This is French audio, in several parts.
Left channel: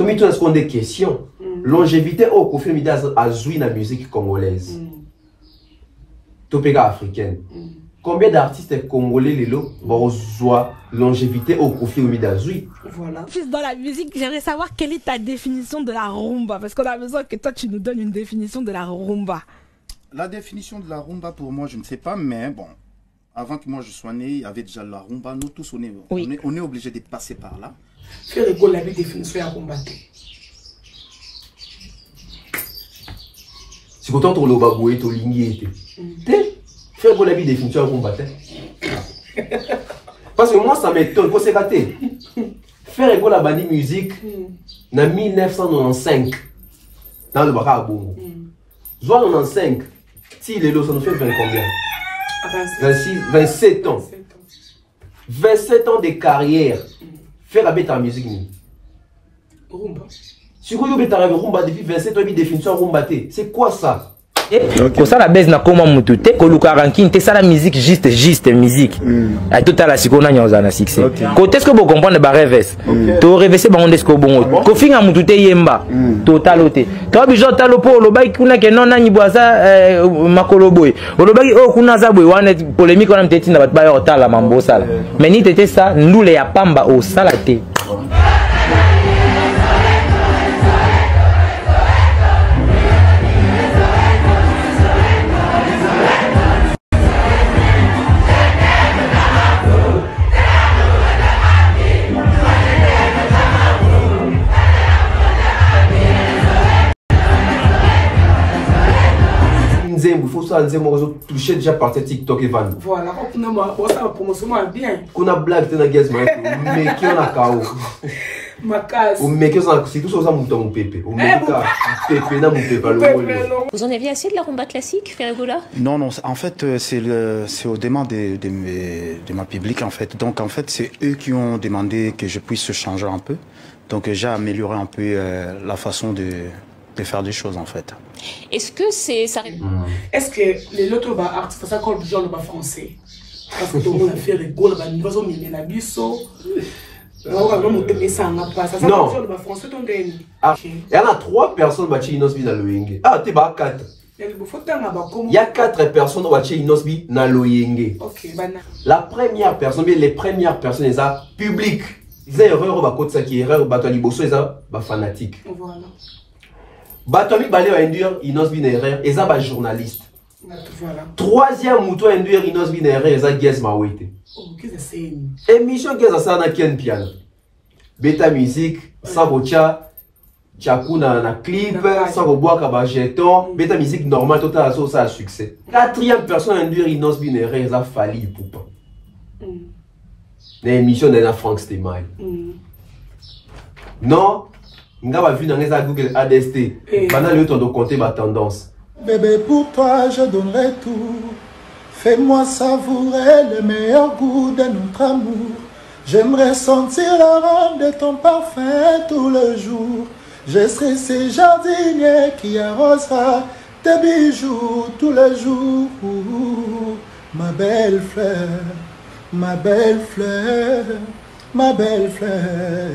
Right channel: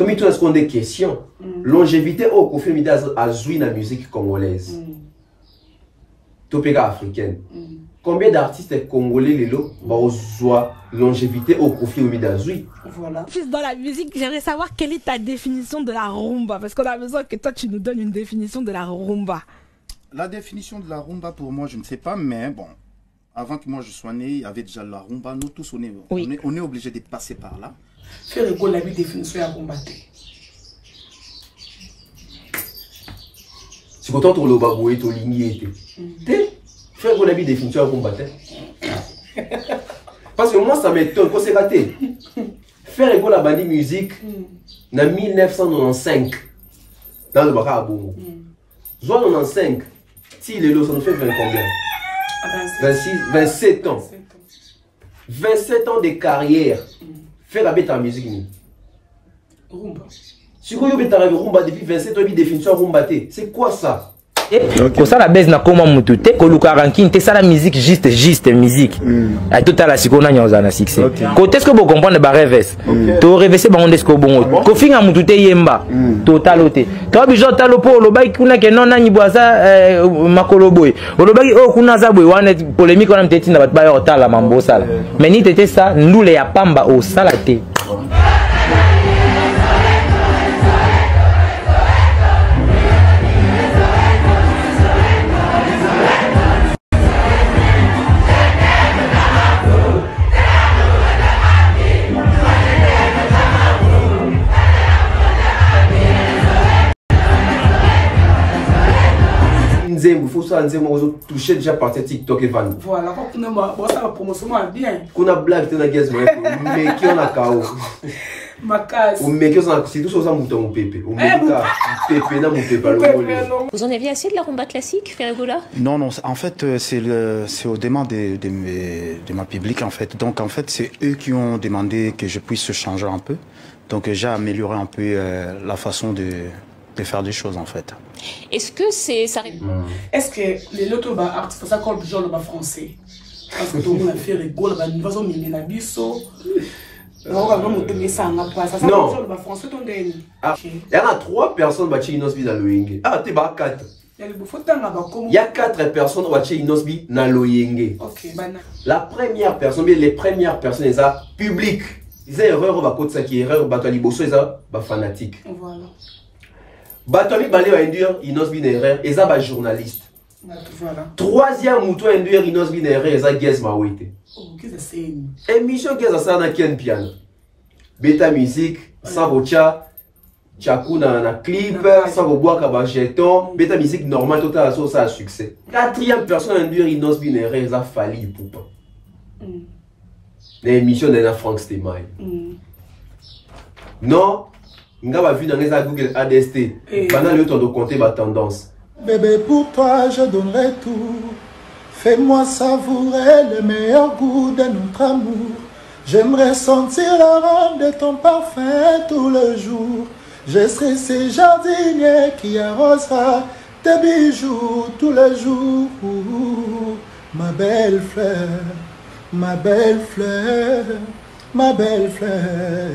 Tu me poses des questions. Longévité au confirme à jouer la musique congolaise. Topéga africaine. Combien d'artistes congolais les lots vont jouer longévité au confirme d'Azoui? Voilà. Fils dans la musique, j'aimerais savoir quelle est ta définition de la rumba. Parce qu'on a besoin que toi tu nous donnes une définition de la rumba. La définition de la rumba pour moi, je ne sais pas, mais bon. Avant que moi je sois né, il y avait déjà la rumba. Nous tous, on est obligés de passer par là. Faire rigolo la définition de la rumba. C'est pourtant ton lobaboué, ton ligné. Faire rigolo la définition de la rumba. Parce que moi, ça m'étonne. Quand c'est raté. Faire rigolo la bande musique en 1995 dans le Baka Bongo. Soit 95, si les lots, ça nous fait 20 combien? 27 ans. 27 ans de carrière. Faire la bête en musique. Rumba. Si vous avez la rumba depuis 27 ans, définition rumba, c'est quoi ça? Ko ça la baisse na koma mutu te ko luka ranking te ça la musique juste musique à tout à la sikona nyoza na succès ko est-ce que vous comprenez ba reverse to reverser ba onde ko bongo ko finga mutu te yemba total ote to bijo talo po lo bai kuna ke non na nyibwaza makolo boy lo bai o kuna za boy wana polémique on mteti na bat ba yo tala mambo sala mais ni tete ça ndule ya pamba o sala te. Il faut ça toucher déjà par TikTok et Van. Voilà, ça va promotion bien. Qu'on a blague, tu as gaz, mais qui en a KO. Mais c'est tout ça, mon pépé. Vous en aviez assez de la rumba classique, Ferregola? Non, non, en fait, c'est au demande de ma public, en fait. Donc, en fait, c'est eux qui ont demandé que je puisse changer un peu. Donc, j'ai amélioré un peu la façon de faire des choses, en fait. Est-ce que c'est ça? Est-ce que les autres artistes, ça comme besoin de français? Parce que tout le monde a fait rigolo, nous faisons des nabiso. Non. Il y en a 3 personnes qui ont été dans le Ah, tu vas 4. Il y a 4 personnes qui ont été dans le La première personne, les premières personnes, elles sont publiques. Ils ont erreur, ils ont erreur, fanatique. Voilà. Batoli balé induire inos binaire et ça ba journaliste. Troisième mouton induire inos binaire et ça guess ma wete. Émission que ça na ken piano. Beta musique, sabocha, chakuna na clip, saboboaka ba jeton, beta musique normale total ça a succès. Quatrième personne induire inos binaire et ça fali poupa. L'émission de la Frank Stemai. Non. Nga va vu dans les Google ADST. Pendant le temps de compter ma tendance. Bébé, pour toi, je donnerai tout. Fais-moi savourer le meilleur goût de notre amour. J'aimerais sentir l'arôme de ton parfum tout le jour. Je serai ce jardinier qui arrosera tes bijoux tous les jours. Ma belle fleur, ma belle fleur, ma belle fleur.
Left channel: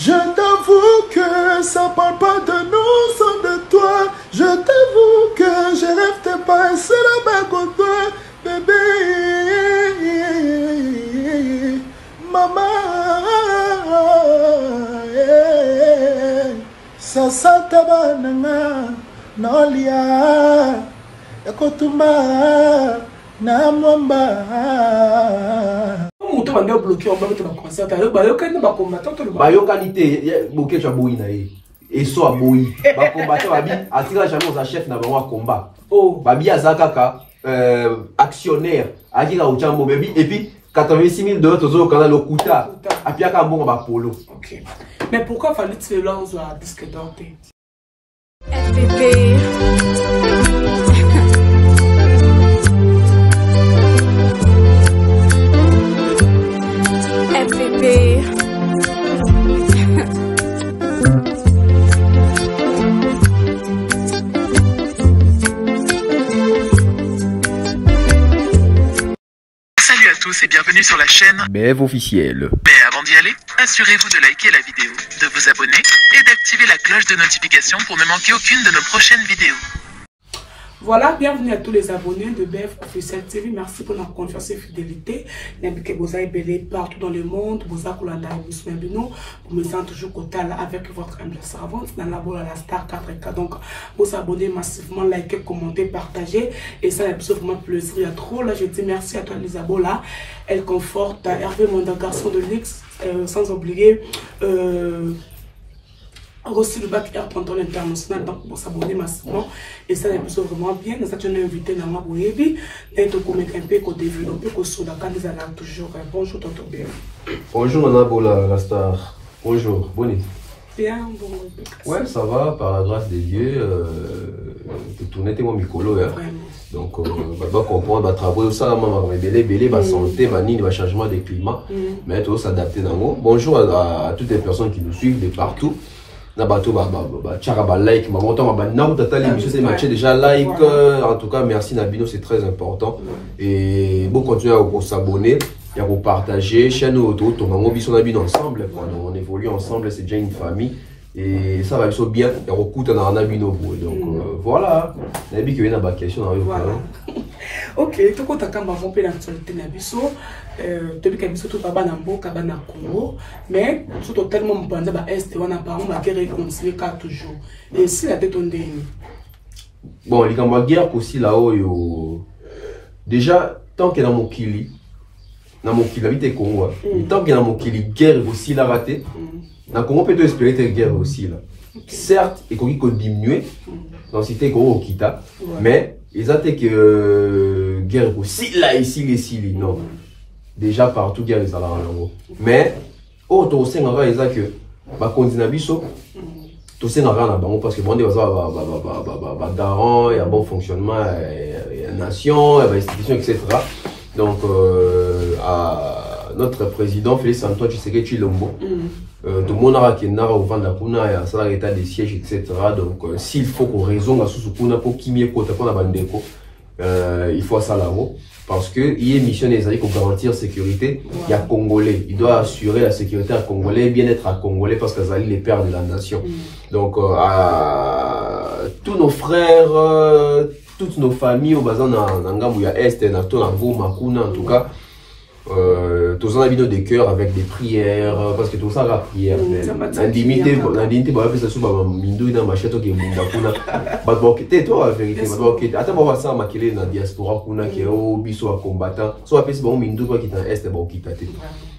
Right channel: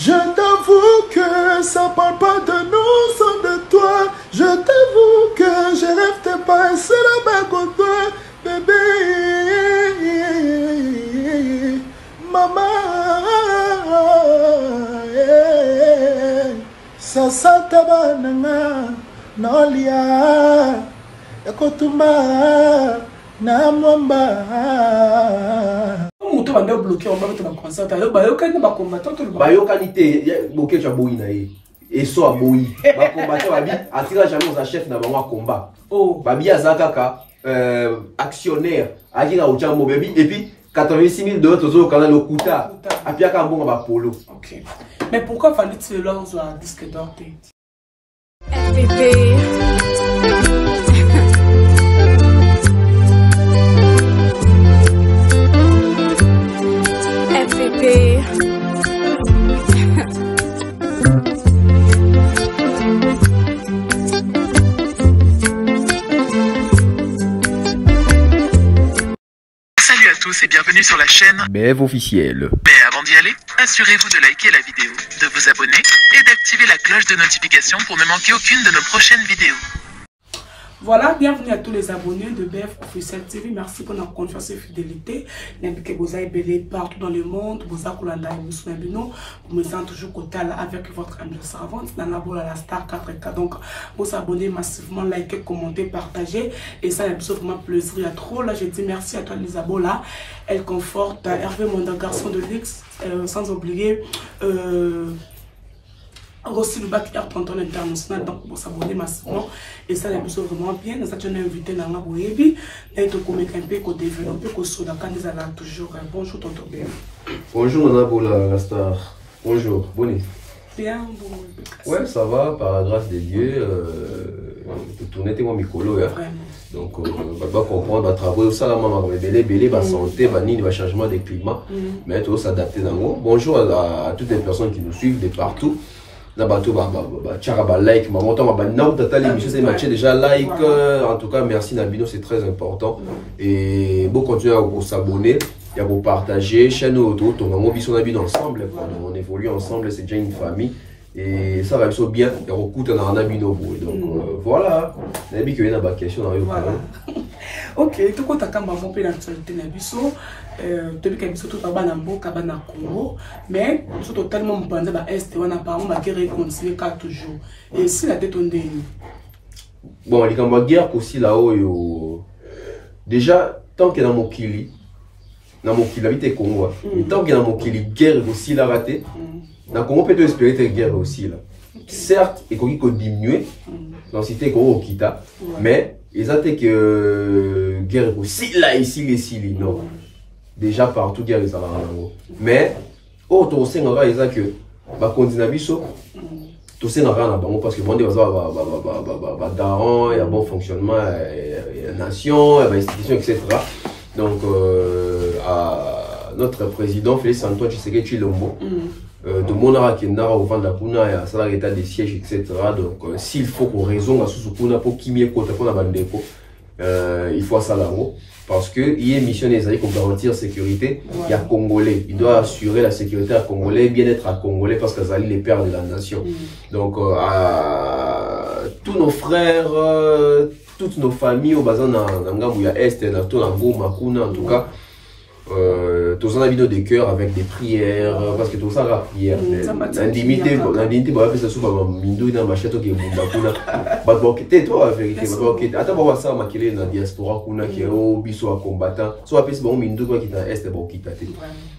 Je t'avoue que ça parle pas de nous, sans de toi. Je t'avoue que je rêve de passer la main contre toi, bébé. Maman, ça tabananga, nolia, ekotuma, namwamba. On a bloqué, on va mettre la concert. Bloqué, tu as boui naïe. Et soit boui. Ba combattant babi, attira jamais aux chefs n'a pas combat. Oh, babi azakaka, actionnaire, akira au jambo baby, et puis 86 000 $ au canal au Kouta, à Piaka bon ba polo. Ok. Mais pourquoi fallait-il lancer un disque d'or? FPP. FPP. Salut à tous, tous et bienvenue sur la chaîne BF officiel. Mais avant d'y aller, assurez-vous de liker la vidéo, de vous abonner et d'activer la cloche de notification pour ne manquer aucune de nos prochaines vidéos. Voilà, bienvenue à tous les abonnés de BF Officiel TV. Merci pour notre confiance et fidélité. N'importe que vous avez belé partout dans le monde. Vous avez vous me sentez toujours côté avec votre humble servante dans la boule à la Star 4K. Donc, vous abonnez massivement, likez, commentez, partagez. Et ça, c'est vraiment plaisir. Il y a trop. Là, je dis merci à toi, les abonnés là. Elle conforte Hervé, mon garçon de luxe. Sans oublier. Aussi le bac Air Tonton International, donc pour s'abonner massivement et ça est vraiment bien. Nous avons invité dans la web d'être comme un peu qu'on développe que sur la candidat toujours. Bonjour Tonton Bien. Bonjour Nana la star. Bonjour, bonne. Bien, bon. Ouais, ça va par la grâce de Dieu. De tourner tes micolo hein. Donc va comprendre va travailler ça là maman va belé va santé va ni va changement de climat mais tout s'adapter dans moi. Bonjour à toutes les personnes qui nous suivent de partout. Like, déjà like, en tout cas merci Nabino, c'est très important et vous continuez à vous s'abonner et à vous partager chaîne auto, ensemble, on évolue ensemble, c'est déjà une famille et ça va bien et recoute dans Nabino donc voilà, Nabi qui vient à la question ok, tout compte à quand on peut l'actualité Nabiso depuis que Nabiso tout va dans Cabana Congo mais tout totalement bandé ba est on a pas on va continuer toujours et si la tête on dit bon les gars guerre aussi là-haut déjà tant que dans mon kili habite Congo tant que dans mon kili guerre aussi la raté dans Congo peut espérer cette guerre aussi là certes et qu'on diminuer dans cité Congo Kita mais ils ont que guerre aussi là ici non déjà partout guerre ça là mais autre aussi on va dire que ba continue biso tout ça n'a rien à voir parce que bon des va garant et un bon fonctionnement nation institution etc. donc à notre président Félix Antoine Tshisekedi Tshilombo tout le monde a qui n'a pas vendre kuna ya ça l'état des sièges etc. donc s'il faut qu'on raison à sous kuna pour qui mieux côté pour la bandeko il faut ça là-haut parce que il est mission des alliés pour garantir sécurité il y a Congolais il doit assurer la sécurité à Congolais bien-être à Congolais parce que ça les pères de la nation donc à tous nos frères toutes nos familles au bazan na ngambu ya est na to na Goma kuna en tout cas tous en habitants des cœurs avec des prières parce que tout ça la prière l'indignité va faire ça sous mindu dans machette qui munda kuna ba bokete toi la vérité ba bokete ata ba ça makele na diaspora kuna qui au biso à combattant soit pesi ba mindu quoi qui dans est ba okitate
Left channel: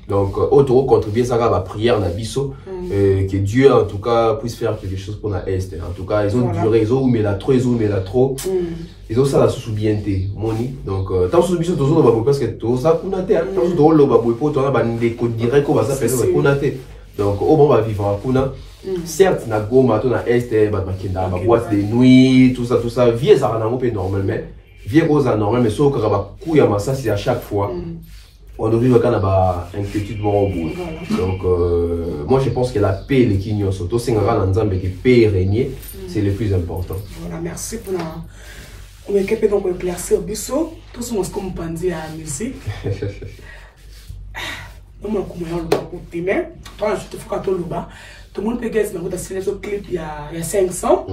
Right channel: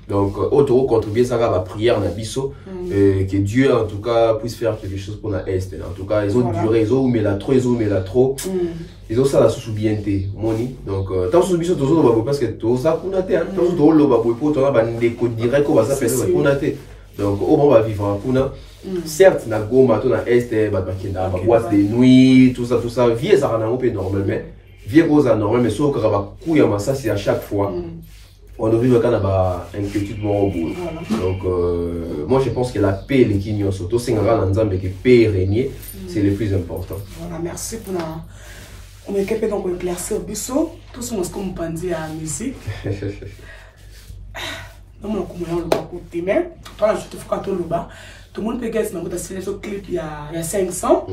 donc autre contribuer ça à la prière na biso que Dieu en tout cas puisse faire quelque chose pour la est en tout cas ils ont duré ils ont mais la trop ils ont ça la sous bienté moni donc tant sous biso toujours ba parce que tout ça kuna te tant dans le ba pour toi ba ndeko direct ko ba ça fait kuna te donc au bon va vivre à kuna certes na Goma to na est ba kinda ba boîte de nuit tout ça vie ça rend un peu normal mais vie cause normal mais sauf que ba couille à ça c'est à chaque fois on devrait le Canada inquiétude au bout. Donc moi je pense que la paix les Kenyans surtout c'est un grand ensemble que paix régner c'est le plus important. Voilà, merci pour la on est capable donc de placer au biseau tout ce qu'on pense à la musique. Donc on commence le côté mais toi je te fais quand on le bas tout le monde peut gagner dans votre clip il y a 500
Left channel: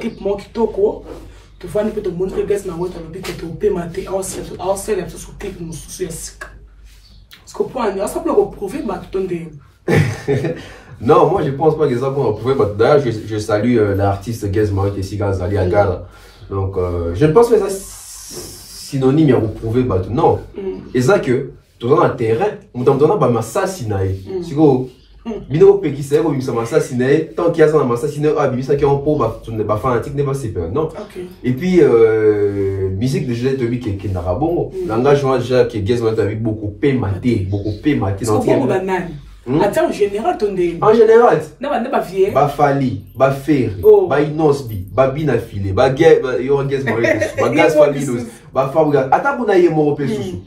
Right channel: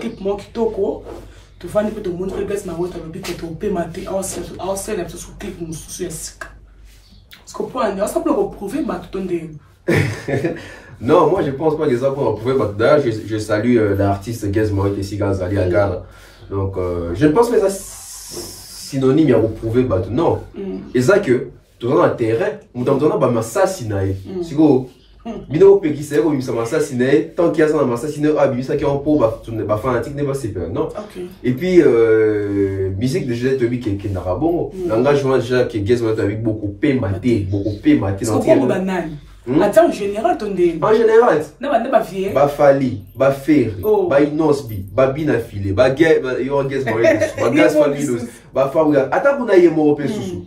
clip moi qui toko tu vois un peu de monde peut gagner dans votre lobby que tu peux mater en scène sur clip nous sur ce qu'on peut ça peut prouver ma tout non moi je pense pas que ça peut prouver d'ailleurs je salue l'artiste Gazma et Siganzali Agara donc je ne pense pas que ça synonyme à prouver non et ça que tout dans le terrain nous avons pas m'assassiner si go bino pe qui c'est ko bimisa m'assassiner tant qu'il y a ça m'assassiner ah bimisa qui en po ba fanatique ne pas se faire non et puis musique de Joseph Tobi qui n'a bon l'engagement déjà qui Gazma avec beaucoup pématé dans en général, en général, ba Fali, ba Ferry, ba Inosbi, ba Binafile, ba Gaz, ba Gaz Falinos, ba Fabuga. Attends pour naïe moro pe susu.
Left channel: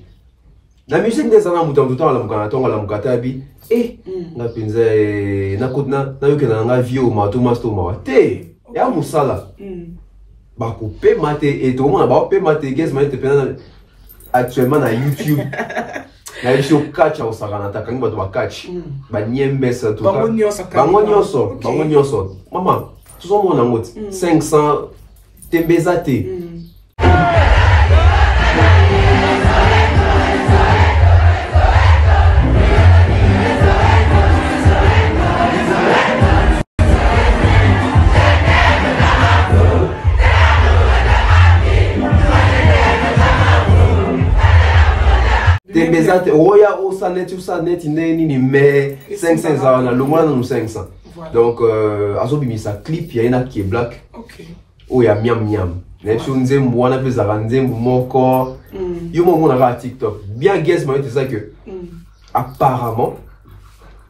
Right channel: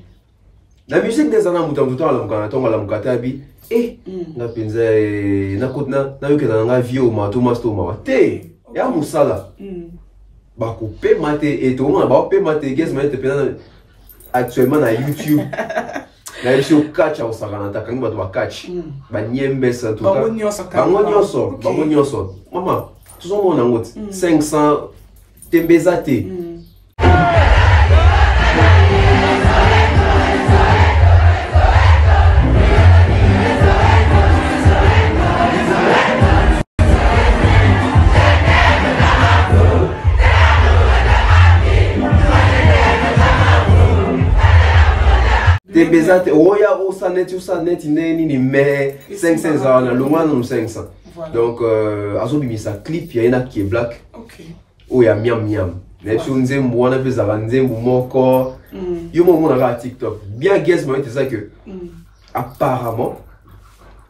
La musique des années mutam tout la mukana la mukatabi. Na penza na kotna na yuke na nga vio ma to masto ma te. Ya musala. Ba ko pe mate et tout le monde ba pe mate Gaz ma te pena actuellement na YouTube. Na emission catch au saranata quand ba doit catch. Ba niembe ça tout cas. Bango nyonso. Maman, tout ça mon angote 500 tembezate. Tembezate oya osanet nini mais 500 ans na longwa na 500. Donc azobimisa clip ya ina qui est black. OK. Oya miam. Na sur nzembo wana pe za nzembo moko. Yo mo na TikTok. Bien guess moi c'est ça que apparemment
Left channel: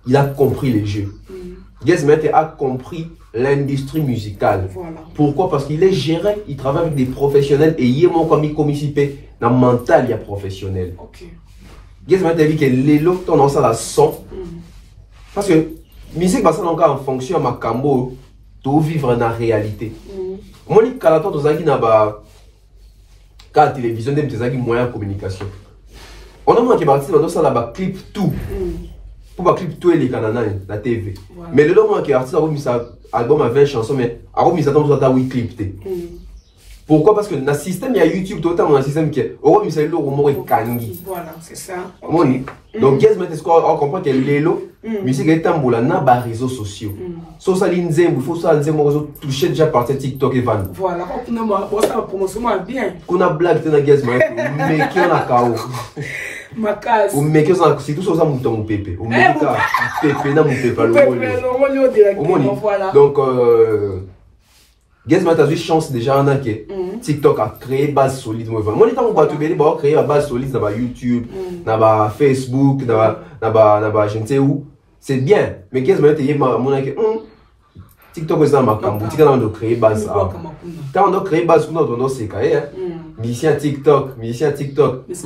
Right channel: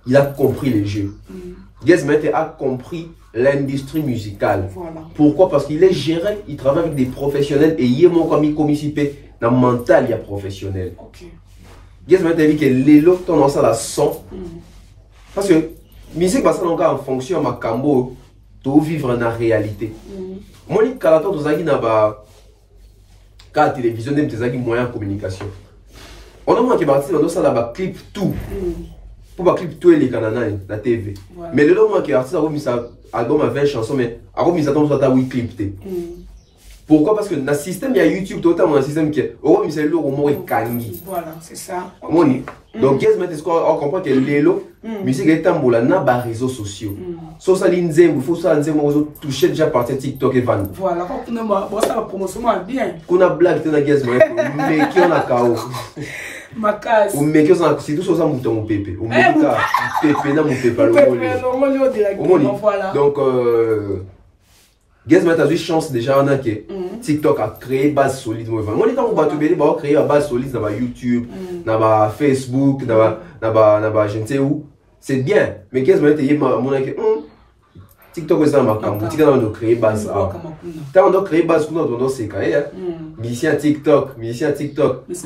il a compris les jeux. Guess a compris l'industrie musicale. Voilà. Pourquoi? Parce qu'il est géré, il travaille avec des professionnels et il est mon comme ici dans mental il y a professionnel. OK. Guess m'a dit que l'élo ton ça la son. Parce que musique passe encore en fonction ma cambo de vivre dans la réalité. Moi ni kalato to zaki na ba ka télévision dem zaki moyen de communication. On a moins que parti dans ça la ba clip tout. Pour ba clip tout les canana la TV. Mais le moment que artiste a remis sa album à 20 chansons mais a remis ça dans ta oui clip té. Pourquoi? Parce que dans le système, il y a YouTube, tout le temps, dans le système qui est. Au moins, c'est le mot kangi. Voilà, c'est ça. Donc, qu'est-ce que on comprend que l'élo, musique est un boulot, n'a pas réseaux sociaux. Sauf ça, l'inzem, il faut ça, l'inzem, on toucher déjà par TikTok et van. Voilà, bon, ça va promotion bien. Qu'on a blague, tu as guess, mais qui on a KO. Ma case. Ou mais que ça, c'est tout ça, mon pépé. Ou mais pépé, n'a mon pépé, le mot. Donc, Guess moi t'as eu chance déjà en a que TikTok a créé base solide moi. Moi l'état on va te bélir créer la base solide dans YouTube, dans Facebook, dans je ne sais où. C'est bien, mais guess moi t'es mon que TikTok est dans ma camp, TikTok on doit créer base quoi. Quand on doit créer base on doit c'est carré musicien TikTok.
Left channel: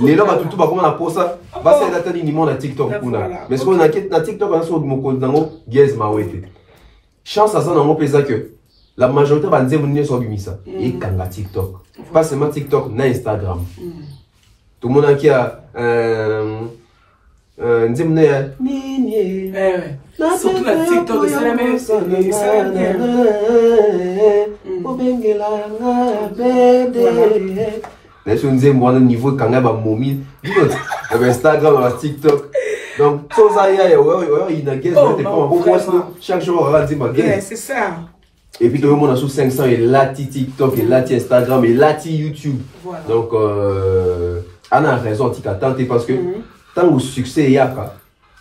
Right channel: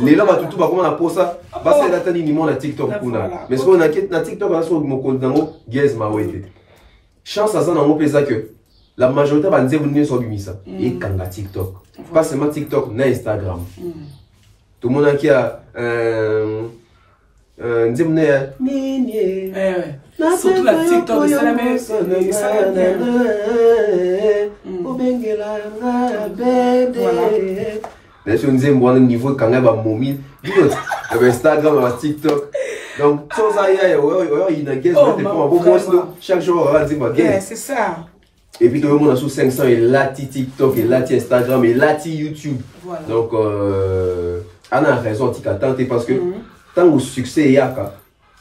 Les là tout pas comment on a pour ça. Parce que là t'as ni mon TikTok pour là. Mais ce qu'on a na TikTok on a sur mon compte dans guess moi ouais. Chance à ça dans mon pays que la majorité va dire venir sur Bimisa et kanga TikTok. Pas seulement TikTok, na Instagram. Tout le monde qui a surtout la TikTok, c'est la même. Si on disait moi niveau kanga ba momi, Instagram, TikTok. Donc tout ça il y a guess chaque jour on va dire ma guess. C'est ça. Et puis tout le monde a sous 500 et là TikTok et là Instagram et là YouTube. Voilà. Donc on a raison t'attendre parce que tant le succès y a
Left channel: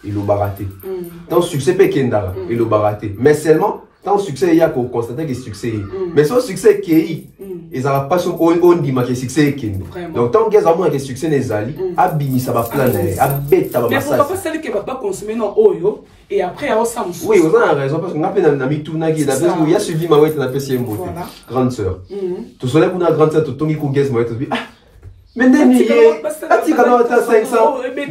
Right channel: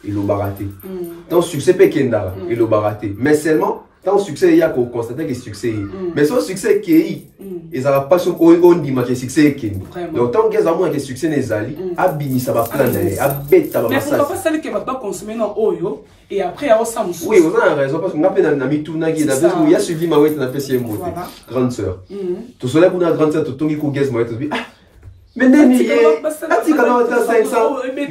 il l'a baraté. Tant le succès peut kendara il l'a baraté. Mais seulement tant le succès y a pour constater que le succès. Mais son succès qui est ils n'ont pas sur on dit que le succès est. Donc tant qu'ils ont moins que le succès n'est ali abini ça va planer abet ça va massage. Mais pourquoi pas celle qui va pas consommer non oyo et après on s'en oui vous avez raison parce qu'on a fait un ami tout nagi là parce qu'il y a suivi ma ouais t'as fait beauté grande sœur. Tout cela qu'on a grande sœur tout tongi ko guess moi ah mais Nemi ati kana ta 500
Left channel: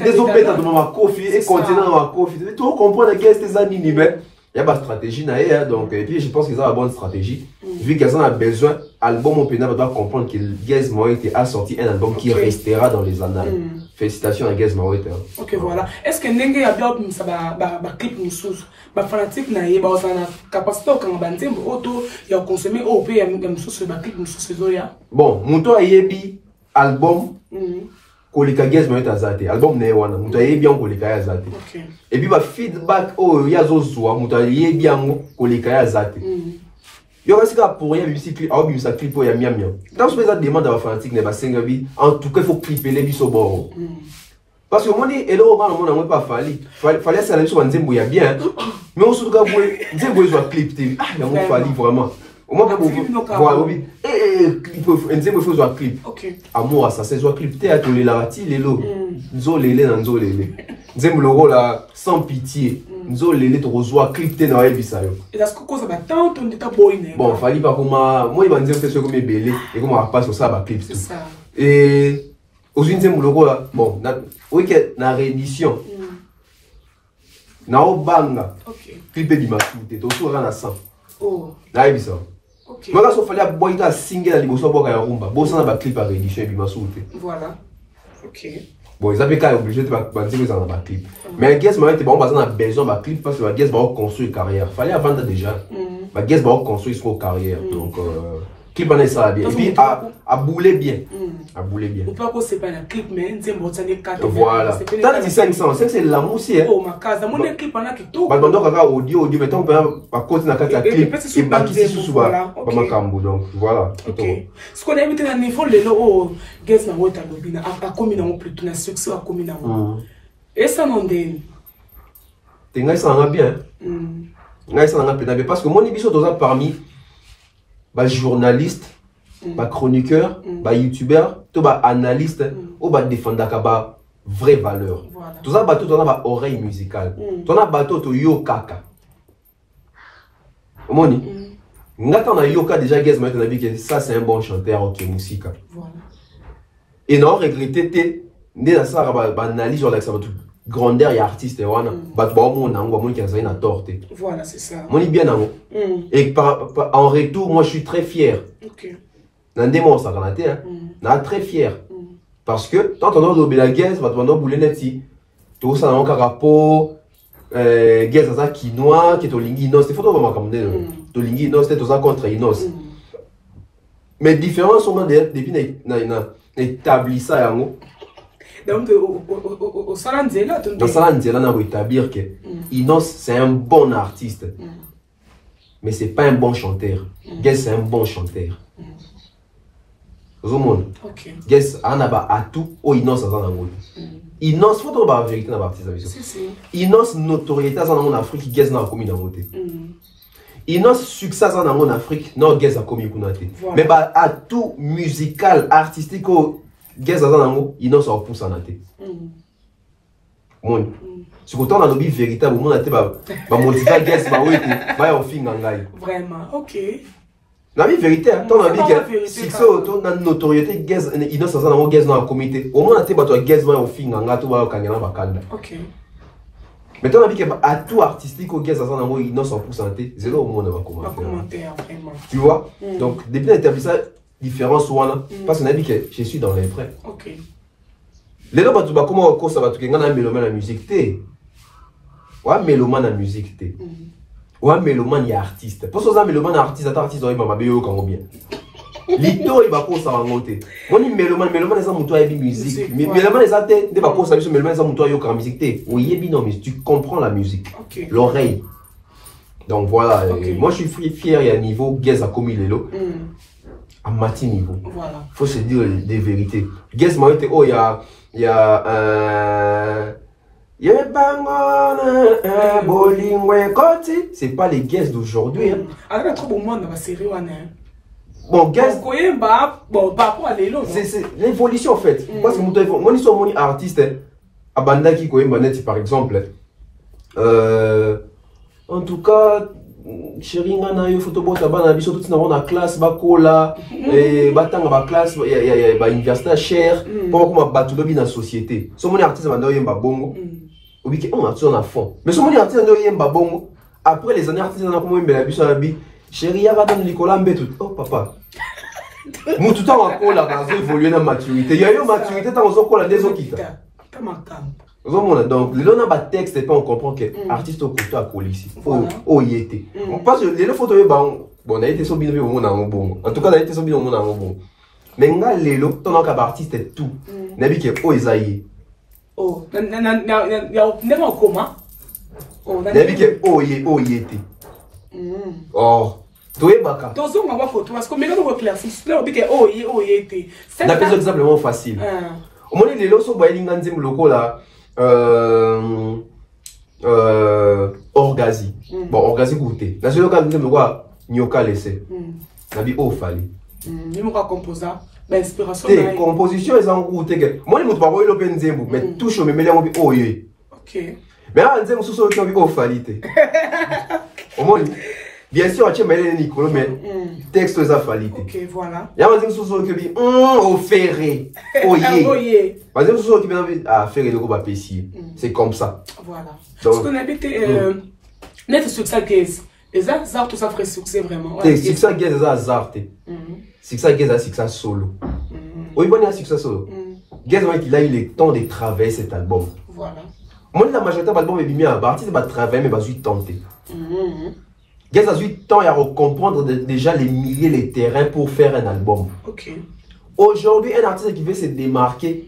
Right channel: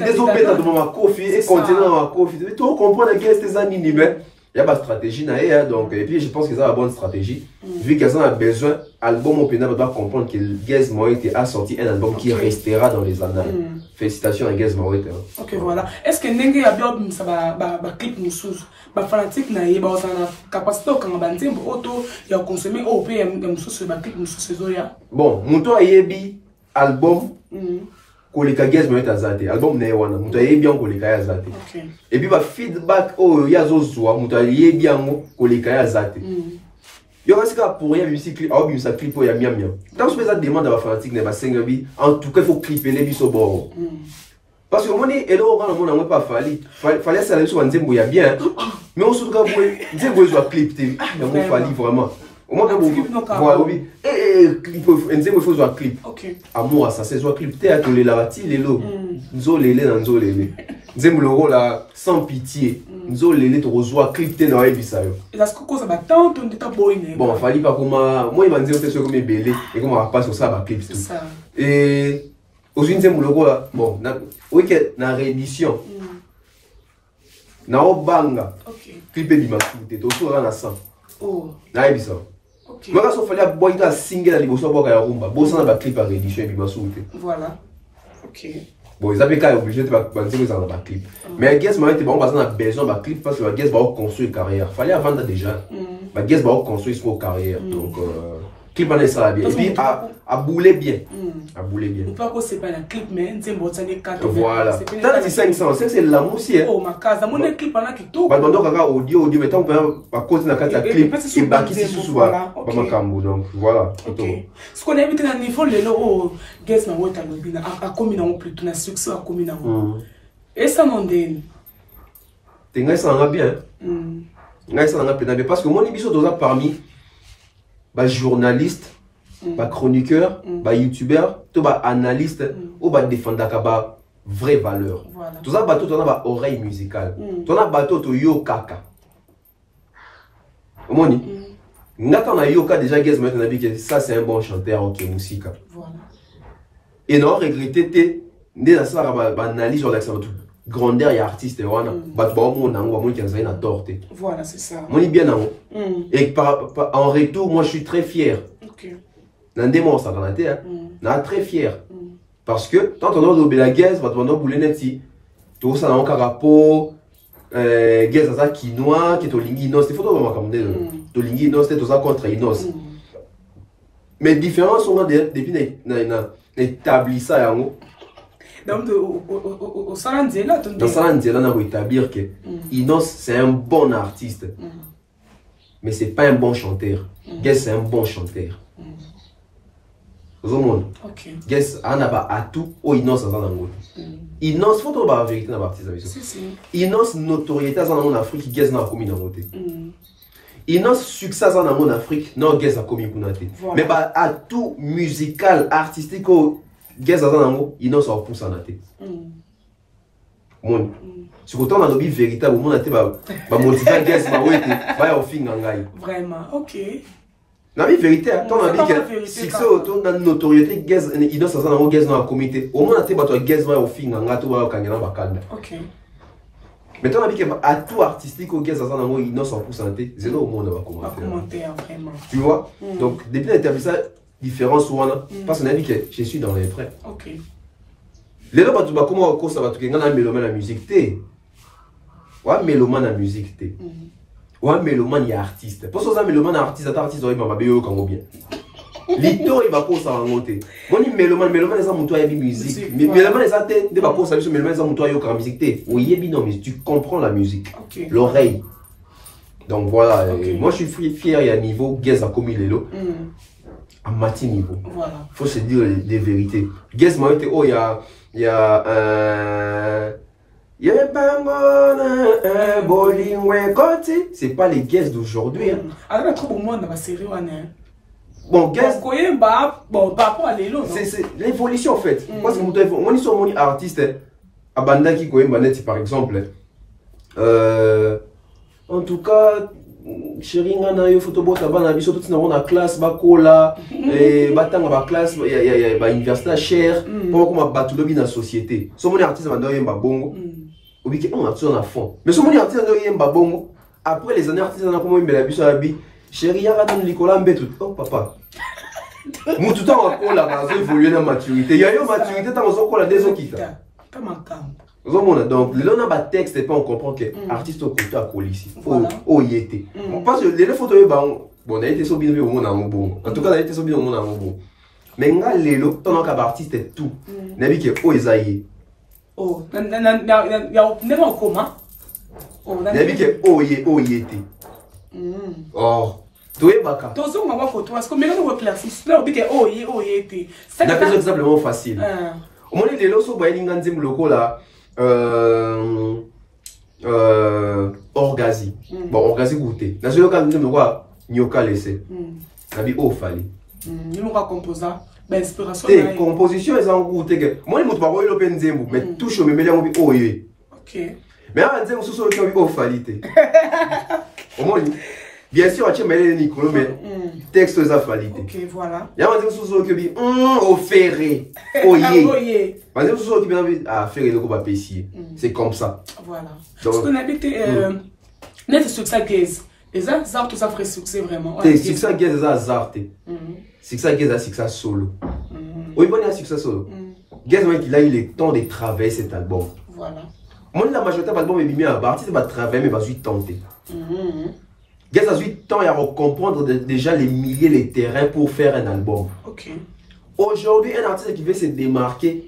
des autres bêtes dans ma coffee et continent ma coffee tout comprendre que c'est ça ni mais il y a pas de stratégie derrière donc et puis je pense qu'ils ont la bonne stratégie vu qu'ils ont besoin album au Pénal doit comprendre que Guess Moïte a sorti un album qui restera dans les annales. Félicitations à Guess Moïte. OK voilà. Est-ce que Nengue a bien ça ba clip mususu ba fanatique na yeba osana capacité quand ba nzembo auto ya consommer au pays mususu ba clip mususu zoya. Bon, muto ayebi album kolika Guess Moïte azate album na wana muto ayebi on kolika azate. OK. Et puis ba feedback oh ya zozo muto ayebi ngo kolika azate. Yo reste pour rien musique ah bi ça clip pour ya miam miam. Dans ce cas demande à fanatique ne ba sengabi en tout cas il faut clipper les biso bon. Parce que moi et là on n'a pas fallait ça sur nzembo ya bien mais on se doit nzembo zo clip ah il y a fallu vraiment. Au moins voilà oui clip nzembo faut zo clip. OK. Amour ça c'est zo clip té atolé la rati lelo. Nzolele na nzolele. Nzembo le rôle sans pitié. Nzolele to rezoa clip té na ebisa yo. Et est-ce que cause ba tant on dit ta boy bon fallait pas comme moi il m'a dit que c'est comme belé et comment on passe sur ça ba clip tout. Et aux nzembo le rôle bon oui que na réédition. Na obanga. OK. Clip di masute to so na 100. Oh. Na ebisa. OK. Moi quand il fallait boy ka single à liboso boka ya rumba. Bosa na ba clip à réédition bi masute. Voilà. Ok. Bon, ils avaient qu'à obligé de dire qu'ils en ont un clip. Mais Guess m'a été bon, on a besoin d'un clip parce que Guess va construire une carrière. Fallait avant déjà. Guess va construire une carrière. Donc, clip en est ça bien. Et puis, à bouler bien. À bouler bien. On peut pas c'est pas un clip, mais c'est un 4. Voilà. T'as dit 500, c'est l'amour aussi. Oh, ma case, mon clip en a qui tout. Bah, donc, audio, mais tant qu'on peut à cause de la clip, et bah, qui s'y sous voilà. Donc, voilà. Ce qu'on a évité dans le niveau, les lots, Guess n'a pas été à commun en plus, un succès à commun en. Et ça m'en donne. T'es là, ça en a bien. Ça en a bien. Parce que mon émission, parmi les journalistes, les chroniqueurs, les youtubeurs, les analystes, ou les défendeurs de vraies valeurs. Tout ça, tu as une oreille musicale. Tu as un bateau, tu as yo kaka. Moni, quand on a yo kaka, déjà, Guess maintenant dit que ça, c'est un bon chanteur en musique. Et non, regretter, tu as ça, analyse sur l'examen. Grandeur et artiste, voilà, c'est ça. Moi, bien et en retour, moi, je suis très fier. Très fier. Parce que, tant on a la Guess, on a boulé net si. Tout ça, on a un rapport, Guess, ça, quinoa, qui est au linguinos, c'est photo vraiment comme de linguinos, c'est tout ça contre inos. Mais différents sont depuis établi ça, donc, au Salanzela, dans Salanzela, on a établir que Inos, c'est un bon artiste. Mais c'est pas un bon chanteur. Guess, c'est un bon chanteur. Guess, on a à tout, au Inos, ça en a Inos, faut trouver la vérité dans l'artiste. Inos, notoriété en Afrique, Guess, n'a pas commis dans la montée. Inos, succès en Afrique, non, Guess, a commis dans la montée. Mais à tout musical, artistique, Guess dans un mot, il n'en sort pousse en athée. Si vous avez une véritable, vous avez motivé Guess, vous fin vraiment, ok. La vie vérité, ton avis que si c'est autour de notoriété, Guess, il n'en sort Guess dans la communauté. Au moins, tu as Guess, vous fin en gâteau, ok. Mais ton avis que à tout artistique, Guess dans un mot, il n'en sort pousse en athée, c'est là où on va commenter. Tu vois? Donc, depuis l'établissement, différence ou parce qu'on a dit que je suis dans les vrais. Ok. Les gens qui comment ça va tout un mélomane la musique té. Ouais, mélomane la musique té. Ouais, mélomane y artiste. Pour ça mélomane artiste il va bien comme bien. Lito il va pour ça monter. Moi ni mélomane ça muto y musique. Mais mélomane ça té, ne va pour ça mélomane ça muto y comme musique té. Oui, non mais tu comprends la musique. L'oreille. Donc voilà, moi je suis fier il y a niveau Guess a commis les lots. À matin niveau. Voilà. Faut se dire des vérités. Guess m'a dit oh il y a c'est pas les Guess d'aujourd'hui. Alors trop bon monde dans la série bon Guess bon par rapport à l'élo. C'est l'évolution en fait. Parce que moi ils sont mon artiste à banda qui connaît par exemple en tout cas chérie ngana yo photo bota bana biso tout na la classe bakola et batanga ba classe ya ba université cher pour comme batu lobi na société so mon artiste banda yemba bongo obi ke on a tout en fond mais so mon artiste banda yemba bongo après les années artistes na comme mbela biso abi chérie ya gadon likola mbetu oh papa mu tout temps bakola ba évoluer na maturité ya yo maturité tant ozo kola des okita donc, le a texte et pas on comprend que l'artiste au côté à ici. Oh, il était. On passe les photos, bon, on a été sur bien au monde en bon. En tout cas, on a été sur bien au monde en bon. Mais là, les lots, ton artiste est tout. N'a dit que oh, Isaïe. Oh, il y a never en commun. N'a dit que oh, il était. Oh. Tu es baka. Tu as ma photo parce que mais on éclaircir. Là on dit que oh, il était. C'est un exemple facile. Au moins les lots sont bailés dans un loco là. Orgazi. Bon, Orgazi goûté. Dans ce cas, nous avons Nyoka laissé. Ça dit, oh, fallait. Nous avons composé. L'inspiration. Les compositions, elles ont goûté. Moi, je ne sais pas l'open zembo, mais touche, mais je me dis, oh, yeah. Ok. Mais là, je me suis dit, oh, fallait. Au moins, bien sûr, tu as mis Nicolas, mais texte, les a fallu. Ok, voilà. Il y a un sous qui dit, oh, ferré. Oh, yeah. Par exemple, sous qui dit, ah, ferré, le coup va pessier. C'est comme ça. Voilà. Parce qu'on habite, net succès Guess. Les arts, tout ça ferait succès vraiment. C'est succès Guess, les arts. C'est succès Guess, c'est succès solo. Oui, bon, il y a succès solo. Gazman il a eu le temps de travailler cet album. Voilà. Moi, la majorité de l'album est bien à partir de travailler, mais je vais tenter. Gaz a eu le temps à comprendre déjà les milliers de terrains pour faire un album. Ok. Aujourd'hui, un artiste qui veut se démarquer,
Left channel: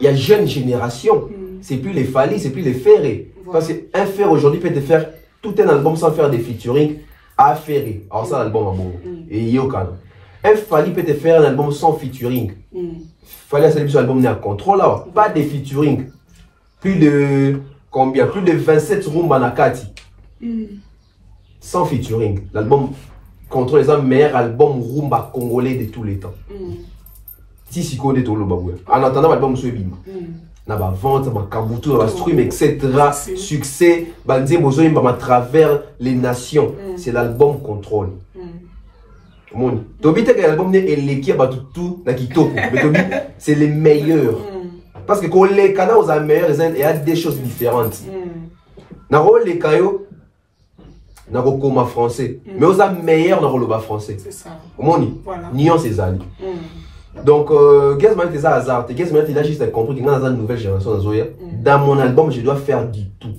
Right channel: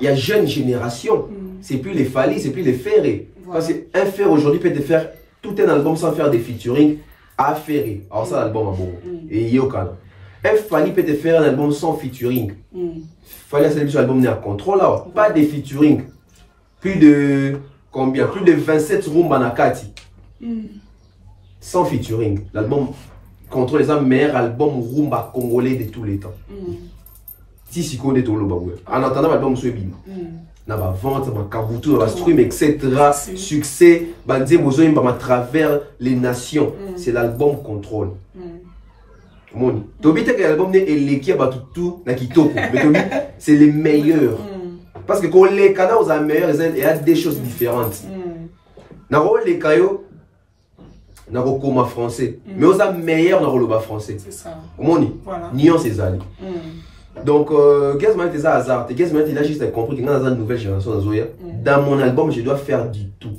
il y a jeune génération. C'est plus les Fally, c'est plus les Ferré. Voilà. Parce qu'un Ferré aujourd'hui peut te faire tout un album sans faire des featuring à Ferré. Alors ça, l'album est bon. Et Yokana. Un Fally peut te faire un album sans featuring. Fally a célébré son album n'est à contrôle là. Pas de featuring. Plus de combien? Plus de 27 Rumba Nakati. Sans featuring. L'album contrôle les meilleur album Rumba congolais de tous les temps. Si si connaît tout le bagou. En attendant l'album sur Bima. Na ba vente, ma kabutu, na ba stream, etc. Succès, bandé bozo à travers les nations. C'est l'album contrôle. Tobi te l'album ne eleki ba tout na kitoko. Mais Tobi c'est les meilleurs. Parce que quand les canaux aux meilleurs, il y a des choses différentes. Na les caillots na comme français. Mais aux meilleurs na le français. C'est ça. Moni. Nion ces amis. Donc, Gazman était ça hasard. Gazman il a juste compris que dans une nouvelle génération, dans mon album, je dois faire du tout.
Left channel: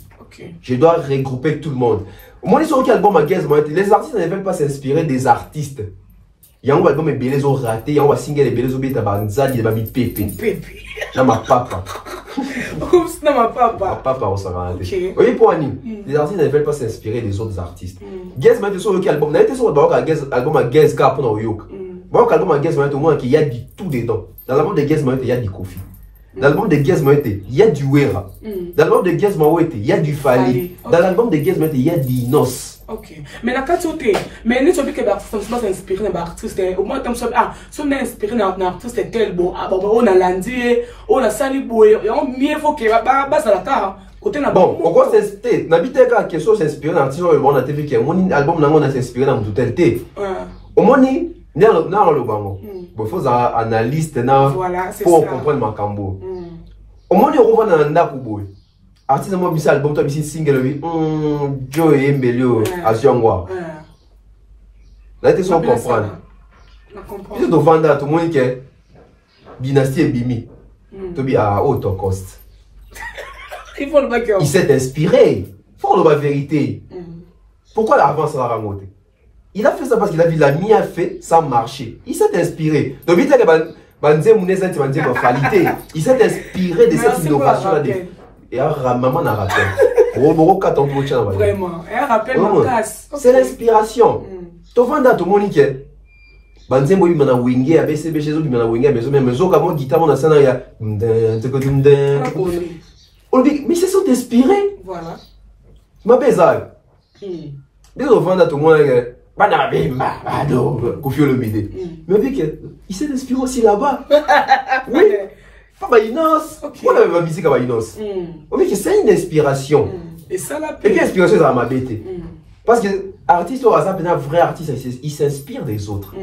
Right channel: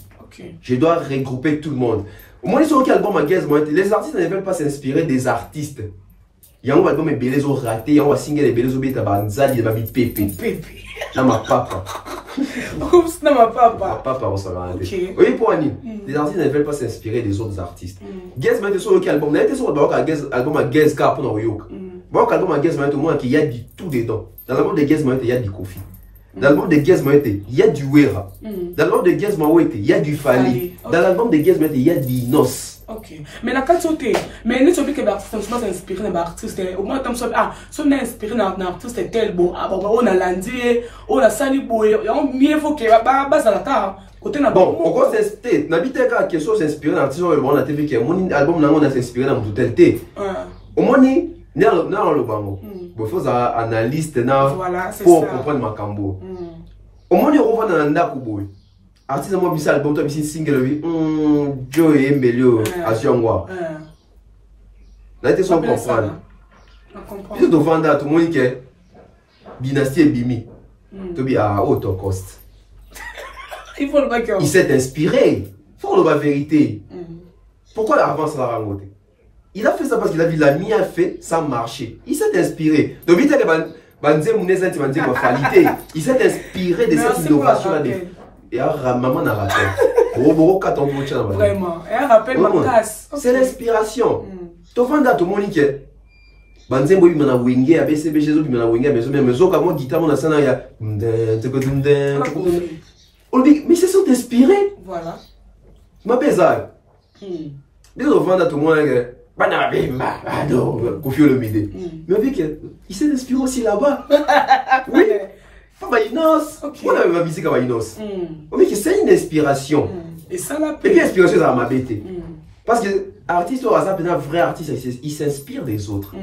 Je dois regrouper tout le monde. Au moins, sur l'album à Gazman, les artistes ne veulent pas s'inspirer des artistes. Il y a un album qui est raté, il y a un single qui est raté, il y a un single qui est raté. Non, ma papa. Oups, non, ma papa. Ma papa, on s'en a raté. Oui, pour Annie, les artistes ne veulent pas s'inspirer des autres artistes. Gazman était sur l'album, il était sur l'album à Gazka pour New York. Bon, l'album de Gazman, au moins, il y a du tout dedans. Dans l'album de Gazman, il y a du Kofi. Dans l'album de Gazman, il y a du Wera. Dans l'album de Gazman, il y a du Fally. Dans l'album de Gazman, il y a du Inos. Ok. Mais la qualité, mais nous sommes que l'artiste m'a inspiré d'un artiste. Au moins, comme ça, si on a inspiré d'un artiste tel, bon, on a landé, on a sali boy, on mieux faut que base à la tard. Bon, pourquoi c'est n'habite qu'à quelque chose s'inspirer d'un artiste, on a vu que mon album n'a pas s'inspiré dans tout tel thé. Au moins, non, le bango. Il faut analyse pour comprendre ma cambo. Au moins, il revient dans la coupe. Artiste, moi, je album, toi, je single, Joe et Mbelio, à Ziangwa. Là, tu sans comprendre. Tu dois vendre à tout le monde que Dynastie et Bimi. Tu dis à haute cost. Il s'est inspiré. Il faut la vérité. Pourquoi l'avance va raconter? Il a fait ça parce qu'il a vu la mienne fait, ça marchait. Il s'est inspiré. Donc, il s'est inspiré de cette innovation-là. Et maman n'a raté. Vraiment. Et un rappel ma casse. C'est l'inspiration. Tu vois, dans tout le monde, Banzembo il m'a wingé, ABCB chez eux, il m'a wingé, mais zo comme guitare, on a ça, il y a. Mais c'est sont inspirés. Voilà. Je m'appelle ça. Dès qu'on vend à tout le monde, mais il s'est inspiré aussi là-bas. Oui. Pas Inos. On avait ma musique à Inos. C'est une inspiration. Et ça la paix. Et puis l'inspiration, ça m'a bêté. Parce que l'artiste, un vrai artiste, il s'inspire des autres.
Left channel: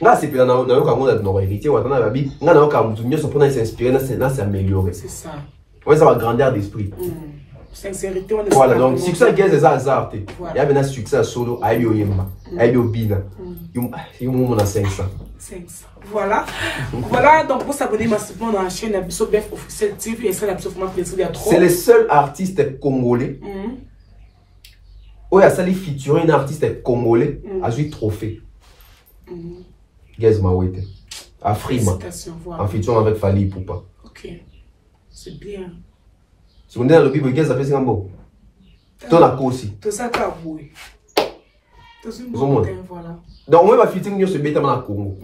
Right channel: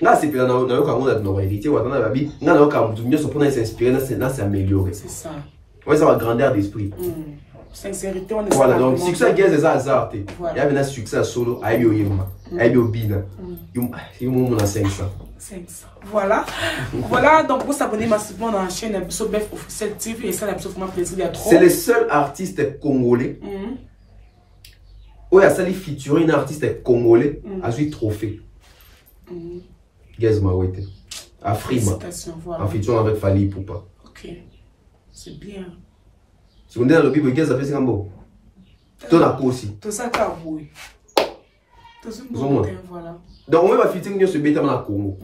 Là, c'est dans notre réalité. Il s'inspire, c'est amélioré. C'est ça. Oui, ça va grandeur d'esprit. Sincérité, on est. Voilà, donc succès à Gaz, hasard. Il y a maintenant succès à solo, à Ayo Yemma, à Ayo Bina. Il y a 500. Voilà. Voilà, donc vous s'abonnez massivement dans la chaîne Abisso Bef Officiel TV et ça, l'Abisso vraiment plaisir d'être trop. C'est le seul artiste congolais. Oui, à ça, les featuring un artiste congolais a eu trophée. Gaz Mawete. À Frima. En featuring avec Fally Poupa. Ok. C'est bien. Si vous êtes dans le Bible, Gaz a fait un beau. Tout la aussi. Tout ça, t'as voué. Voilà. Donc, on va featuring nous se mettre dans le Congo.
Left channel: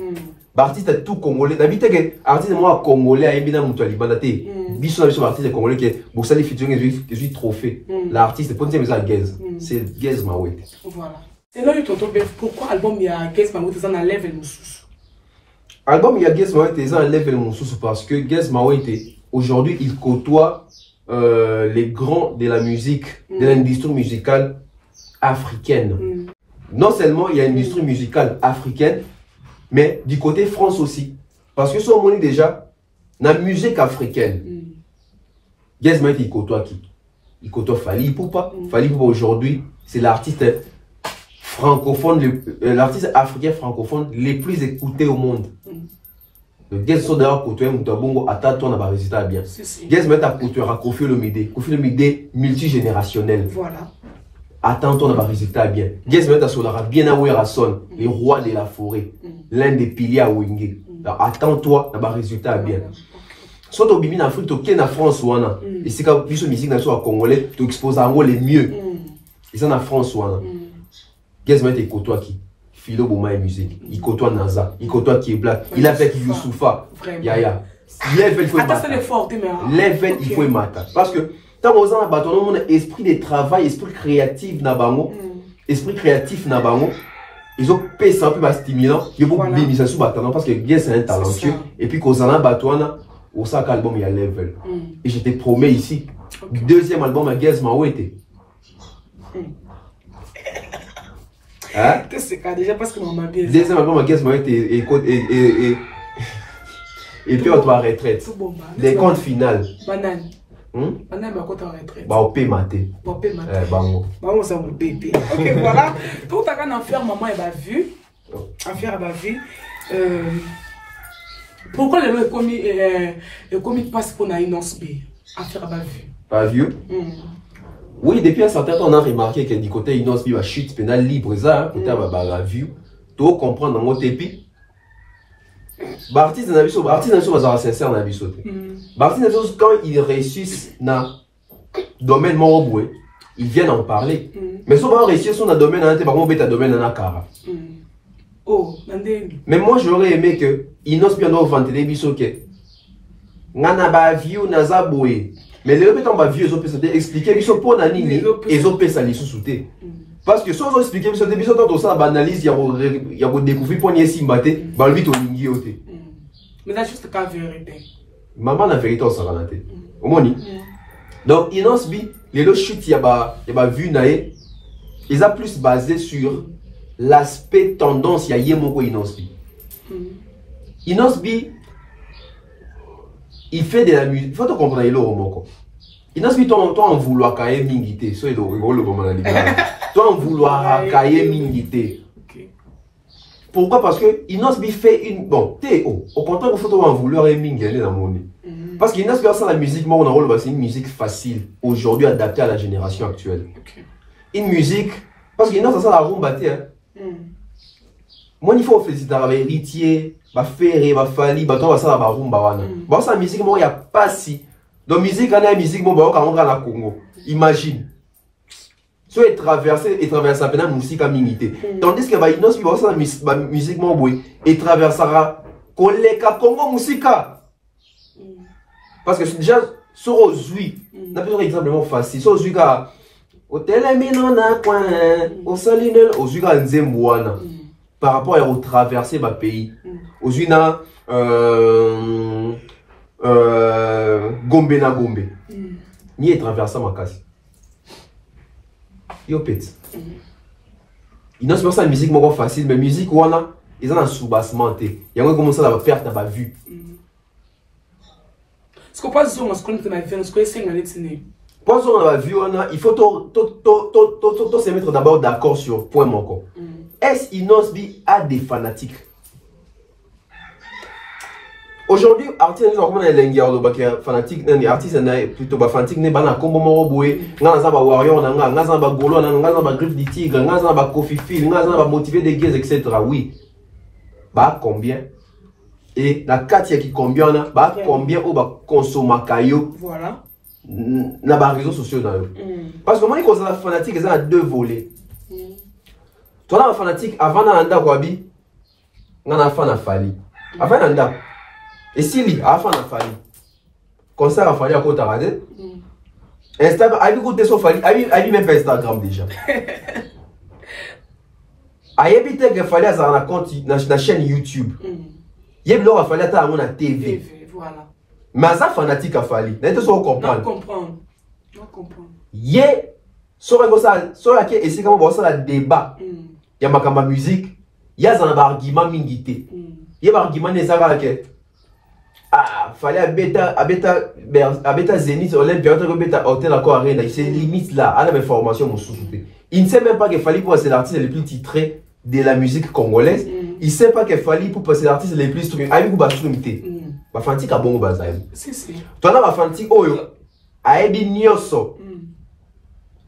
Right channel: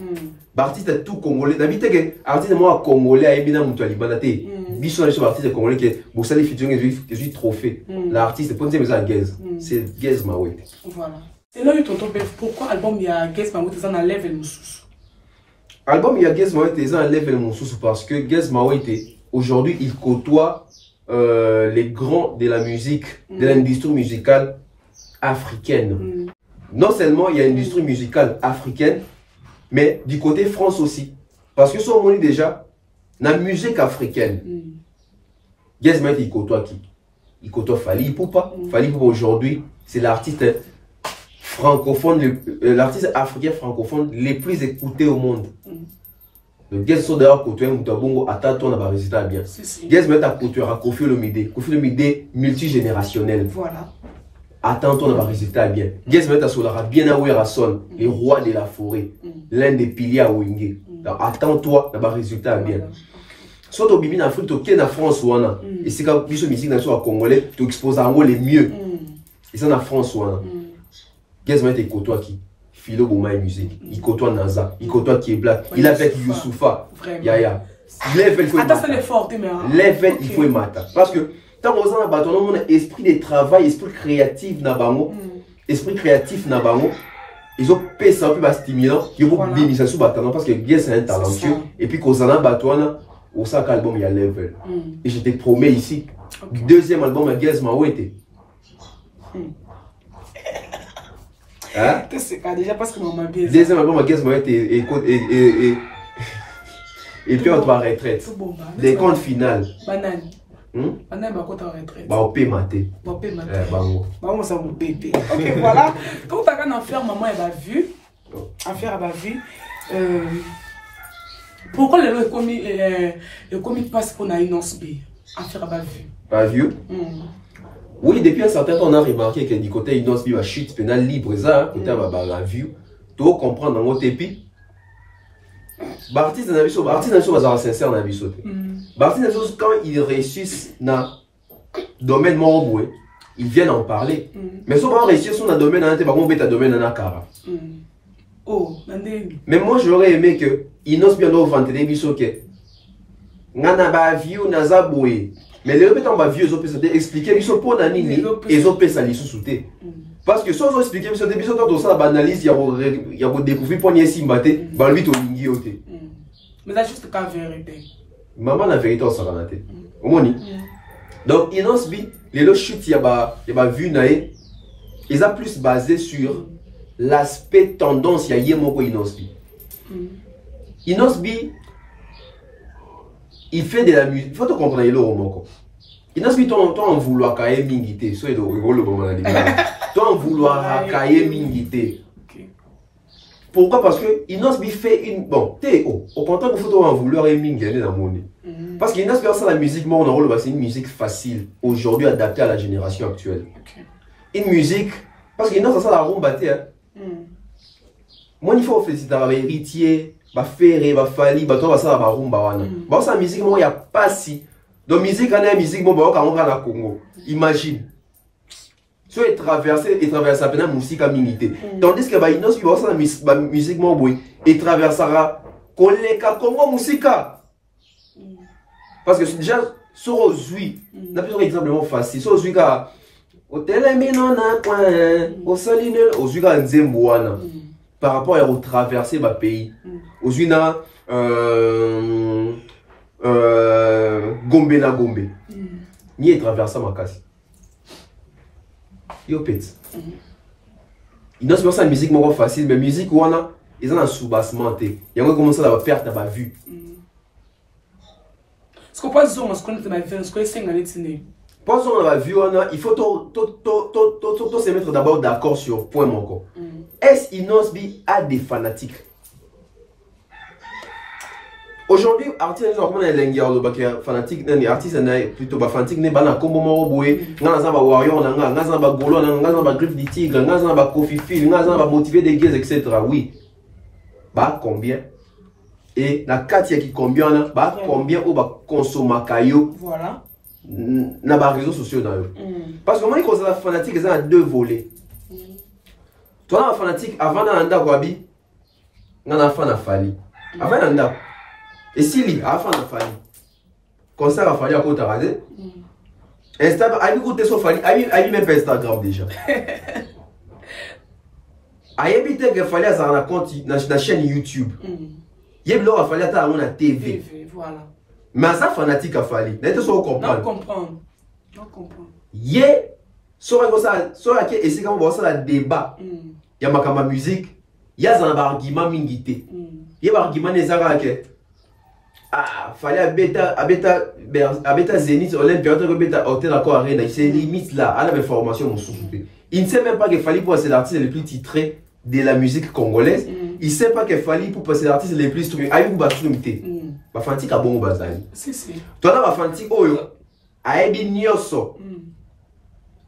L'artiste est tout congolais. D'habitude, l'artiste est congolais à Ebina Moutoualibanate. Bichon est artiste congolais qui est Boussali featuring est trophée. L'artiste est pas un Gaz. C'est Gaz Mawete. Voilà. Et là, pourquoi l'album il y a Gaz Mawete dans un level Moussous? L'album il y a Gaz Mawete dans un level Moussous parce que Gaz Mawete, aujourd'hui, il côtoie les grands de la musique, de l'industrie musicale africaine. Non seulement il y a une industrie musicale africaine, mais du côté France aussi. Parce que si on dit déjà, dans la musique africaine, Gaz Mawete, il côtoie qui? Il côtoie Fally Poupa. Fally Poupa aujourd'hui, c'est l'artiste francophone, l'artiste africain francophone le plus écouté au monde. Donc, Guess sont d'ailleurs côté Moutabongo, attends, on a un résultat bien. Guess met à côté à Kofi Olomide. Kofi Olomide multigénérationnel. Voilà. Attends, on a un résultat bien. Guess met à Solara bien à Rasson, les rois de la forêt. L'un des piliers à Wingé. Attends-toi, on a un résultat bien. Soit au Bibi en Afrique, tu es en France ou en et c'est quand tu as musique dans Congolais, tu exposes à les mieux. Et c'est en France ou en Guess met à côté qui Philo Bouma et musique. Il côtoie Naza. Il côtoie qui est black. Il a fait Youssoufa. Yaya. Level, il faut mater. Level, il faut mater. Parce que, tant qu'on a un mon esprit de travail, esprit créatif, esprit créatif, ils ont payé ça un peu stimulant. Ils ont beaucoup de sous bâton parce que bien c'est un talentueux. Et puis, quand on a un bâton, au sac album, il y a Level. Et je te promets ici, deuxième album à Guess Mawete. Hein? Déjà parce que maman bien. Deuxième album à Guess Mawete et puis on doit retraite. Les comptes finales. Banane. Banane va compte en retraite. Bah on paie maté. Bah on paie maté. Bango. Bango ça on paie. Ok voilà. Pour ta grande affaire maman elle a vu. Affaire elle a vu. Pourquoi le commis passe pour une annonce B. Affaire elle a vu. Pas vu? Oui, depuis un certain temps, on a remarqué que du côté Inos Bi, la chute pénale libre, ça, côté la vue, tu dois comprendre dans votre épi. L'artiste n'a pas sincère dans la vie. L'artiste, quand ils réussissent dans le domaine moroboué, ils viennent en parler. Mais si on va réussir sur un domaine, on va domaine dans la cara. Mais moi, j'aurais aimé que Inos Bi nous vende des bisous que Nana ba view naza boé. Mais les répétants va vieux, ils ont pu expliquer, ils sont pour Nanini, ils ont pu s'allier sous-souter. Parce que si on explique, ils ont pu dans ça, analyse, il y a découvert pour Niesi Mbaté, bah lui, on y est. Mais là, juste la vérité. Maman, la vérité, on s'en va nater. Au moins, donc, Inos Bi, les lots chutes, il y a vu naé, ils ont plus basé sur l'aspect tendance, il y a Yemoko Inos Bi. Inos Bi, il fait de la musique. Il faut te comprendre, il est au Moko. Il n'a pas en vouloir cailler mingité. Soit il est le moment là. Toi en vouloir cailler mingité. Pourquoi? Parce que Inos Bi fait une. Bon, au contraire, il faut en vouloir mingité dans le monde. Parce qu'il n'a pas ça la musique, moi, on a rôle, c'est une musique facile. Aujourd'hui, adaptée à la génération actuelle. Une musique. Parce qu'il n'a pas ça la rumba, moi, il faut féliciter un héritier. Va faire, va fallir, va toi ça la rumba wana. Bah ça musique moi il y a pas si. Donc musique on a musique bon bah on na Congo. Imagine. So et traverser à peine musique à minité. Tandis que va Inos va ça musique moi boy et traversera koleka Congo musica. Parce que déjà sur aujourd'hui, n'a pas un exemple facile. Sur aujourd'hui ka hôtel mino na coin, au solinel aujourd'hui ka nzembo wana. Par rapport à traverser ma pays. Aux Uina, Gombe na Gombe. Ni est traversé ma casse. Yo pète. Il n'a pas ça musique moins facile, mais musique ou on ils ont un sous-bassement. Il y a un comment ça va perdre ta vue. Ce qu'on passe sur ce qu'on te m'a fait, ce qu'on essaie de l'étiner. Pour ça, on a vu, il faut se mettre d'abord d'accord sur point mon. Est-ce Inos Bi a des fanatiques? Aujourd'hui, artiste fanatique, artiste plutôt fanatique, n'est pas comme Moroboué, n'a pas warrior, n'a pas golo, n'a pas griffe du tigre, n'a pas coffee fil, n'a pas motivé des gays, etc. Oui. Bah combien? Et la Katia qui combien, bah combien ou bah consommer caillou? Voilà. N'a pas réseaux sociaux dans eux. Parce que moi, quand on est fanatique, ils ont deux volets. Toi, là, fanatique, avant d'anda Wabi, on a fan à Fali. Avant d'anda. Et si lui, avant d'anda Fali, concert à Fali à côté de Instagram, a écouté son Fali, a même pas Instagram déjà. A évité que Fali a un compte dans la chaîne YouTube. Il y a l'heure à Fali à la TV. Voilà. Mais ça fanatique à Fali. N'est-ce pas comprendre? Non comprendre. Yé, sur la et c'est comme ça le débat. Il y a ma musique, il y a un argument mingité. Il y a un argument nécessaire que ah, fallait à bêta Zénith, Olympia, bêta hôtel à Arena, c'est limite là, à la même formation mon sous. Il ne sait même pas qu'il fallait pour c'est l'artiste le plus titré de la musique congolaise. Il sait pas qu'il fallait pour passer l'artiste les plus trucs. Aïe ou basumité. Bafanti ka bon bazali. C'est ça. Toi là bafanti oyo. Aïe nyoso.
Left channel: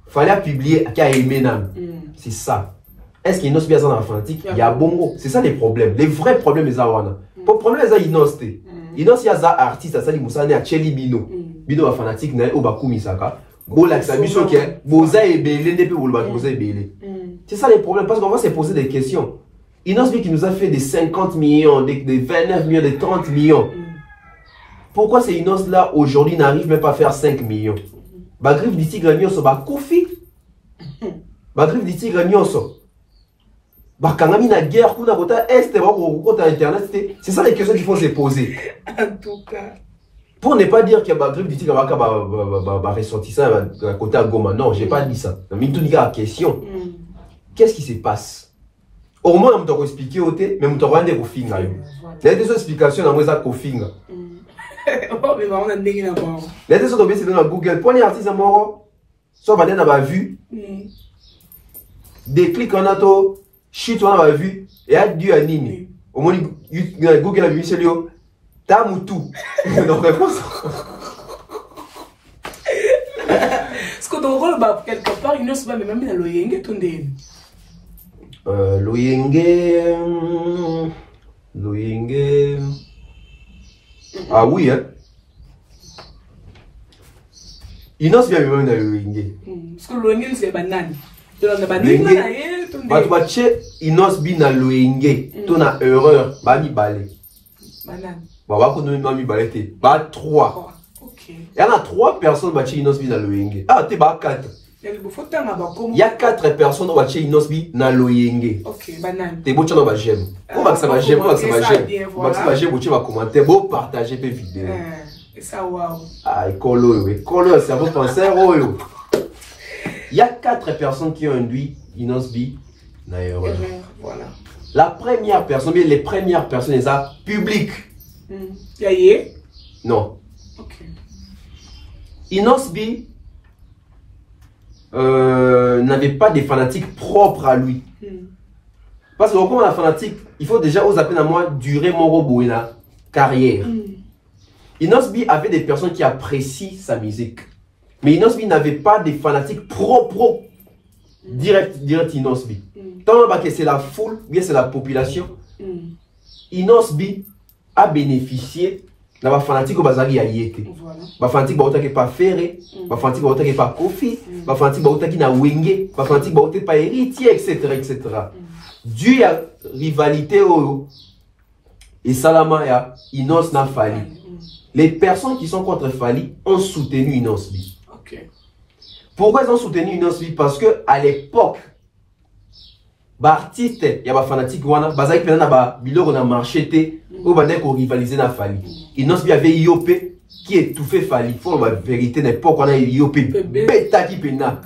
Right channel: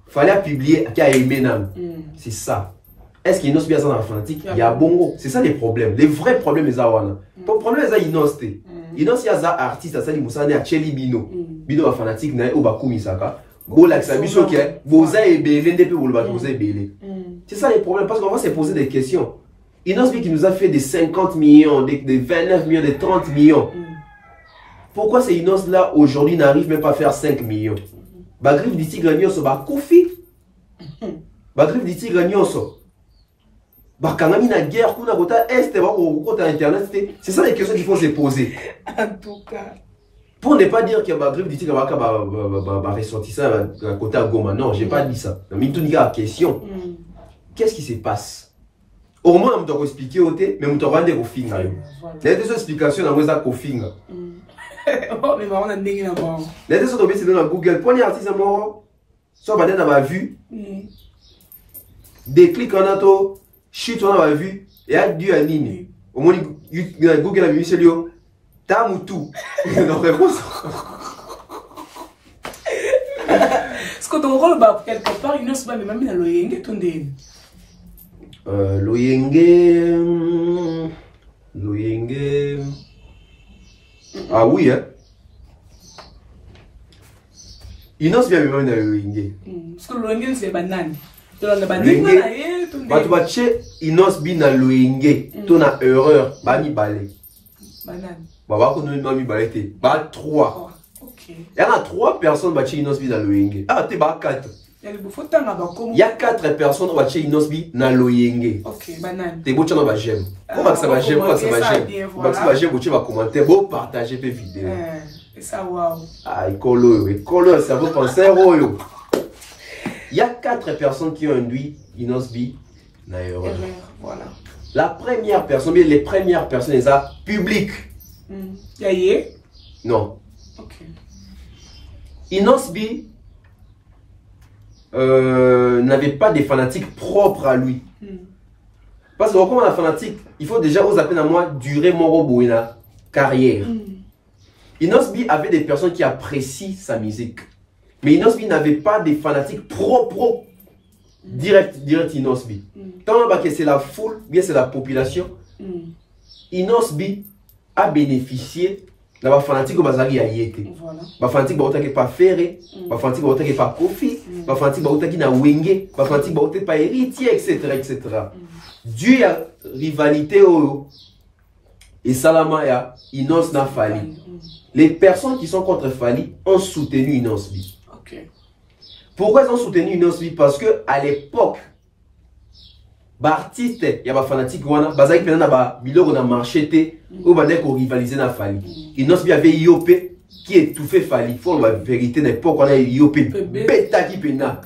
Fallait publier qui a aimé nam. C'est ça. Est-ce qu'il y a bien dans l'Atlantique? Il y a bongo. C'est ça les problèmes. Les vrais problèmes, les awana. Pour le problème, les inos. Inos, il y a des artistes, ça, les moussane, à Cheli Bino. Bino, a fanatique, n'a ou bakou misaka. Go, la xabiso, qui est, boza et belé, depuis ou le boza et belé. C'est ça les problèmes, parce qu'on va se poser des questions. Inos, qui nous a fait des 50 millions, des 29 millions, des 30 millions. Pourquoi ces Inos là, aujourd'hui, n'arrivent même pas à faire 5 millions? Bagrif du tigre nyoso, bakoufi. Bagrif du tigre nyoso. Bakangami na guerre, kuna kota est, kota internet, c'est ça les questions qu'il faut se poser. En tout cas. Pour ne pas dire que Bagrif dit que va ressortissant à côté à Goma. Non, j'ai pas dit ça. Mais tout la question. Qu'est-ce qui se passe? Au moins, on doit expliquer au thé, mais on doit rendre au finger. Il y a des explications dans le finger. Mais on a des gens les deux sont tombés dans Google. Pour les artistes à mort, soit on a vu. Des clics en auto. Chut, on a vu, et a dû animer. Au moins, Google a vu celui-là. T'as moutou. Donc, réponse. Est-ce que ton rôle, quelque part, il ne se passe même dans l'Oyenge, ton dé? L'Oyenge. Ah oui, hein. Il n'ose bien même dans l'Oyenge. Parce que l'Oyenge, c'est banane. Batubache inos bi na loyenge to na erreur ba mi balé banane ba ko no mi balé te ba 3 OK il y a 3 personnes bache inos bi na loyenge ah te ba 4 il y a 4 personnes bache inos bi na loyenge OK banane te bocha no ba j'aime pour ba ça ba j'aime pour ça ba j'aime ba ça ba j'aime bocha ba commenter beau partager pe vidéo ça wow ah écolo ça vous penser oyo. Il y a 4 personnes qui ont induit Inosbi na erreur. Voilà. La première personne, bien les premières personnes, les a publiques. Yaye? Non. Ok. Inosbi n'avait pas des fanatiques propres à lui. Parce que comme la fanatique, il faut déjà aux appels à moi durer mon robot la carrière. Inosbi avait des personnes qui apprécient sa musique. Mais Inosbi n'avait pas des fanatiques pro direct Inosbi. Tant que c'est la foule, bien c'est la population. Inosbi a bénéficié de la fanatique au bazar yété. La fanatique qui pas ferré, la fanatique qui pas kofi, la fanatique qui na wenge, la fanatique qui pas héritier, etc. Dû à rivalité et Salama ya Inos na Fali. Les personnes qui sont contre Fali ont soutenu Inosbi. Pourquoi ils ont soutenu Inosbi? Parce que à l'époque, l'artiste, il y a des fanatiques qui ont marché ou qui rivalisé na Fali. Inosbi avait IOP qui étouffait Fali. Il faut la vérité, l'époque on a IOP bêta qui pena.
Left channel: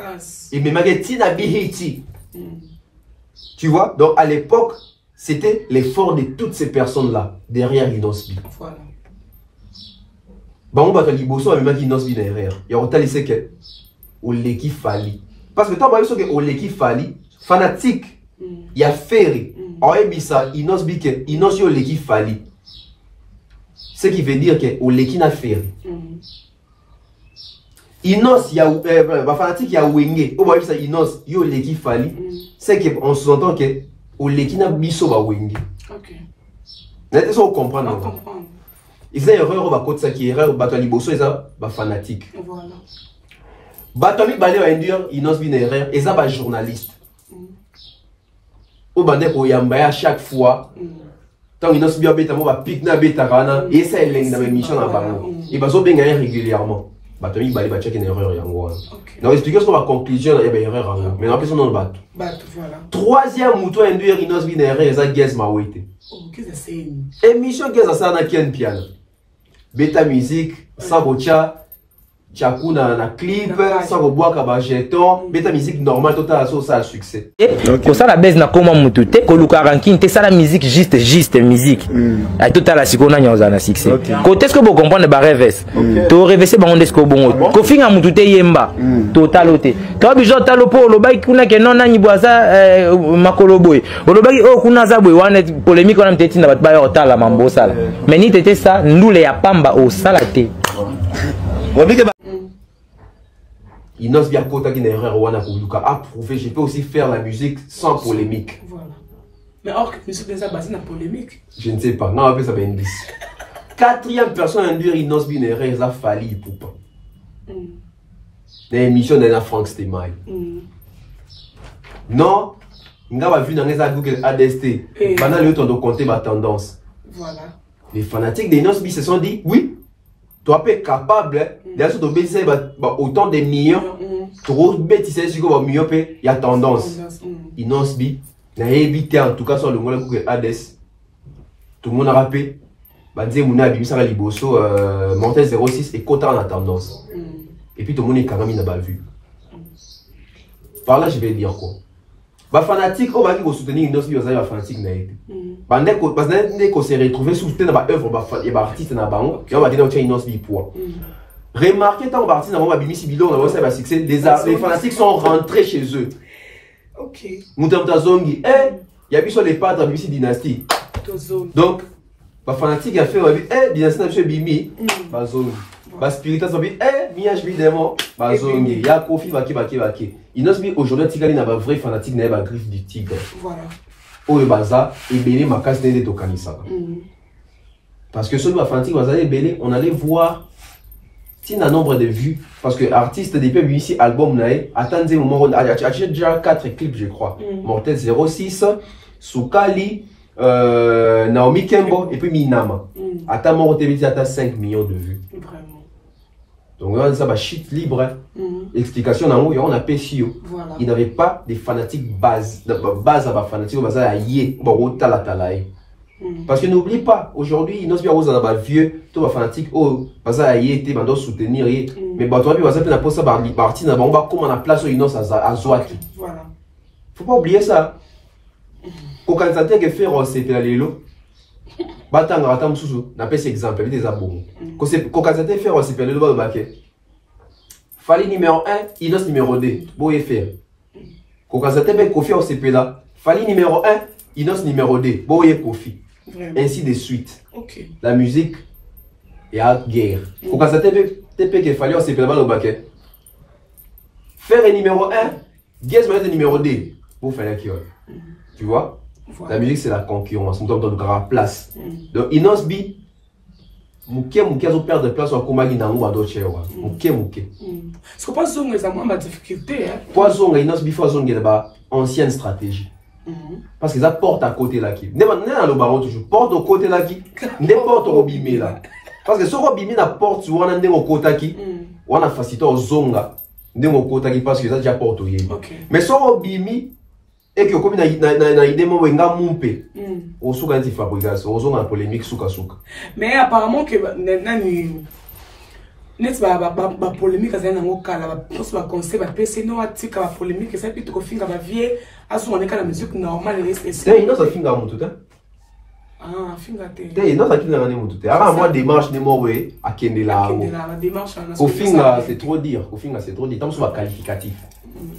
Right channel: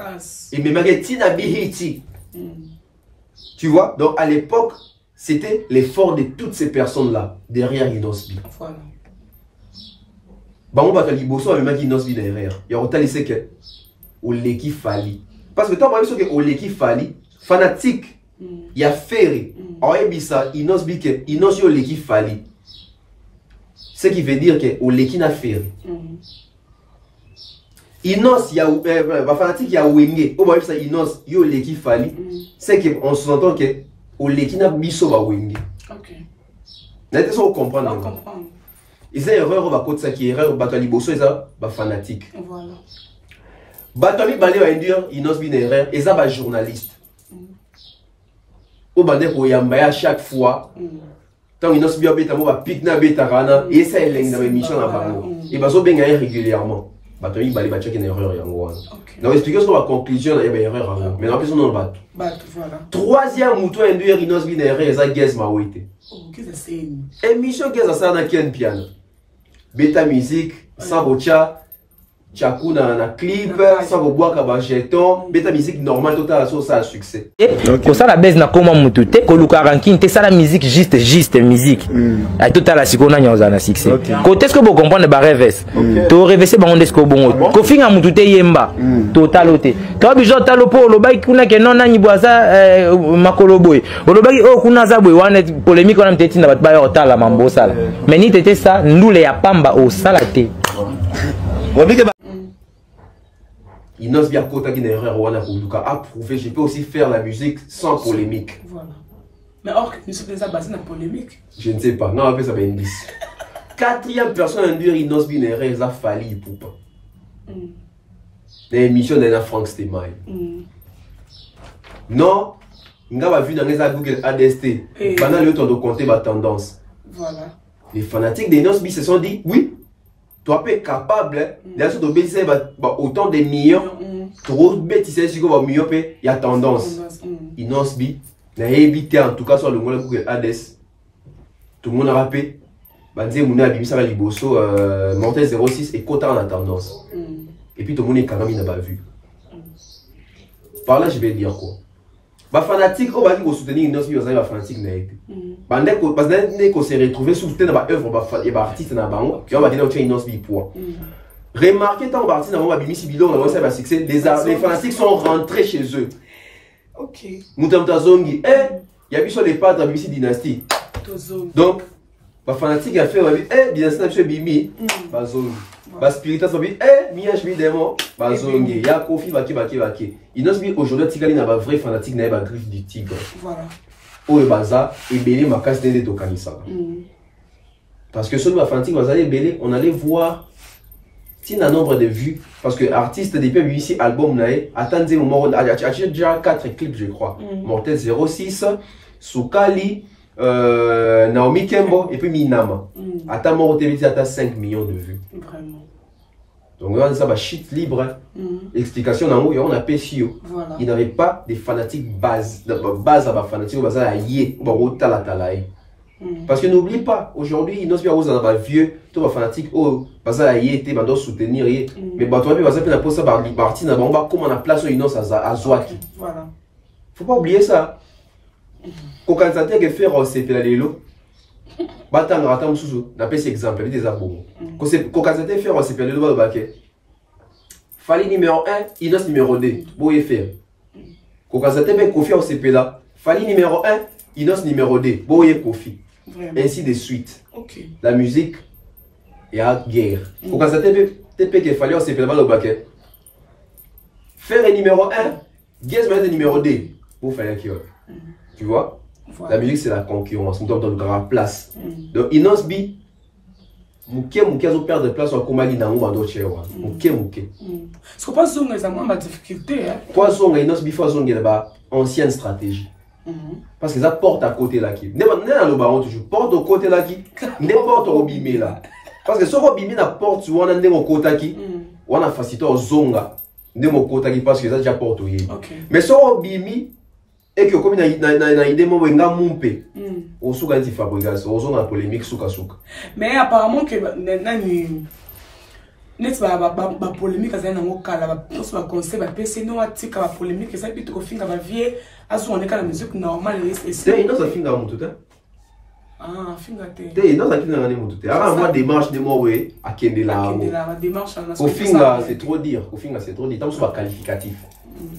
Et même Tina Bihiti. Tu vois? Donc à l'époque, c'était l'effort de toutes ces personnes-là derrière Inosbi. Voilà. Bon, on va liboso a même dit Inosbi derrière. Il y a autant laissé que Oleki Fali. Parce que tu as vu que Oleki Fali, fanatique, il y a ferré. En Ebissa, Inosbi que Inosbi Oleki Fali. Ce qui veut dire que Oleki n'a ferré. Inos, il y a fanatique, il y a Wenge. On va dire ça, Inos, il y a Oleki Fali. C'est qu'on s'entend que Oleki n'a biso ba Wenge. Ok. N'est-ce pas comprendre? Ils ont erreur, on va côté ça qui est erreur, on va liboso, ils ont fanatique. Voilà. Batomi balé va induire Inosbi na erreur, ils ont journaliste. Au bandé pour yamba à chaque fois. Tant Inosbi a bêta mo va pique na bêta rana et ça est dans l'émission na bango. Et bazo bien gagner régulièrement. Batomi balé va checker une erreur yango. Donc expliquer sur la conclusion il y a erreur. Mais en plus on en bat. Voilà. Troisième mouton induire Inosbi na erreur, ils ont guess ma wete. Qu'est-ce que c'est? Émission qu'est-ce ça na ken piano. Bêta musique, Sabocha. Tchakou na clip, sans boire kaba jeton, mais ta musique normale totale ça a succès. Pour ça la baisse na comment mutute, ko luka ranking, te ça la musique juste musique. A total la sikona nyoza na succès. Côté ce que vous comprenez ba reverse. To reverser ba onde ce ko bon. Ko finga mutute yemba. Total oté. To bijo talo po lo bai kuna ke non na nyibwaza makolo boy. Lo bai o kuna za boy wana polémique on a mteti na bat ba yo tala mambo sala. Mais ni tete ça ndule ya pamba au salate. Inos bien kota qui n'a erreur wana kuluka approuvé, je peux aussi faire la musique sans polémique. Voilà. Mais or que musique déjà basée dans polémique. Je ne sais pas, non après ça va une 10. Quatrième personne à dire Inos bien erreur ça fali poupa. L'émission de la Frank Stemai. Non, nga va vu dans les Google ADST. Pendant le temps de compter ma tendance. Voilà. Les fanatiques d'Inos se sont dit oui. Toi, tu es capable de baisser autant de millions. Trop bêtises, si tu as mieux, il y a tendance. Inosbi, n'a évité en tout cas sur le monde Google ADS. Tout le monde a rappelé. Badze Mouna Bimi ça va liboso Mortel 06 et Kota en tendance. Et puis tout le monde est quand même n'a vu. Par là, je vais dire quoi. Bah fanatique, on va dire soutenir Inosbi, on va fanatique n'a été. Parce qu'on s'est retrouvé sous une œuvre et artiste na bango et on va dire que Inosbi poids. Remarquez tant artiste na bango bimisi bilon na bango succès les fanatiques sont rentrés chez eux. OK. Mutamta zongi il y a eu sur les padres bimisi dynastie. Donc ba fanatique a fait dynastie na bimi ba zongi. Ba spiritas ba bi miage bi démon ba zongi ya kofi baki. Inosbi aujourd'hui tikali na ba vrai fanatique na ba griffe du tigre. Voilà. Oyo baza ebele makasi nde tokanisaka. Parce que celui fanatique baza ebele, on allait voir si un nombre de vues parce que artiste depuis ici album nae attendez moment on a déjà 4 clips je crois. Mortel 06, Soukali, Naomi Kembo et puis Minama. Attends mon TV à 5 millions de vues. Vraiment. Donc on a ça shit libre. Explication dans on a PCO. Voilà. Il n'avait pas des fanatiques base à ma fanatique base à yé tala talaï. Parce que n'oublie pas aujourd'hui Inos bien aux aba vieux tout va fanatique oh base à yé était bando soutenir mais bah toi puis base na posa par parti na bomba comme on a place Inos à Zwaki. Voilà. Faut pas oublier ça. Ko kanzate que faire c'est la lelo. Batanga atam susu na pese exemple des abos. Ko kanzate faire c'est la lelo ba baké. Fali numéro 1, Inos numéro 2. Boye faire. Kokazate ben Kofi au CP là. Fali numéro 1, Inos numéro 2. Boye Kofi. Ainsi de suite. Okay. La musique est à guerre. Kokazate ben TP que Fali au CP là le baquet. Faire numéro 1, Guess le numéro 2. Pour faire qui tu vois? La musique c'est la concurrence. Nous sommes dans une place. Donc Inos bi Mouké zo perdre de place en Komagi na ngwa do chewa. Mouké. Ce que pas zonga ça moins ma difficulté hein. Quoi zonga Inos bi fa zonga ba ancienne stratégie. Parce qu'ils apportent à côté là qui. Ne na lo baron toujours porte au côté là qui. N'importe au bimé là. Parce que ce ko bimé na porte ou on ndengo kota qui. On a facilité au zonga. Ndengo kota qui parce que ça déjà porte au yé. Mais so bimé et que comme na idée mo nga mumpe au suka nti fabrication au na polémique suka. Mais apparemment que nani net ba polémique ça na ngokala ba ba conseil ba PC no atika ba polémique ça plutôt ko finga ba vie aso on est la musique normale et c'est ino ça finga mutu ta ah finga te ino ça finga ngani mutu te ara moi démarche de mo we akende la démarche au finga c'est trop dire au finga c'est trop dire tant soit qualificatif.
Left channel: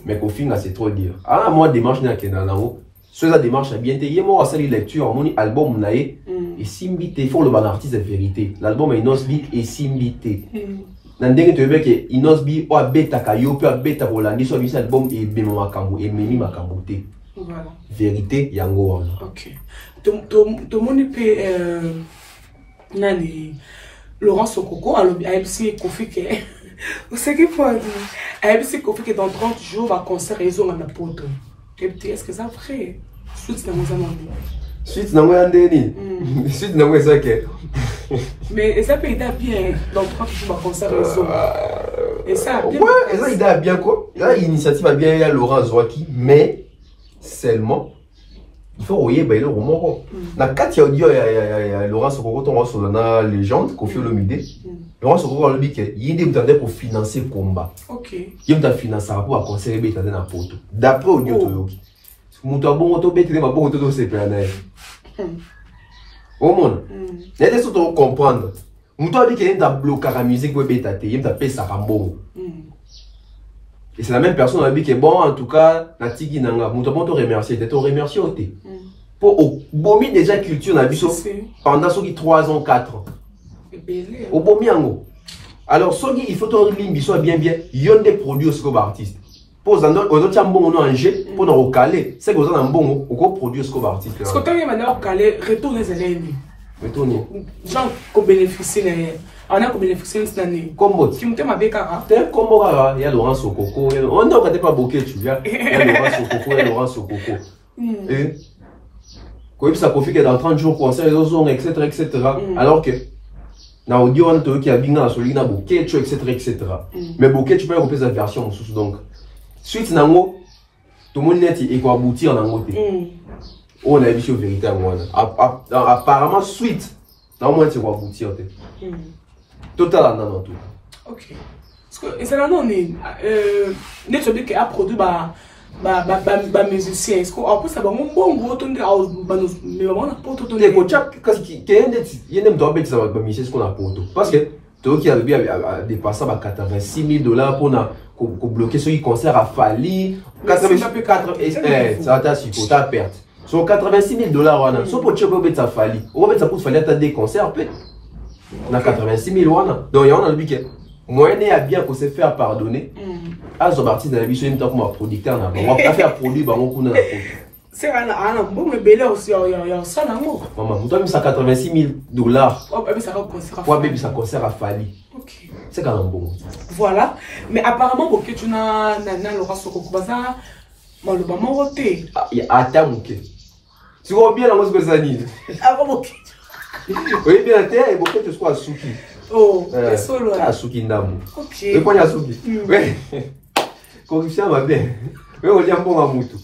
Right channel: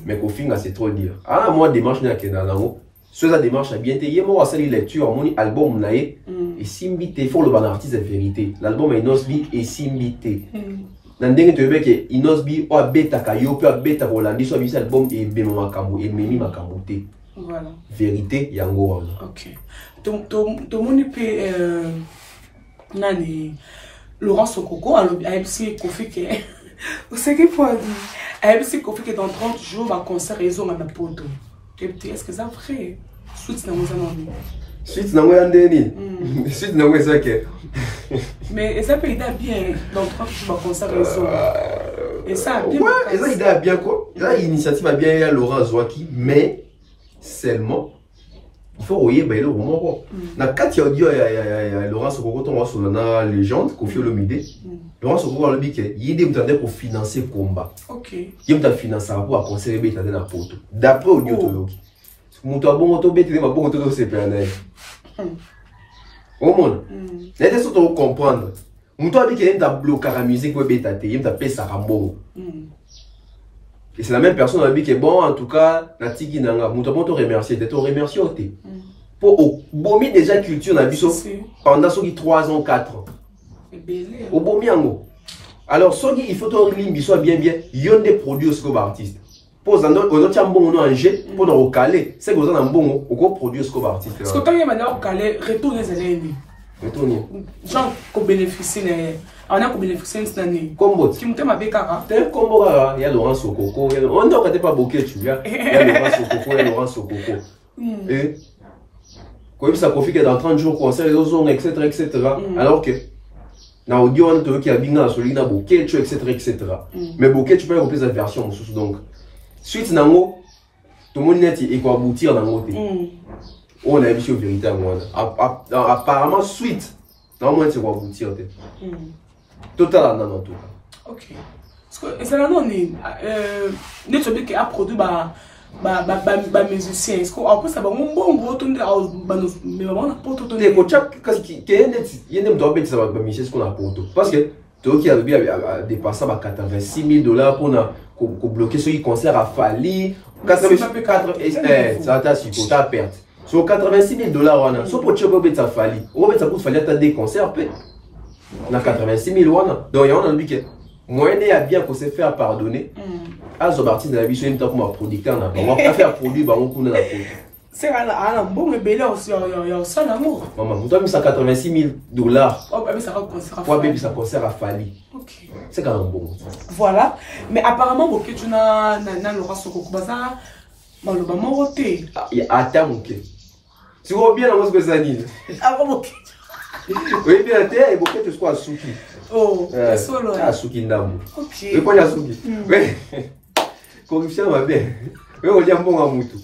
Mais qu'au final c'est trop dire. Ah moi démarche na kena nango. Ce ça démarche a bien été. Moi ça les lecture mon album nae et simbité faut le bon artiste de vérité. L'album est Inosbi et simbité. Nandenge te beke Inosbi o beta kayo pe beta Rolandi so bi album et be makambo et memi makambo te. Voilà. Vérité yango wana. OK. To moni pe nani Laurent Sokoko a MC Kofi ke c'est qu'il faut dire ABC Kofi que dans 30 jours va concert réseau en apoto. Est-ce que ça vrai? Suite na moi Suite na moi ndeni. Suite na moi ça que. Mais ça peut être bien dans 30 jours va concert réseau. Et ça bien. Ouais, et ça il a bien quoi? Là l'initiative a bien il y a Laurent Zwaki mais seulement il faut oyer bailo romoko na kati audio ya Laurent Sokoko to sur la légende Koffi Olomide Laurent Sokoko le dit que yindi mutande pour financer combat OK yindi mutande financer pour conseiller beta na poto d'après audio to yoki mutu abongo to beta ba bongo to sepana au monde n'était surtout comprendre mutu a dit que yindi ta bloquer la musique pour beta te yindi ta pesa kambongo. Et c'est la même personne qui a dit que bon, en tout cas, Natiki Nanga, nous avons te remercier, te remercier au thé. Pour au bomi déjà culture, on a vu pendant 3 ans, 4 ans. Au bomi ango. Alors, il faut que tu soit bien, il y a des produits aux artistes. Pour les autres, bon, on a un jet, pour nous recaler. C'est que vous avez un bon, on produit aux artistes. Parce que quand on a recalé, retourner les ennemis. Retourner. Genre, qu'on bénéficie, on a bénéficié cette année. Combo. Qui me avec Kara. T'es combo, il y a Laurent Sokoko. On n'a pas bouquet, tu vois. Il y a Laurent Sokoko, il y a Laurent Sokoko. Et comme ça profite dans 30 jours, concert, etc. etc. Alors que, dans l'audio, on a qui a bien sur l'ina bouquet, etc. etc. Mais bouquet, tu peux couper cette version. Donc, suite, nango, tout le monde est quoi aboutir dans l'autre. On a vu vérité à moi. Apparemment, suite, dans le monde, c'est quoi aboutir. Total en tout. OK. Parce que c'est là on est des choses qui a produit musicien. Est-ce qu'on après ça va bon gros ton mais on a pas tout les coachs qui y a doit mettre ça va musicien ce qu'on a pour tout parce que toi qui arrivé à dépasser à $86,000 pour bloquer ce concert a fallu 84 ça t'a si ta perte. Sur $86,000 on a so pour tu peux mettre ça fallu. On va mettre ça pour fallu à des concerts peut. On a 86,000 wana. Donc, il y a un dit que moyen à bien qu'on se faire pardonner. À ce parti de la vie, c'est une comme un producteur. On va faire produit, on va c'est un bon bébé aussi, il y a ça l'amour. Maman, vous avez mis ça $86,000. Oh, mais ça va concert à Fali. Bébé, ça concert à Fali. OK. C'est quand même bon. Voilà. Mais apparemment, pour que tu n'as Laurent Sokoko baza, bon, le bâton roté. Il y a Atta Mouké. Tu vois bien la musique de Zanine. Ah, bon, OK. Oui, bien, tu es beaucoup de ce qu'on a Souki. Oh, c'est solo. Ah, Souki Ndamou. OK. Et quand il y a Souki. Oui. Corruption va bien. Oui, on dit un bon amoutou.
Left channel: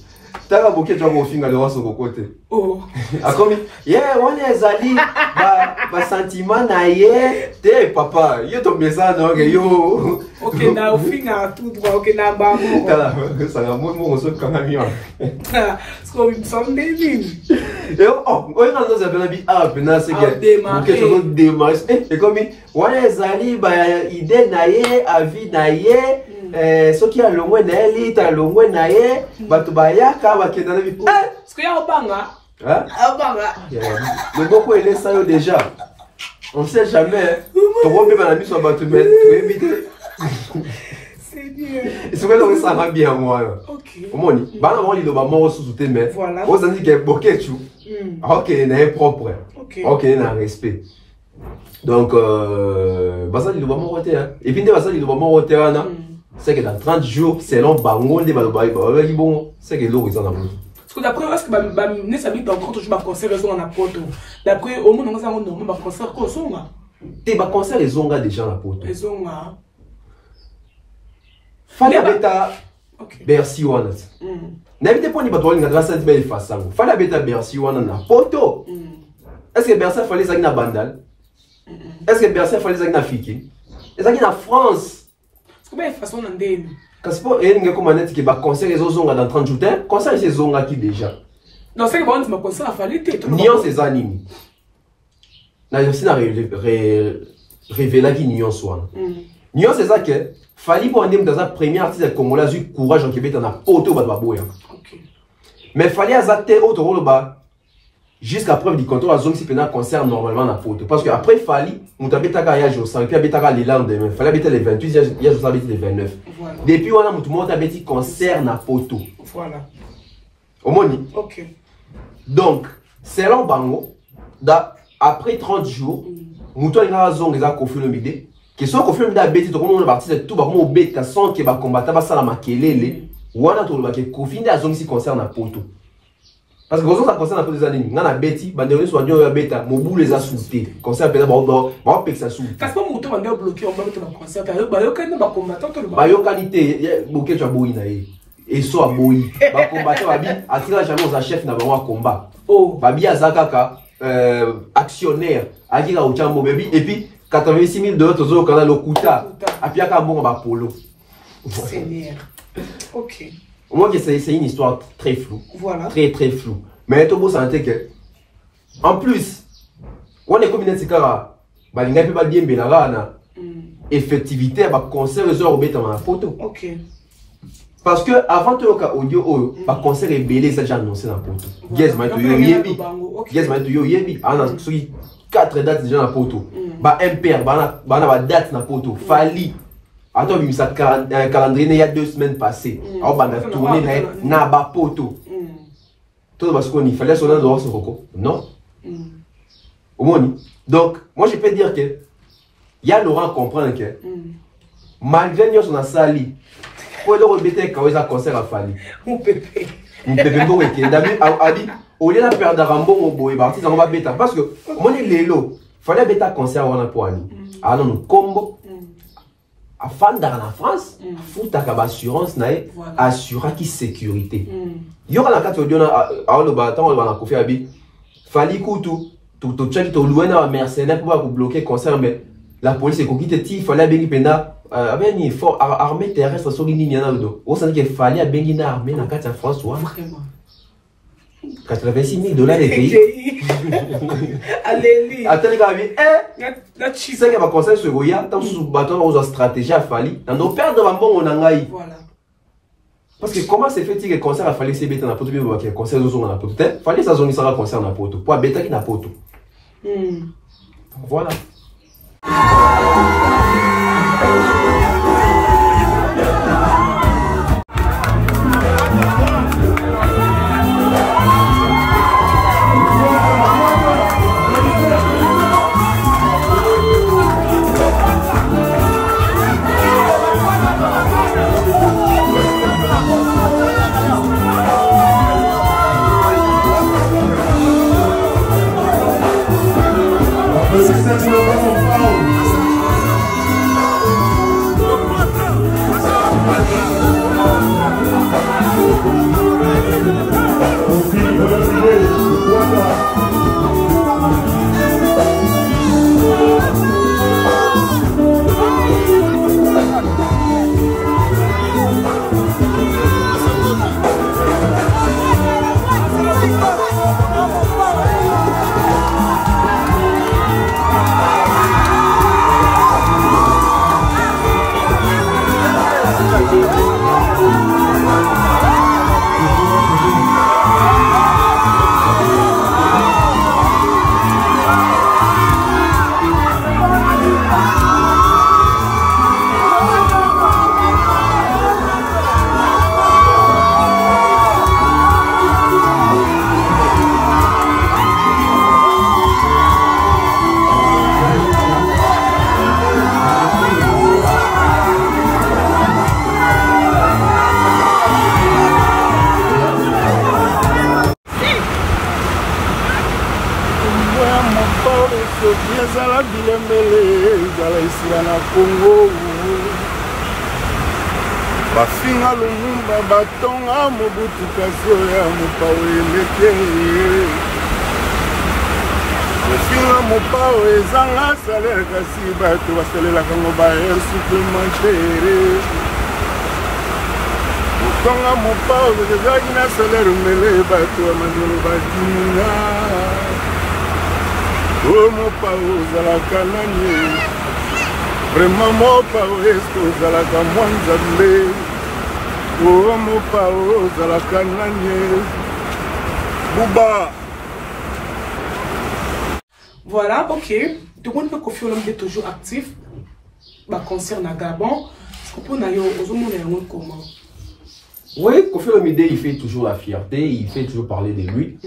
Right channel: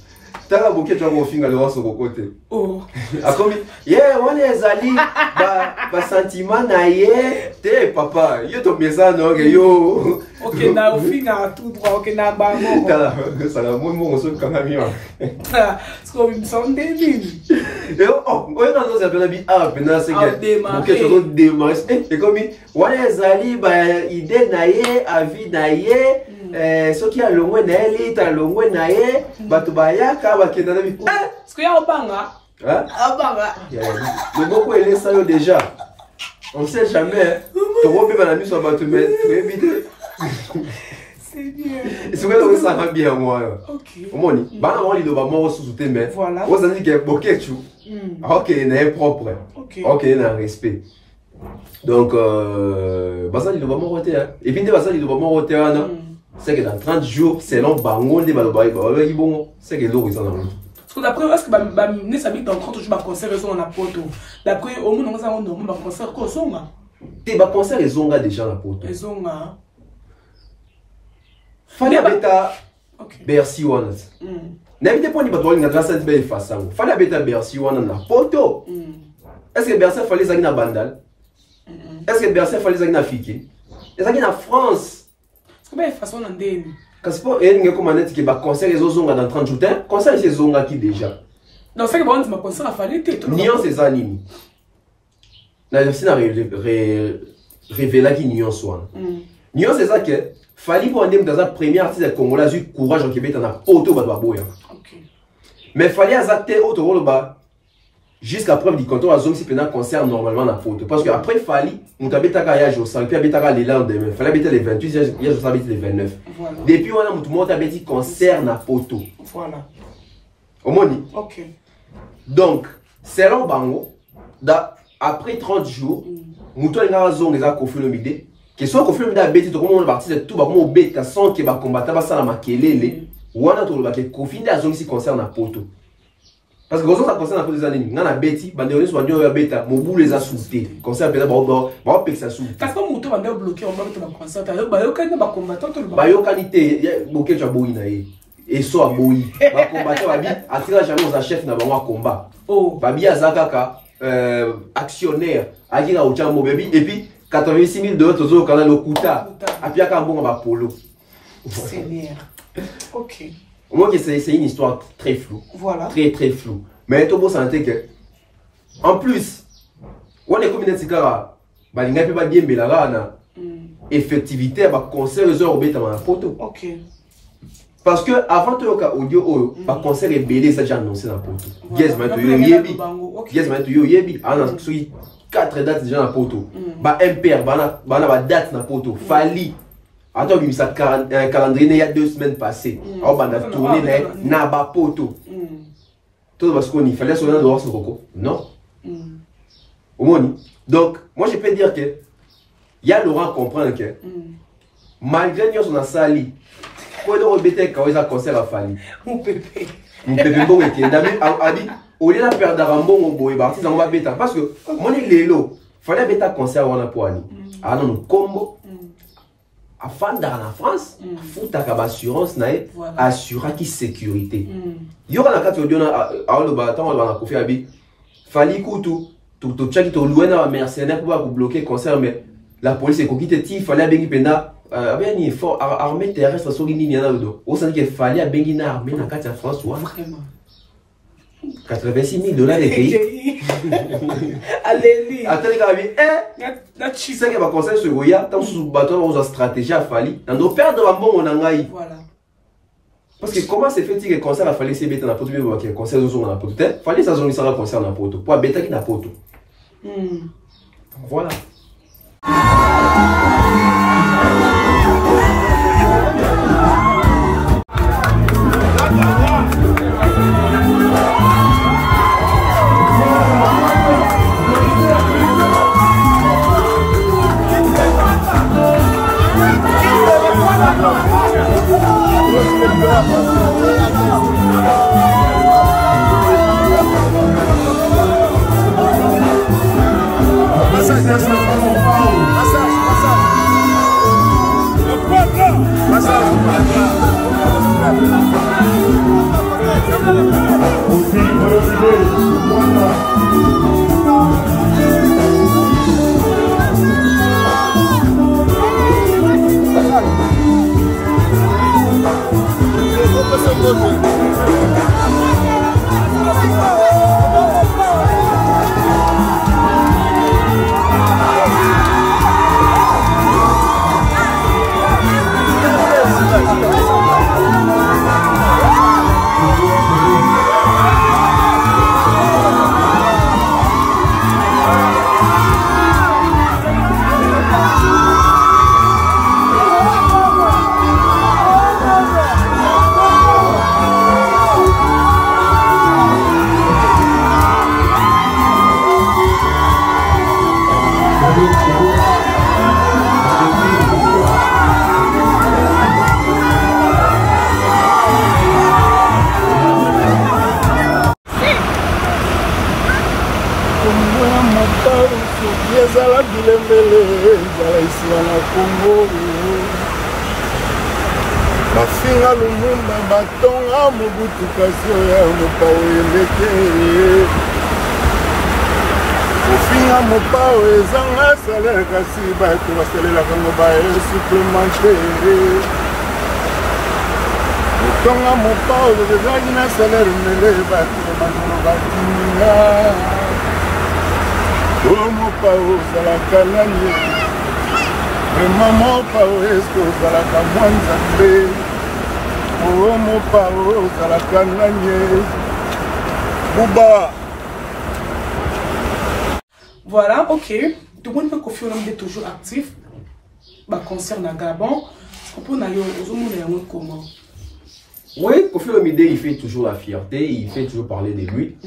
T'as un bouquet de gens qui ont Laurent Sokoko. Oh. Ah, comme yeah, on est allé, bah, sentiment naïe, t'es papa, yo ton message, non, yo. OK, na au final, tout droit, OK, na bas. T'as la, ça n'a moins mon son comme un C'est comme une somme de mine. Et oh, on est dans un peu ah, maintenant c'est que, bouquet de gens démarrent. Et comme, on est allé, bah, idée naïe, avis naïe, ce qui a le moins naïe, t'as le moins naïe, bah, tu vas y avoir, qui est dans la vie. Est-ce qu'il y a un banga? Hein? Le beaucoup est ça déjà. On ne sait jamais. Tu vois même la nuit sur la tu éviter. C'est bien. Et c'est vrai que ça va bien moi. OK. Comment on dit? Bah on dit le maman sous tes mains. Voilà. On s'en dit que bouquet tu. OK, il est propre. OK, il est en respect. Donc bah ça dit le maman roté hein. Et puis ça dit le maman roté là. C'est que dans 30 jours, selon Bango de Balobaï, bon, c'est que l'eau ils en ont. Parce que d'après, est-ce que nous sommes dans 30 jours, concert raison en apporte. D'après, au moins, nous avons un concert quoi, zonga. T'es ba concert les zonga déjà en apporte. Les zonga. Fallait beta Bercy one. N'avez pas ni batouille na grâce à cette belle façon. Fallait beta Bercy one na poto. Est-ce que Bercy fallait ça na Bandal? Est-ce que Bercy fallait ça na Fiki? Est-ce que na France? Comment est façon d'endé? Parce que il y a comme un qui va concert les zonga dans 30 jours. Concert les zonga qui déjà. Non, c'est que bon, ma concert a fallu te. Nion ces animi. Na aussi na révéler qui Nion soit. Nion c'est ça que fallait pour amener dans la première artiste congolais eu courage en Québec dans la poto ba boya. OK. Mais fallait azate auto le bas. Jusqu'à preuve du compteur, à si pendant concert normalement na poto. Parce que après il fallait, mutabeta ka ya josa, et puis abeta ka les lendemain. Fallait abeta les 28, ya josa abeta les 29. Voilà. Depuis on a mutu monta abeti concert na poto. Voilà. Au moni. OK. Donc, selon Bango, après 30 jours, mutu a zong les a Koffi Olomide. Que soit Koffi Olomide abeti to comment on parti de tout ba mo bet ka son ke ba combattre ba sala makelele. Wana to ba ke Koffi a zong si concert na poto. Parce que quand on concerne tous les années, on a bêti, on a bêta, mon bout les a sautés. Concert, on va péter ça sous. Parce que mon tour, on a bloqué, on va mettre dans le concert. Il y a un combattant. Il y a une qualité, il y a beaucoup de choses. et so aboyi ba combattant babi akira jamais aux chef na bango combat oh babi azakaka actionnaire akira uchambo babi et puis 86 000 dollars tozo kana lokuta apiaka bongo ba polo Seigneur. OK. Moi c'est une histoire très floue. Voilà. Très floue. Mais tout le monde sentait que en plus on est comme une tikara balinga pe ba diembela na effectivité ba concert les heures obeta na photo. OK. Parce que avant tout le cas audio ba concert est belé ça j'ai annoncé dans photo. Yes ma to yebi. Yes ma to yebi. Ana sui 4 dates déjà dans photo. Ba MPR ba date dans photo. Fali. Attends, il y a un calendrier il y a 2 semaines passées. On a tourné na ba poto. Tout parce qu'il fallait sonner dans ce coco. Non. Donc, moi je peux dire que il y a Laurent comprendre que malgré nous on a sali. Pour donc rebêter quand il a concert à Fali. Mon pépé. Mon pépé bon et David a dit au lieu de perdre d'Arambo on boy parti on va bêta parce que mon il est là. Fallait bêta concert on a pour aller. Ah non combo. Afin dans la France, faut avoir assurance assurer qui sécurité. Il y aura la carte audio à le bâton on va confier à bi. Fali kutu tout check to loin à mercenaire pour vous bloquer concert mais la police est coquille il fallait bengi pena avec ni fort armée terrestre sur ligne na do. Au sens qu'il fallait bengi na armée na carte en France ou vraiment. 86 000 dollars de pays. Allez, attendez, c'est que ma conseil sur Goya, tant sous bâton, on a stratégie à Fali. On doit perdre un bon on a ngaï. Voilà. Parce que comment c'est fait que concert a fallu c'est bêta na poto, mais que concert aux na poto. Fallait ça zone ça concert na poto. Pour bêta qui na poto. Voilà. Bafinga Lumumba batonga Mobutu kasio ya mopao emeke Bafinga mopao ezanga salaire kasi bato basalelaka ngo ba air supplémentaire Batonga mopao ezaki na salaire mele bato ya makolo batinga O mopao ozalaka nani Vraiment mopao eske ozalaka mwa nzambe Oh mon pao, Zalaka Nanye, Bouba. Voilà, ok. Tout le monde peut Kofi Olomide est toujours actif. Bah, concernant Gabon, je comprends comment. Oui, Kofi Olomide, il fait toujours la fierté, il fait toujours parler de lui.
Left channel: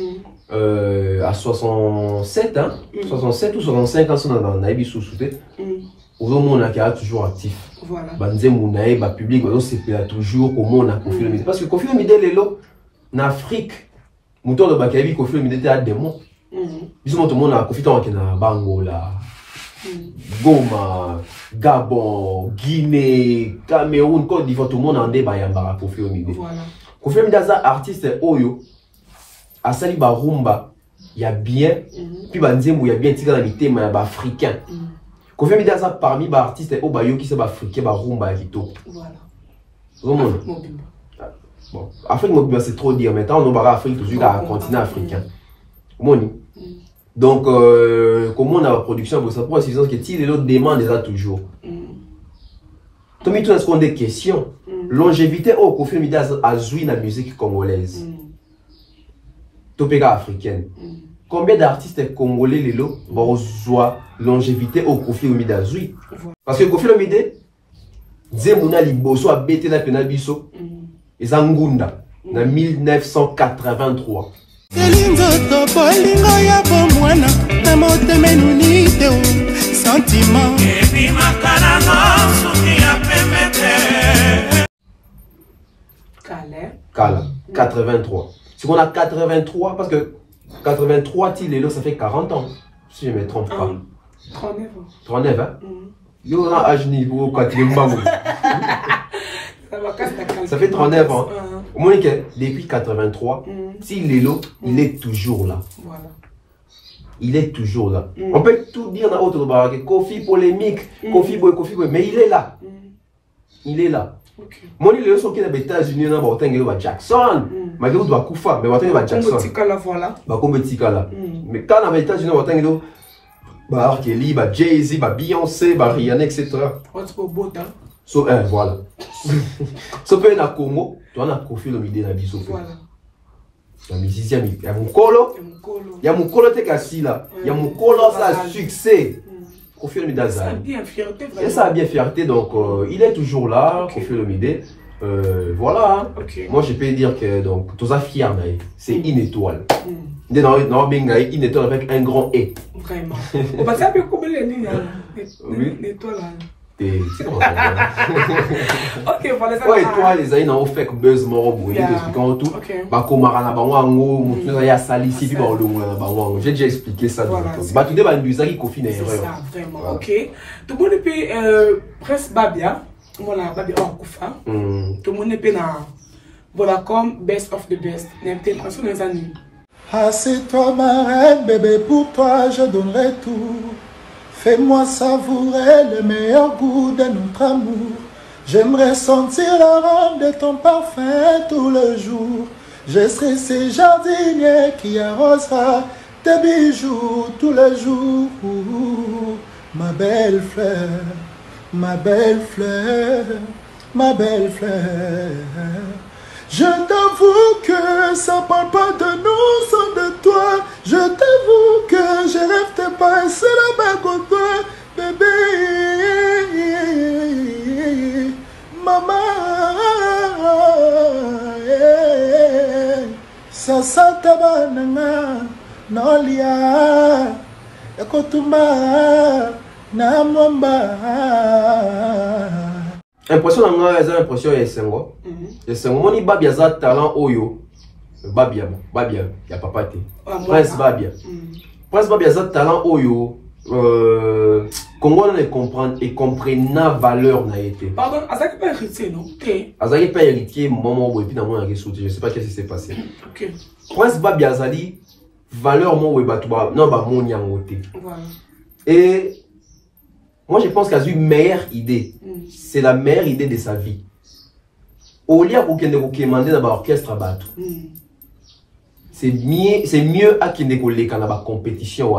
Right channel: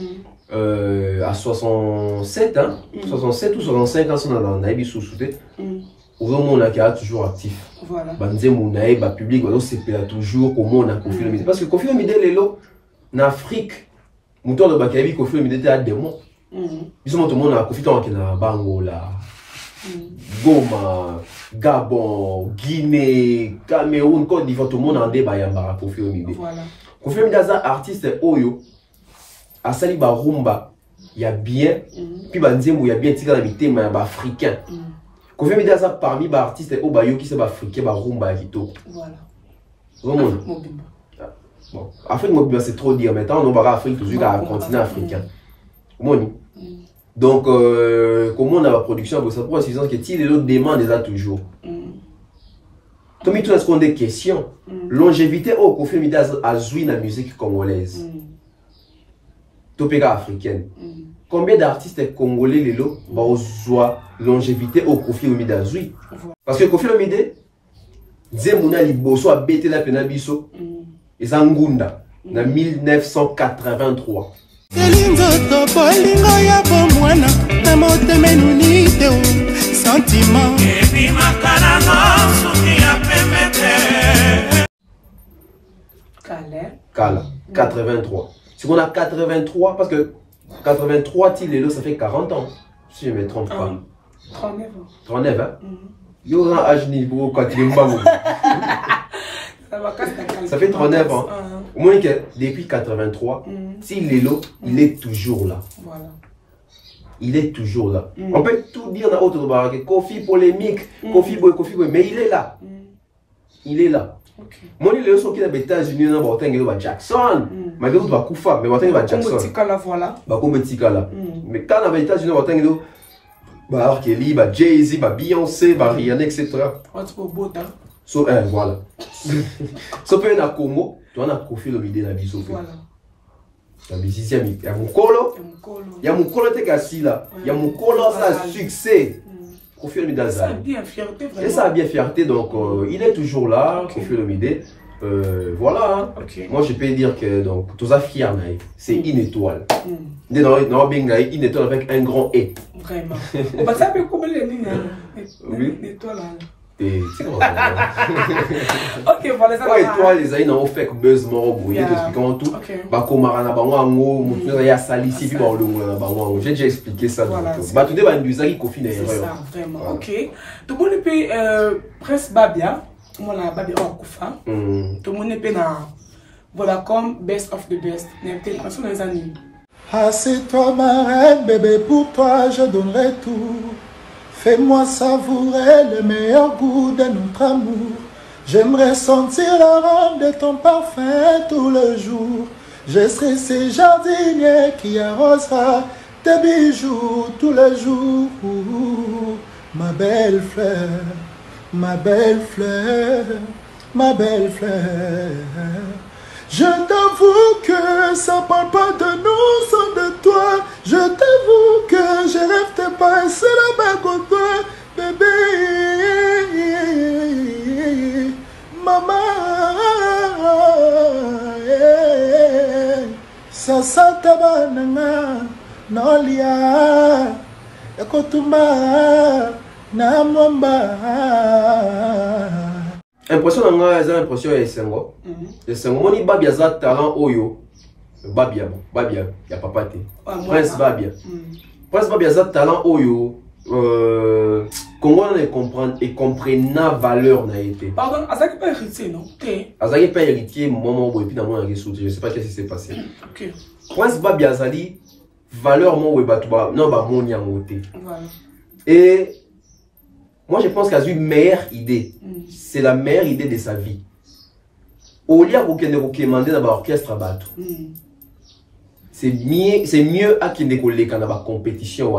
À 67, hein, 67 ou 65 ans, on a eu sous-souté. On a toujours actif. Voilà. Banze Mounaï, ba public, c'est toujours comment on a Kofi Olomide. Parce que Kofi Olomide est là, en Afrique, mouton de Bakabi, Kofi Olomide était à démon. Ils sont tout le monde à Kofi Olomide na Bango là. Goma, Gabon, Guinée, Cameroun, Côte d'Ivoire, tout le monde en débat yambara Koffi Olomide. Voilà. Koffi Olomide est un artiste Oyo, à Sali Barumba, il y a bien, puis Banzembo, il y a bien tiré dans les thèmes africains. Koffi Olomide est parmi les artistes Obayo qui sont africains, Barumba et Kito. Voilà. Bon, Afrique, c'est trop dire, maintenant on va Afrique, toujours un continent africain. Donc, comment on a la production, ça pour préciser que si les autres demandent déjà toujours. Tout est-ce qu'on a des questions. Longévité au Koffi Olomide a joué la musique congolaise. Topéga africaine. Combien d'artistes congolais les lots vont jouer longévité au Koffi Olomide a joué? Parce que Koffi Olomide, Zemuna Liboso a bêté la penabiso. Et Zangunda, en 1983. Kala, 83. Si on a 83, parce que 83, ça fait 40 ans, si je ne me trompe pas. 39 ans. 39, hein? Il y a un âge niveau quand il est ça fait 39 ans. Au moins que depuis 83, si Lelo, il est toujours là. Voilà. Il est toujours là. On peut tout dire dans l'autre barrage, Koffi polémique, Koffi boy, mais il est là. Il est là. Moi, il est sorti des États-Unis, on a Jackson. Malgré tout, Koufa, mais on a Jackson. Mais quand on a États-Unis, on a R. Kelly, Jay-Z, Beyoncé, Rihanna, etc. So, voilà. So, peut na Congo, tu as un Koffi Olomide na biso. Voilà. La musicien, il y a mon colo. Il y a mon colo te kassi là. Il y a mon colo, ça a succès. Koffi Olomide a ça. Et ça a bien fierté, donc il est toujours là, Koffi Olomide. Voilà. Moi, je peux dire que donc tout ça fier, c'est une étoile. Une étoile avec un grand E. Vraiment. On va savoir comment les lignes. Une étoile. Ok, voilà ça. Ouais, toi, les aïe, on fait que buzz moro, il t'expliquant tout. Bah, comme Marana Banwango, Moutou, il y a Salissi, puis Banwango. J'ai déjà expliqué ça. Bah, tout dépend de ça qui confine. C'est ça, vraiment. Ok. Tout le monde peut presque Babia. Voilà, Babia en Koufa. Tout le monde peut na. Voilà, comme best of the best. N'importe l'impression des années. Assieds-toi, ma reine, bébé, pour toi, je donnerai tout. Fais-moi savourer le meilleur goût de notre amour. J'aimerais sentir l'arôme de ton parfum tout le jour. Je serai ce jardinier qui arrosera tes bijoux tout le jour. Ma belle fleur, ma belle fleur, ma belle fleur. Je t'avoue que ça parle pas de nous sans de toi. Je t'avoue que je rêve de passer la main contre toi, bébé. Maman, ça s'atabananga, nolia, ekotuma, namwamba. Impression d'anga, c'est l'impression de Sengo. Le Sengo, moni Babia za talent oyo. Babia, y'a papa te. Prince Babia. Prince Babia za talent oyo. Congo ne comprend et comprenne la valeur n'a été. Pardon, Azaki pas héritier, non? Azaki pas héritier, maman, et puis dans je ne sais pas qu'est-ce qui s'est passé. Prince Babia Zali, valeur mon webatuba, non, bah mon yangote. Et moi, je pense qu'il a eu une meilleure idée. C'est la meilleure idée de sa vie. Au lieu de demander dans l'orchestre à battre. C'est mieux à qu'il ne quand la compétition.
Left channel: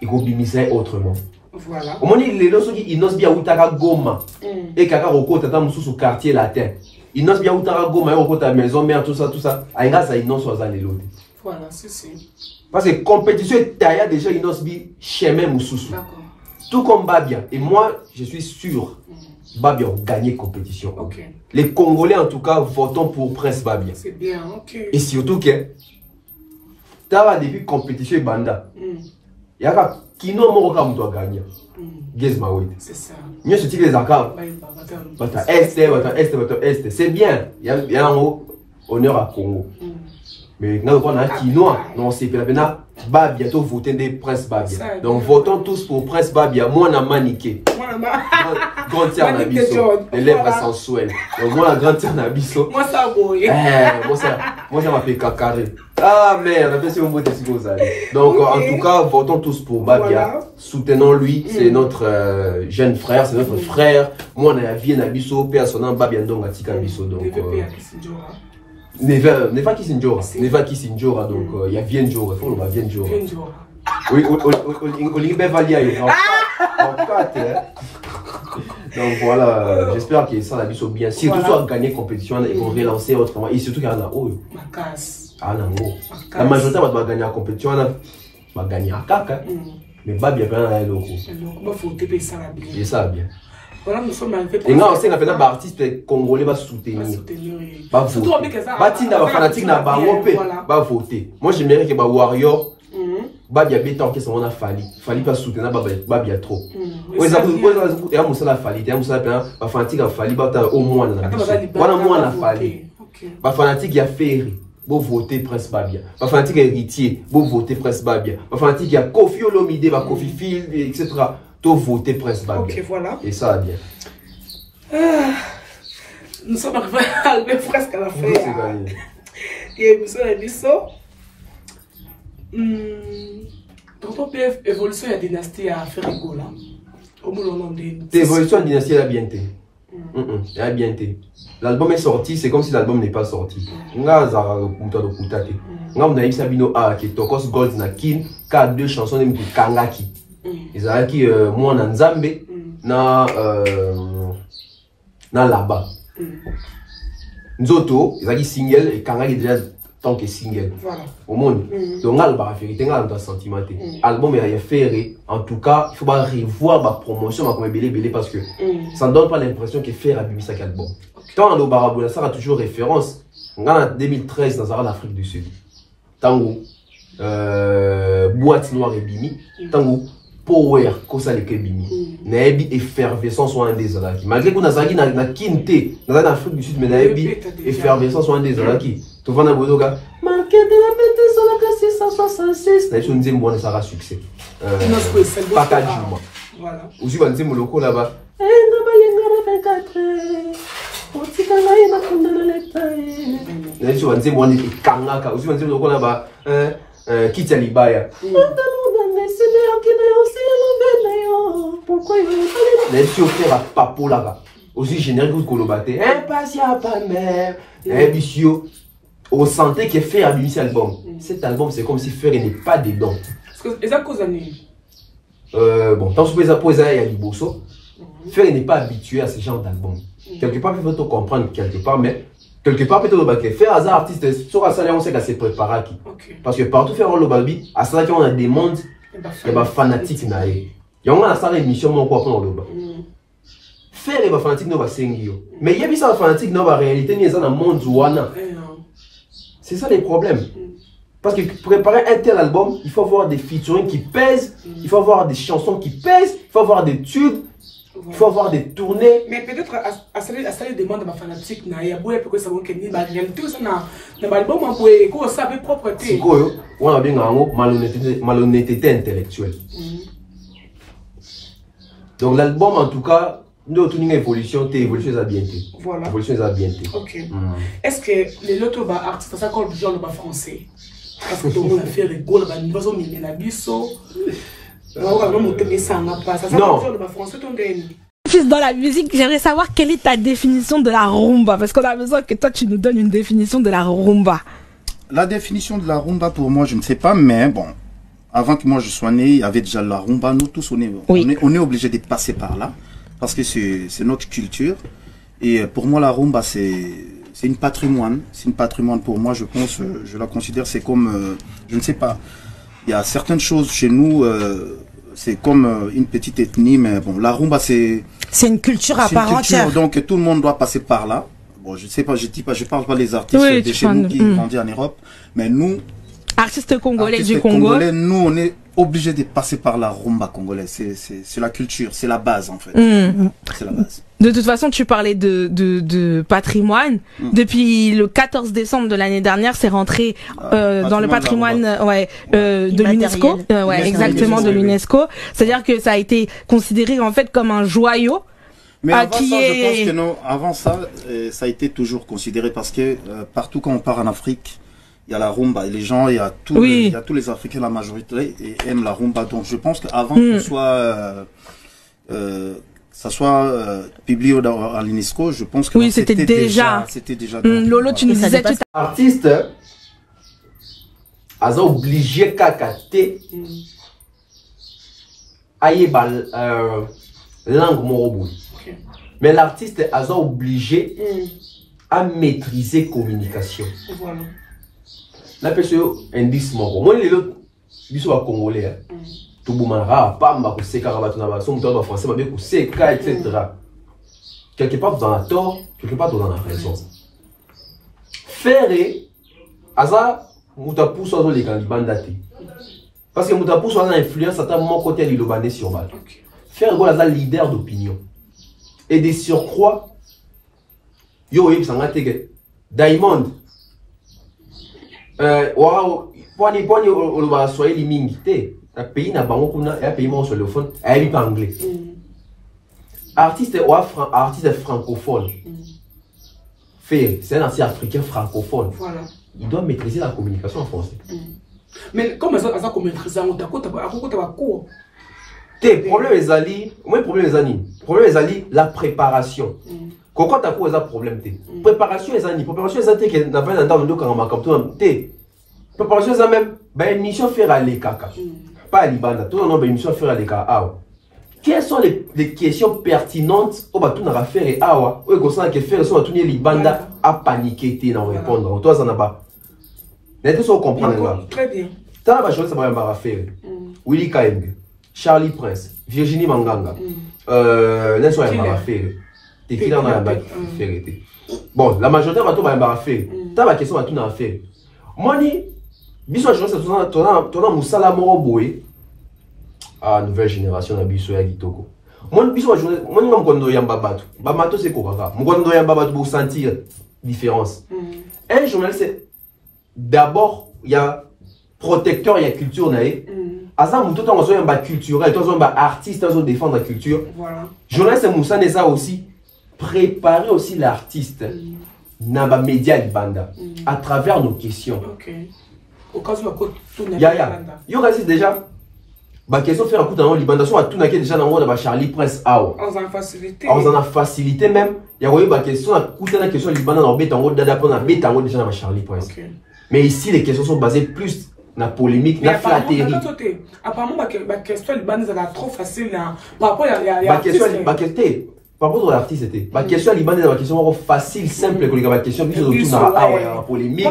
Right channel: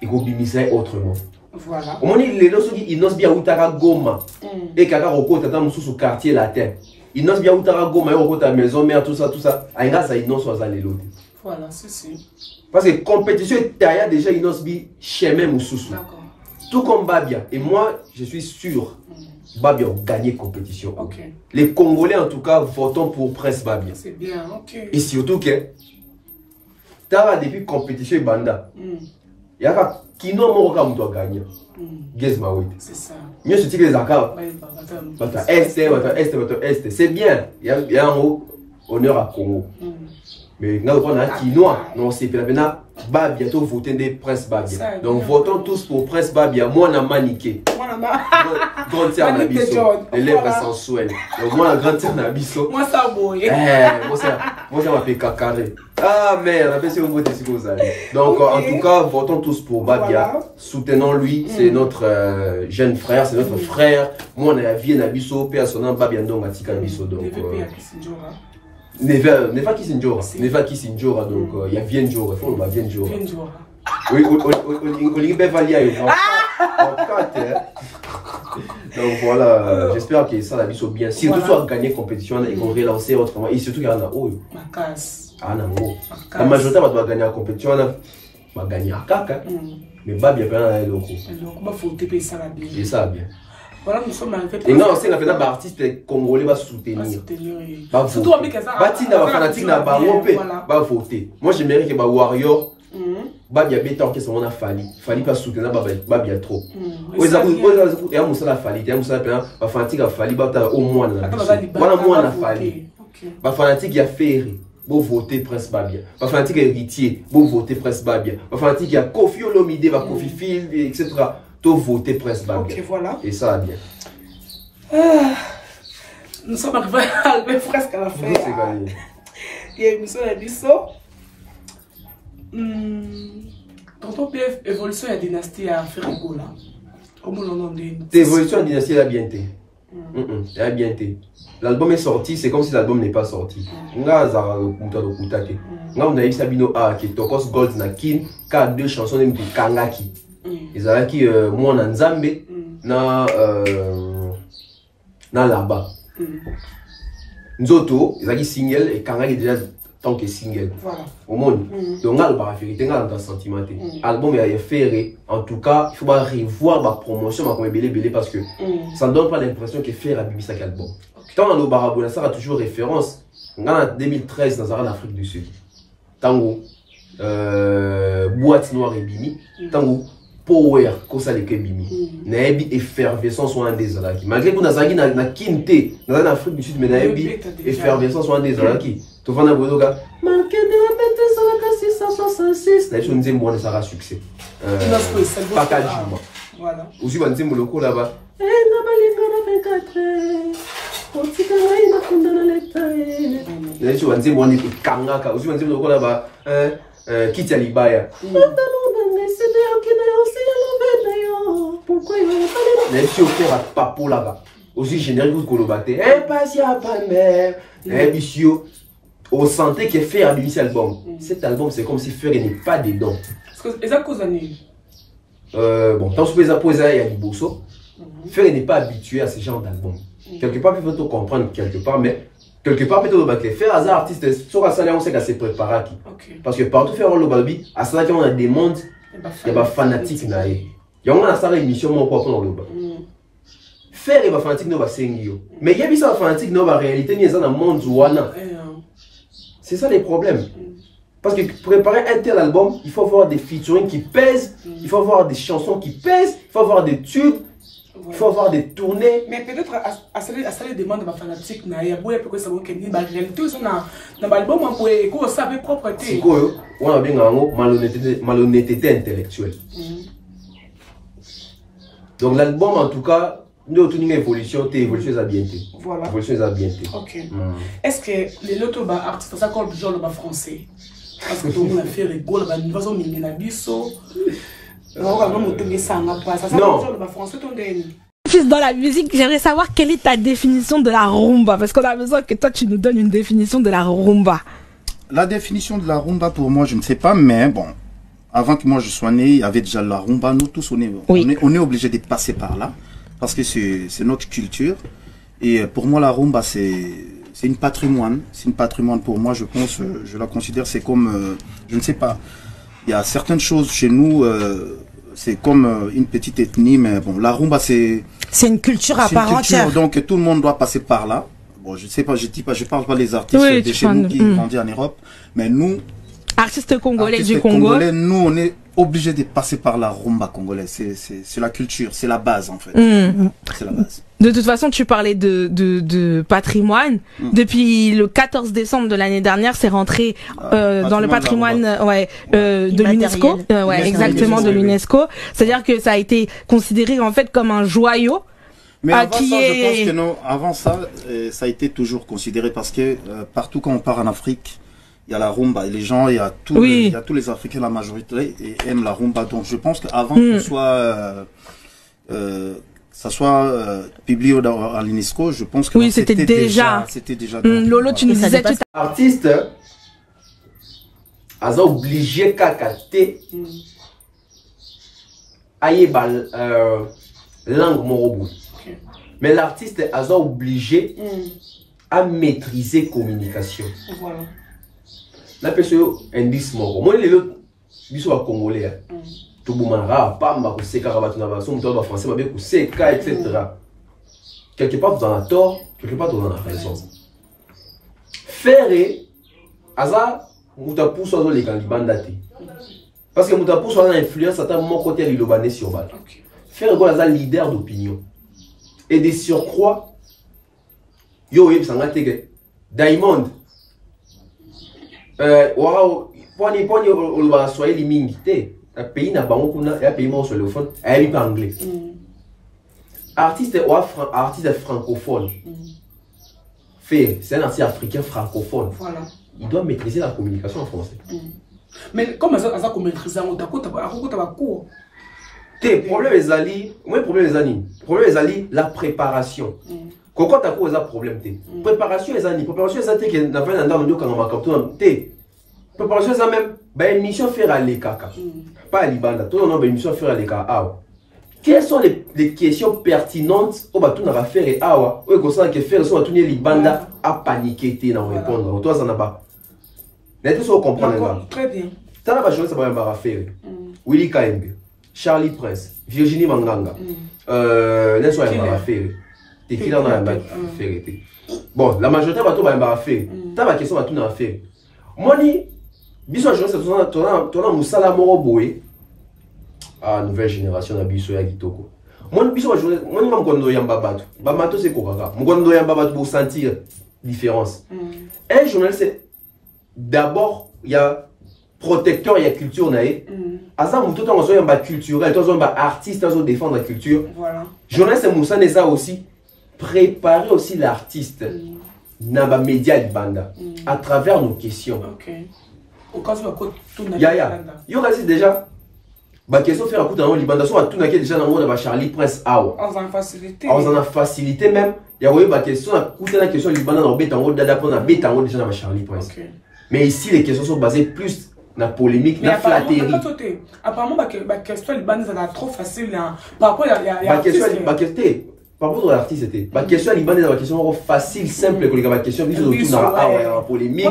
Il faut bimiser autrement. Voilà. Au moment où il n'ose bien outara goma. Et kaka roko tata sous quartier latin. Il n'ose bien outara goma et roko ta maison, mère, tout ça, tout ça. Aïnga ça, il n'ose pas aller l'autre. Voilà, c'est ça. Parce que compétition est taillée déjà, il n'ose bien chemin moussous. D'accord. Tout comme Babia. Et moi, je suis sûr, Babia a gagné compétition. Les Congolais, en tout cas, votons pour Prince Babia. C'est bien, ok. Et surtout que, tu as depuis compétition et Banda. Il y a qui n'a pas doit gagner. C'est ça. Mieux se les accords. C'est bien. Il y a un honneur à Congo. Mais nous avons un quinoa, non, c'est bien. Babia, tu votes des Prince Babia. Donc votons tous pour Prince Babia. Moi, on a maniqué. Grande terre Nabiso. Les lèvres sensuelles. Donc moi, la grande terre Nabiso. Moi, ça boy. Moi, ça m'appelle Kakaré. Ah merde, après, c'est un mot de ce que vous allez. Donc en tout cas, votons tous pour Babia. Soutenons-lui. C'est notre jeune frère, c'est notre frère. Moi, on a bien Nabiso. Personne, Babia, donc, Atika Nabiso. Donc. Neva Kisinjora, donc il y a Vienjora, il faut le Vienjora. Oui, Olivier Bevalia. Donc voilà, j'espère que ça va bien. Si tout soit gagné compétition et qu'on relance autrement, et surtout qu'il y en a la majorité va gagner la compétition, va gagner à Kaka. Mais pas bien, il faut ça bien. Voilà, nous sommes arrivés. Et là, on sait que les artistes congolais vont soutenir. Surtout avec les fanatiques va voter. Moi, j'aimerais que les Warriors, Babia Beta, qui sont en Fali. Fali pas soutenir Babia trop. Oui, ça vous et à Moussa la Fali. Et à Moussa la fanatique a Fali, au moins. Voilà, moi, la Fali. Ma fanatique a Ferry. Vous votez Prince Babia. Ma fanatique a Héritier. Vous votez Prince Babia. Ma fanatique a Kofi Olomide, Kofi Field, etc. Tout voter Prince Babia. Ok, voilà. Et ça va bien. Nous sommes arrivés presque à la fin. Il y a une émission à Bisso. Dans ton PF, évolution et dynastie à faire égo là. Comment l'on dit? Évolution et dynastie, elle a bien été. Elle a bien été. L'album est sorti, c'est comme si l'album n'est pas sorti. Nga zara kuta do kutate. Nga on a eu Sabino A qui Tokos Gold na kin, ka deux chansons de Kangaki. Ils ont qui moi na Nzambe na là-bas. Nzoto, ils ont dit single et Kangaki déjà tant que single. Voilà. Au monde. Donc là, la vérité, là, on sentimenté. Album est fait. En tout cas, il faut pas revoir ma promotion, ma belé parce que ça ne donne pas l'impression que faire à Bibi Sak album. Quand on a Barabou, ça a toujours référence. En 2013, dans l'Afrique du Sud. Tango, boîte noire et bimi. Tango, power, kosa leke bimi. Naebi effervescence soit un des alaki. Malgré qu'on a zagi na kinte, dans l'Afrique du Sud, mais naebi effervescence soit un des alaki. Tout le monde a bodoga. Marqué de la pète sur la casse 666. Naebi on dit moi ça aura succès. Pas qu'à dire moi. Voilà. Aussi on dit mon loco là-bas. Eh na balinga 24. Otika ngai na funda na leta. Naebi on dit moi ni kangaka. Aussi on dit mon loco là-bas. Kitia libaya. Pourquoi il veut pas les gens qui ont papo là-bas. Aussi générique vous colobaté. Impatient pas mère. Bisio. On sentait qu'il fait un cet album. Cet album c'est comme si Fer n'est pas dedans. Parce que les causes bon, tant que vous pouvez il y a du bosso. Fer n'est pas habitué à ce genre d'album. Quelque part il faut te comprendre quelque part, mais quelque part peut-être que Fer hasard artiste sur la salle on sait qu'elle s'est préparée. Parce que partout faire un lobabi, à ça qu'on a des mondes, il y a des fanatiques naïfs. Il y a un salle émission mon quoi pour le bas. Faire les fanatiques no ba sengio. Mais il y a des fanatiques no ba réalité ni dans le monde ouana. C'est ça les problèmes. Parce que pour préparer un tel album, il faut avoir des featuring qui pèsent, il faut avoir des chansons qui pèsent, il faut avoir des tubes, il faut avoir des tournées. Mais peut-être à ça les demandes de ma fanatique na ya boye parce que ça va que ni ma réalité ça na l'album on peut ko ça avec propreté. C'est quoi on a bien en malhonnêteté intellectuelle. Donc l'album en tout cas, nous avons une évolution, l'évolution est bien. Voilà. L'évolution est bien. Ok. Est-ce que les autres artistes, ça comme besoin de français? Parce que tout le monde a fait les goals, il n'y a pas de biso. Fils dans la musique, j'aimerais savoir quelle est ta définition de la rumba, parce qu'on a besoin que toi tu nous donnes une définition de la rumba. La définition de la rumba pour moi, je ne sais pas, mais bon. Avant que moi je sois né, il y avait déjà la rumba. Nous tous, on est obligé de passer par là. Parce que c'est notre culture. Et pour moi, la rumba, c'est une patrimoine. C'est une patrimoine pour moi, je pense. Je la considère, c'est comme... je ne sais pas. Il y a certaines choses chez nous, c'est comme une petite ethnie. Mais bon, la rumba, c'est... C'est une culture à part entière. Donc tout le monde doit passer par là. Bon, je ne sais pas, je parle pas des artistes de chez nous qui grandissent en Europe. Mais nous... Artiste congolais Artiste du Congo. Congolais, nous, on est obligé de passer par la rumba congolaise. C'est la culture, c'est la base en fait. C'est la base. De toute façon, tu parlais de patrimoine. Depuis le 14 décembre de l'année dernière, c'est rentré dans le patrimoine de l'UNESCO. Exactement, de l'UNESCO. C'est-à-dire que ça a été considéré en fait comme un joyau. Mais avant ça, je pense que non. Avant ça, ça a été toujours considéré parce que partout quand on part en Afrique, il y a la rumba. Et les gens, il y a tous les Africains, la majorité, aiment la rumba. Donc je pense qu'avant que ça soit publié à l'UNESCO, je pense que c'était déjà. Lolo, tu nous disais tout à l'heure. Artiste, ils sont obligés de langue moroboui. Mais l'artiste est obligé à maîtriser communication. Voilà. La personne indice moro. Moi les autres biso wa congolais. Tout boumara pamba ko seka ba tuna ba so muto ba français ba be ko seka etc. Quelque part vous en avez tort, quelque part vous en avez raison. Faire aza mutapu so les galibanda te. Parce que mutapu so a influence à mon côté du lobané sur bateau. Faire go aza leader d'opinion. Et des surcroît yo yeb sanga tege Diamond poni oloba swahili mingi te na pays na bango kuna ya pays mo sur le fond ayebi pas anglais. Artiste francophone. C'est un artiste africain francophone. Voilà. Il doit maîtriser la communication en français. Mais comment ça maîtriser on t'a cours. Le problème est ali, moi problème est ali. Problème est ali la préparation. Quand tu as un problème, préparation est ali. Préparation est ali que n'a pas dans le dos quand on m'a capté. Préparation est même ben mission faire aller caca. Pas libanda. Tout le monde mission faire aller caca. Quelles sont les questions pertinentes au bateau n'a faire et awa ou qu'on sent que faire soit tout libanda à paniquer t'es dans répondre. Toi ça n'a pas. Mais tu sais comprendre. Très bien. Ça va jouer ça va faire. Willy Kaembe. Charlie Prince, Virginie Manganga, Nelson Mbarafé, Tequila Mbarafé. Bon, la majorité va tout Mbarafé. T'as la question va tout Mbarafé. Moni, bisous je sais toi Moussala Moroboé. Ah, nouvelle génération na biso ya Kitoko. Moni bisous je moni ngam kondo yamba batu. Ba mato c'est kokaka. Mukondo yamba batu pour sentir différence. Un journaliste d'abord il y a protecteur il y a culture naé. Asa muto to zo yamba culturel, to zo yamba artiste, to zo défendre la culture. Voilà. Journaliste Moussa Neza aussi préparer aussi l'artiste na ba média libanda à travers nos questions. OK. Au cas où tout na libanda. Yo reste déjà ba question faire un coup dans libanda so tout na déjà na mode ba Charlie Prince awa. On en facilité. On en a facilité même. Ya voyez ba question na coup na question libanda na beta ngo dada pour na beta ngo déjà na ba Charlie Prince. OK. Mais ici les questions sont basées plus la polémique, la flatterie. Apparemment, la question est trop facile. Par rapport à la par rapport à l'artiste, c'était. La question est la question facile, simple, que la question qui se la polémique.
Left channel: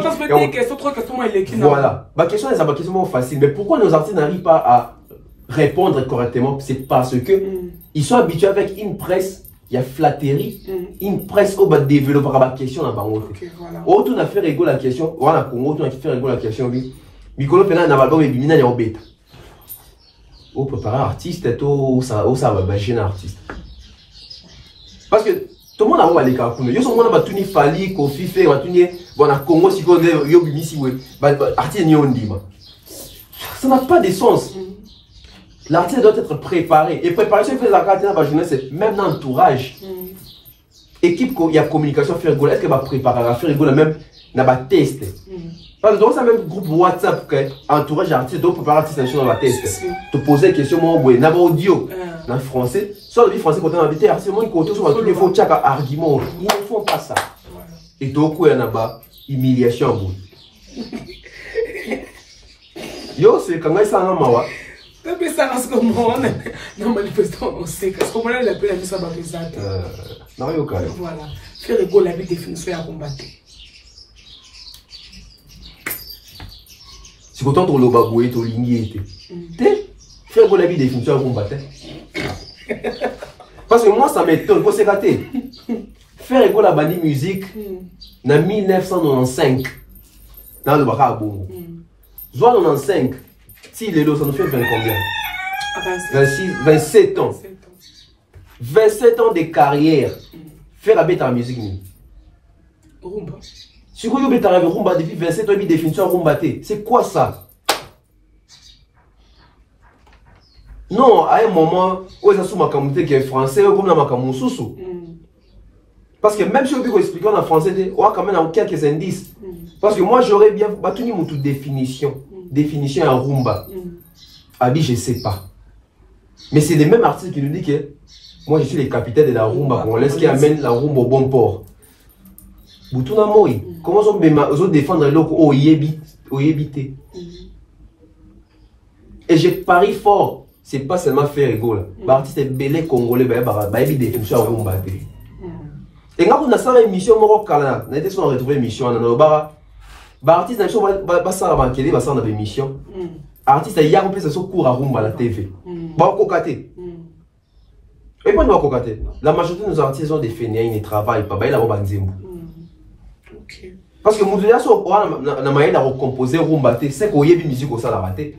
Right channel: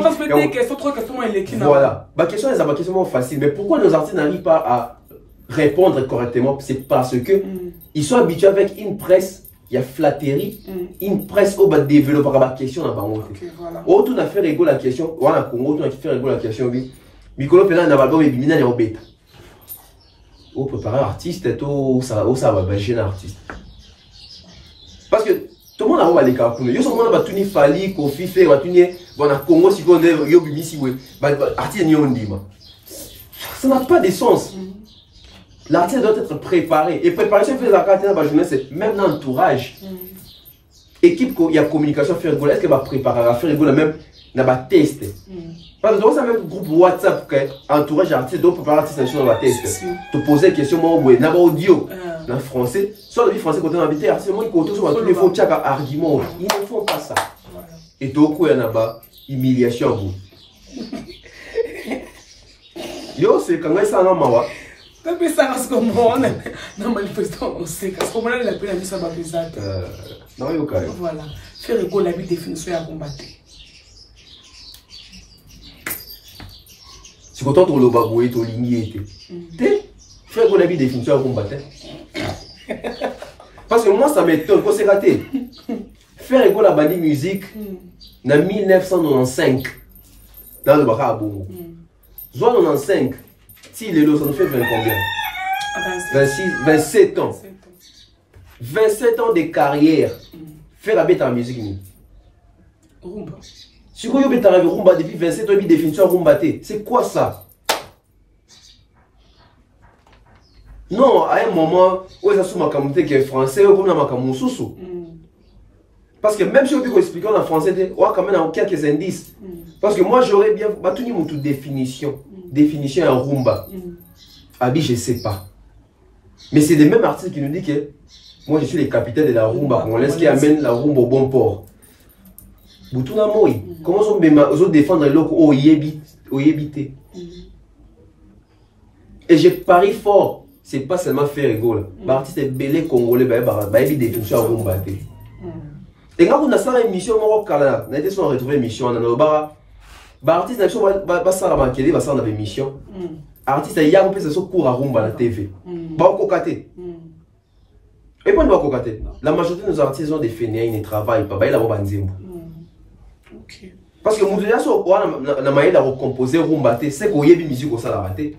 Voilà. La question est la question facile. Mais pourquoi nos artistes n'arrivent pas à répondre correctement? C'est parce que ils sont habitués avec une presse. Il y a flatterie, une presse au bas de développer la question. Autant on a fait rigoler la question. On a fait rigoler la question. Mikolo pena na balbo ebimina ya obeta. Au préparer artiste et tout ça va imaginer artiste. Parce que tout le monde a voulu les cas. Yo son monde ba tuni fali ko fife ba tuni bon na Congo si ko yo bimisi we. Artiste ni on dit ba. Ça n'a pas de sens. L'artiste doit être préparé et préparation fait la carte na ba jeunesse même dans l'entourage. Équipe il y a communication faire rigoler, est-ce que va préparer à faire rigoler même na ba test. Parce que dans ce même groupe WhatsApp, entourage artiste, donc préparer l'artiste sur la test. Te poser une question, moi, n'a pas audio, en français. Soit le français, quand on a habité, artiste, moi, il compte sur tous les faux tchaka arguments. Ils ne font pas ça. Et donc, il y en a pas, humiliation à bout. Yo, c'est quand même ça, non, mawa. Tu peux ça, parce que moi, non, manifestement, on sait, parce qu'on a l'appel à mise à ma pesante. Non, il y a aucun. Voilà. Faire rigolo, la vie définition à combattre. Si content ton lobaboué, ton ligné était. Fais qu'on a vu définition à combattre. Parce que moi, ça m'étonne, quand c'est raté. Faire école la bande musique, en 1995, dans le Baka Bongo. Zoan 95. Si les lots, ça nous fait 20 combien? 27 ans. 27 ans de carrière. Faire la bête en musique. Rumba. Si vous avez fait rumba depuis 27 ans, il définition rumba. C'est quoi ça? Non, à un moment, où ça sous ma communauté qui est français, comme dans ma communauté. Parce que même si vous pouvez expliquer en français, on a quand même quelques indices. Parce que moi, j'aurais bien battu une définition. Définition en rumba. Abi, je ne sais pas. Mais c'est les mêmes artistes qui nous disent que moi, je suis le capitaine de la rumba congolaise qui amène la rumba au bon port. Boutuna Moi, comment on défendre les locaux au yébité? Et je parie fort, c'est pas seulement faire rigolo. L'artiste est belé congolais, il définition en rumba. Et quand on a ça, l'émission, on a retrouvé l'émission, on a artiste, on va ça marquer, on va ça dans l'émission. Artiste, il y a un peu de cours à rumba à la TV. Bah, on cocaté. Et puis, on va cocaté. La majorité de nos artistes ont des fainéants, ils ne travaillent pas. Bah, ils ont un zimbo. Parce que Moudouya, si on a la manière de recomposer rumba, c'est qu'on y a une musique au ça la raté.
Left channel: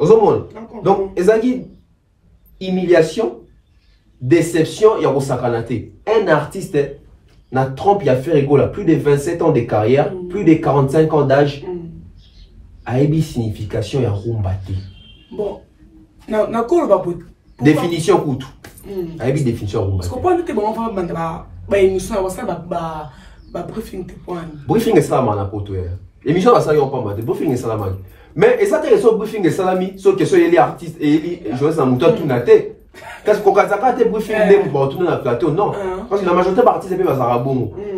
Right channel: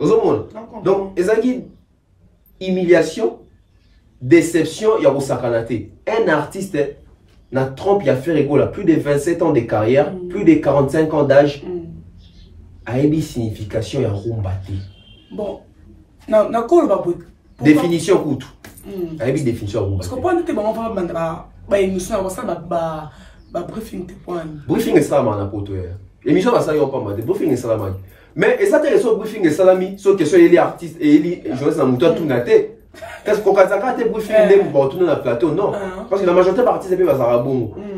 Donc, ils ont dit humiliation, déception, il y a un sacanate. Un artiste n'a trompe, il a fait rigolo, plus de 27 ans de carrière, plus de 45 ans d'âge. A une signification, il y a rumbate. Bon, définition coûte. A une définition rumbate. Briefing est ça, man, pour toi. Émission, ça y est pas mal. Briefing est ça, man. Mais ça te reçoit briefing est salami, sauf que les artistes et les journalistes en mouton tout naté. Qu'est-ce qu'on a fait briefing n'est pas retourner dans le plateau? Non. Parce que la majorité des artistes, c'est pas ça.